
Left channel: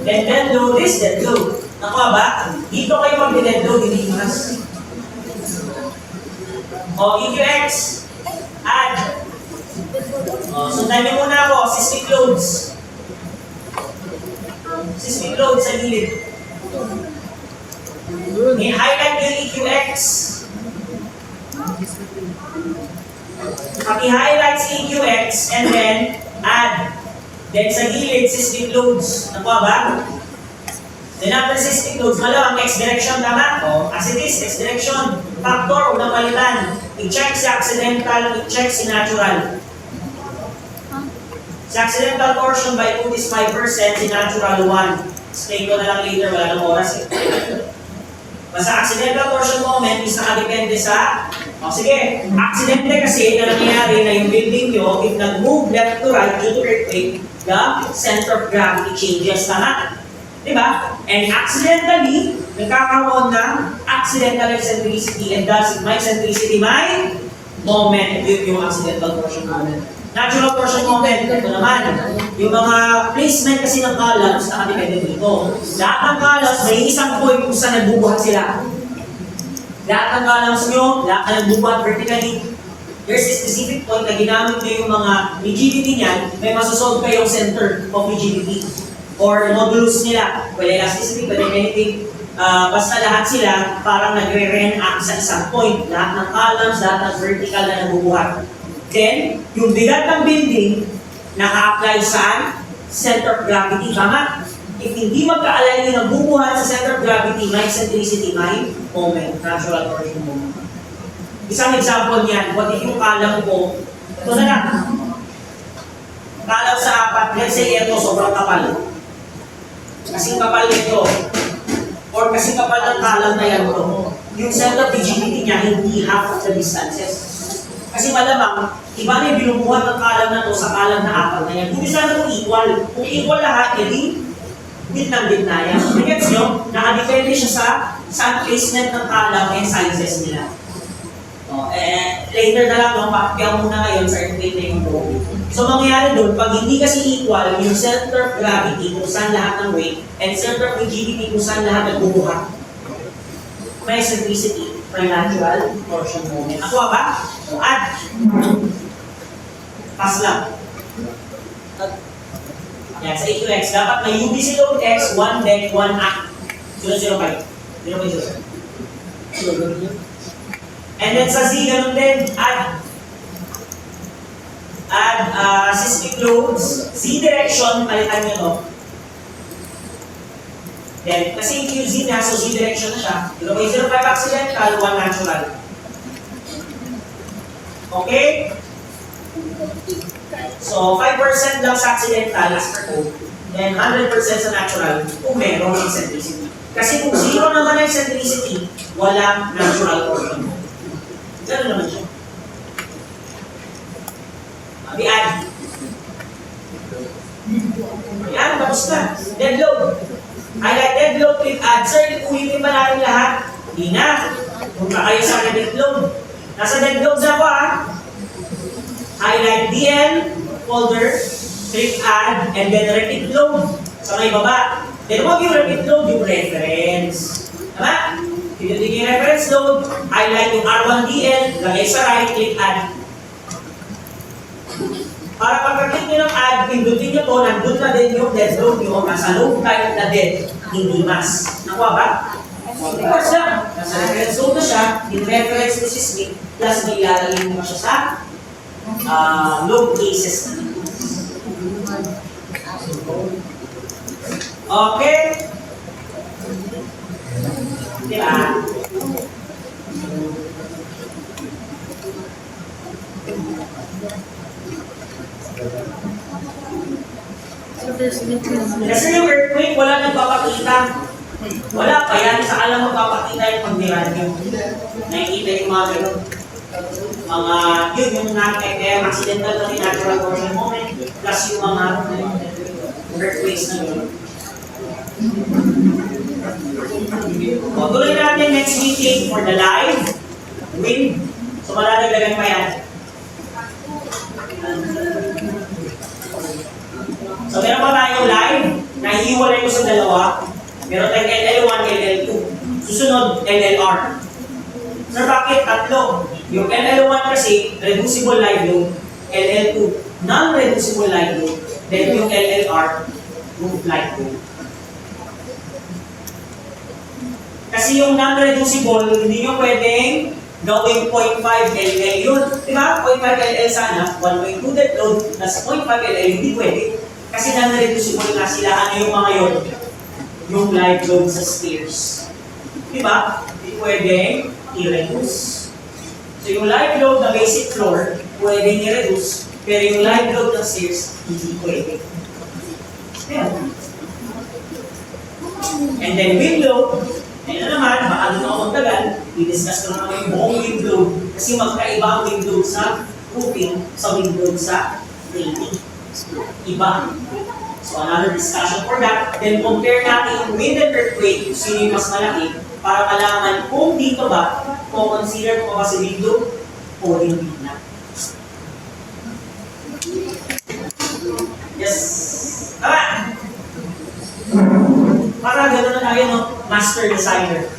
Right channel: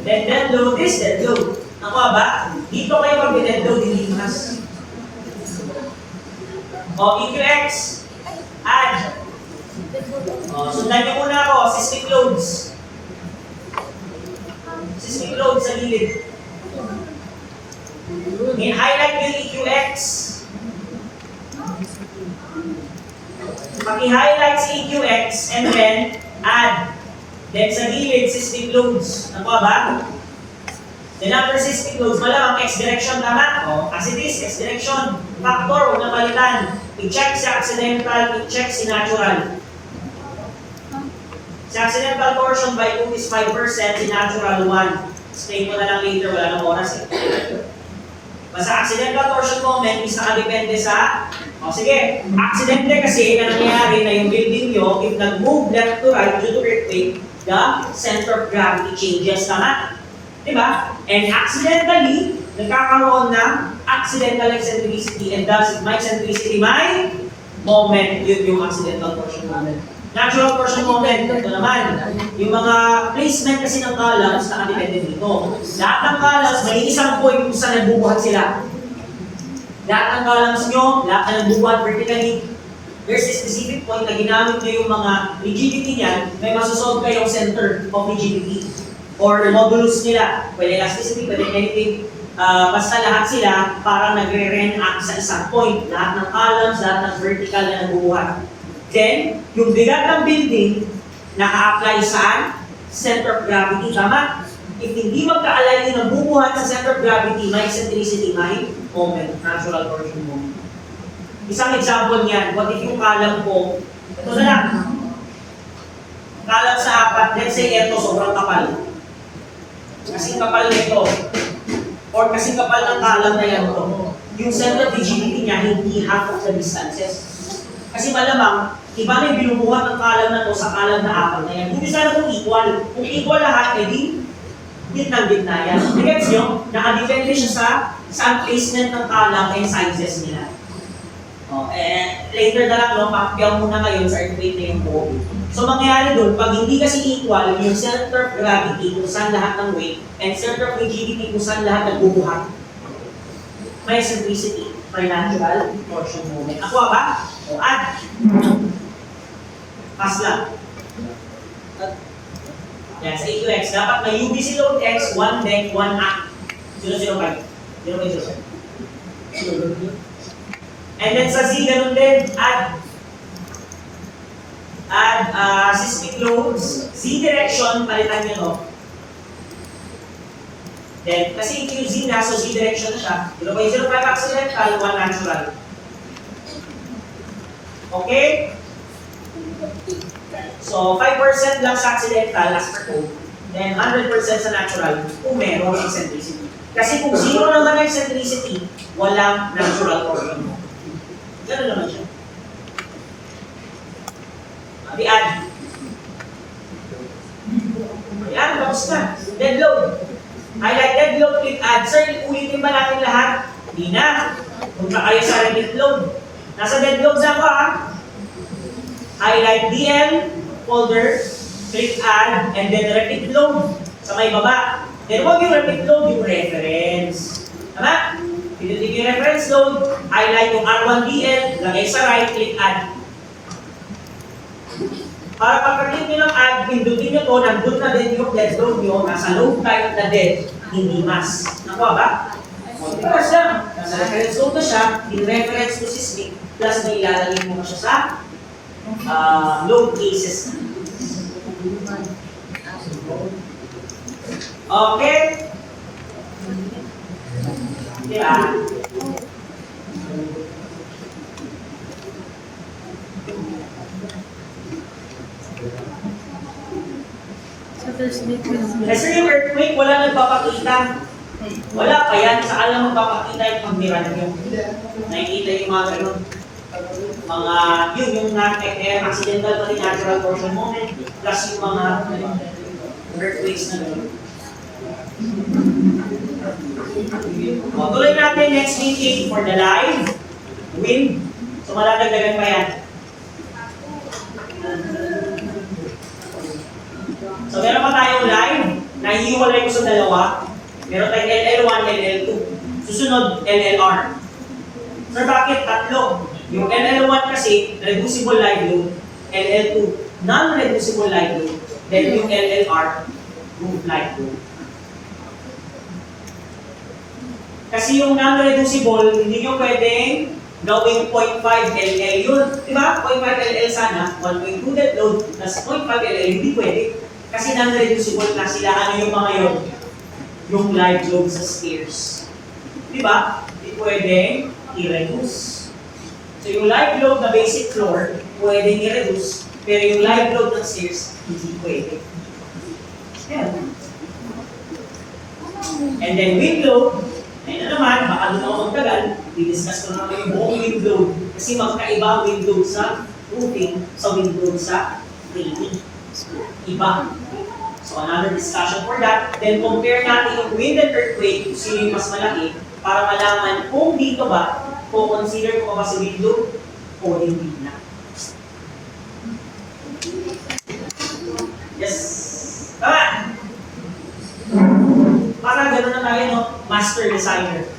Then dead load is dead load. Nakuha ba? Dito kayo mag-dead load, hindi mas. O, EQX. Add. O, sundan niyo muna ako. Seismic loads. Seismic load sa gilid. I-highlight yung EQX. Paki-highlight si EQX and then add. Then sa gilid, seismic loads. Nakuha ba? Then after seismic loads, malamang X direction, tama? As it is, X direction. Factor, huwag na palitan. I-check si accidental, i-check si natural. Si accidental torsion by 2 is 5%, si natural 1. Explain ko na lang later, wala nang oras eh. Basta accidental torsion moment is nakadepende sa... O sige, aksidente kasi na nangyayari na yung building nyo, if nag-move left to right due to earthquake, the center of gravity changes, tama? Diba? And accidentally, nagkakaroon ng accidental eccentricity and thus my eccentricity, my moment, yun yung accidental torsion moment. Natural torsion moment, ito naman, yung mga placement kasi ng columns nakadepende dito. Lahat ng columns, may isang point kung saan nagbubuhat sila. Lahat ng columns nyo, lahat na nagbubuhat vertically, there's a specific point na ginamit nyo yung mga rigidity niyan, may masosolve kayong center of rigidity or modulus nila. Pwede elasticity, pwede anything. Basta lahat sila parang nagre-react sa isang point. Lahat ng columns, lahat ng vertical na nagbubuhat. Then, yung bigat ng building, naka-apply saan? Center of gravity, tama? If hindi magka-align yung nagbubuhat sa center of gravity, may eccentricity, may moment, natural torsion moment. Isang example niyan, what if yung column ko, ito na lang. Column sa 4, let's say ito, sobrang kapal. Kasing kapal nito. Or kasing kapal ng column na yan to. Yung center of rigidity niya, hindi half of the distances. Kasi malamang, iba na yung binubuhat ng column na to sa column na 4 na yan. Hindi sana itong equal. Kung equal lahat, edi, gitnang-gitna yan. Gets nyo? Nakadepende siya sa placement ng column and sizes nila. Later na lang, pakipyaw muna ngayon sa earthquake na yung to. So, mangyayari doon, pag hindi kasi equal, yung center of gravity kung saan lahat ng weight, and center of rigidity kung saan lahat nagbubuhat, may eccentricity, may natural torsion moment. Ako ba? Add. Pass lang. Yan, sa EQX, dapat may UBC load X, 1 deck, 1 act. 005. 0.0. And then sa Z, ganun din, add. Add seismic loads, Z direction, palitan nyo to. Then, kasi yung QZ na, so Z direction na siya. 0.05 accidental, 1 natural. Okay? So, 5% lang sa accidental as per code. Then, 100% sa natural kung meron eccentricity. Kasi kung 0 naman ang eccentricity, walang natural portion. Ganun naman siya. Ayan. Ayan, tapos na. Dead load. Highlight dead load, click add. Sir, ulitin ba natin lahat? Hindi na. Punta kayo sa dead load. Nasa dead load na ba? Highlight DL, folder, click add, and then repeat load sa may baba. Then huwag yung repeat load, yung reference. Tama? Pinutin yung reference load, highlight yung R1DL, lagay sa right, click add. Para pagka-click nyo ng add, pindutin nyo to, nandun na din yung dead load nyo, nasa load type na dead, hindi mas. Nakuha ba? Of course lang. Nasa reference load na siya, in reference to seismic, plus may ilalagay mo siya sa load cases. Okay? Diba? So there's no Kasi yung earthquake, wala nagpapakita. Wala pa yan. Saan lang magpapakita yung pagbiran nyo? Nakikita yung mga ganun. Mga, yun, yung accidental pati natural portion moment, plus yung mga earthquakes na gano'n. Tuloy natin next meeting for the live wind. So maladagdagan pa yan. So meron pa tayong live, nahihiwalay ko sa dalawa. Meron tayong LL1, LL2. Susunod, LLR. Sir, bakit tatlo? Yung LL1 kasi, reducible live load. LL2, non-reducible live load. Then yung LLR, move live load. Kasi yung non-reducible, hindi nyo pwedeng gawing 0.5 LL yun. Diba? 0.5 LL sana, 1.2 dead load, plus 0.5 LL, hindi pwede. Kasi non-reducible na sila, ano yung mga yun? Yung live load sa stairs. Diba? Hindi pwedeng i-reduce. So yung live load na basic floor, pwedeng i-reduce, pero yung live load ng stairs, hindi pwede. Yan. And then wind load, ayun na naman, baka doon ako magtagal, i-discuss ko na naman yung buong wind load kasi magkaiba ang wind load sa roofing sa wind load sa framing. Iba. So another discussion for that. Then compare natin yung wind and earthquake, sino yung mas malaki, para malaman kung dito ba, kung consider ko ba si wind load o hindi na. Yes. Tama! Para gano'n na tayo, no? Master designer.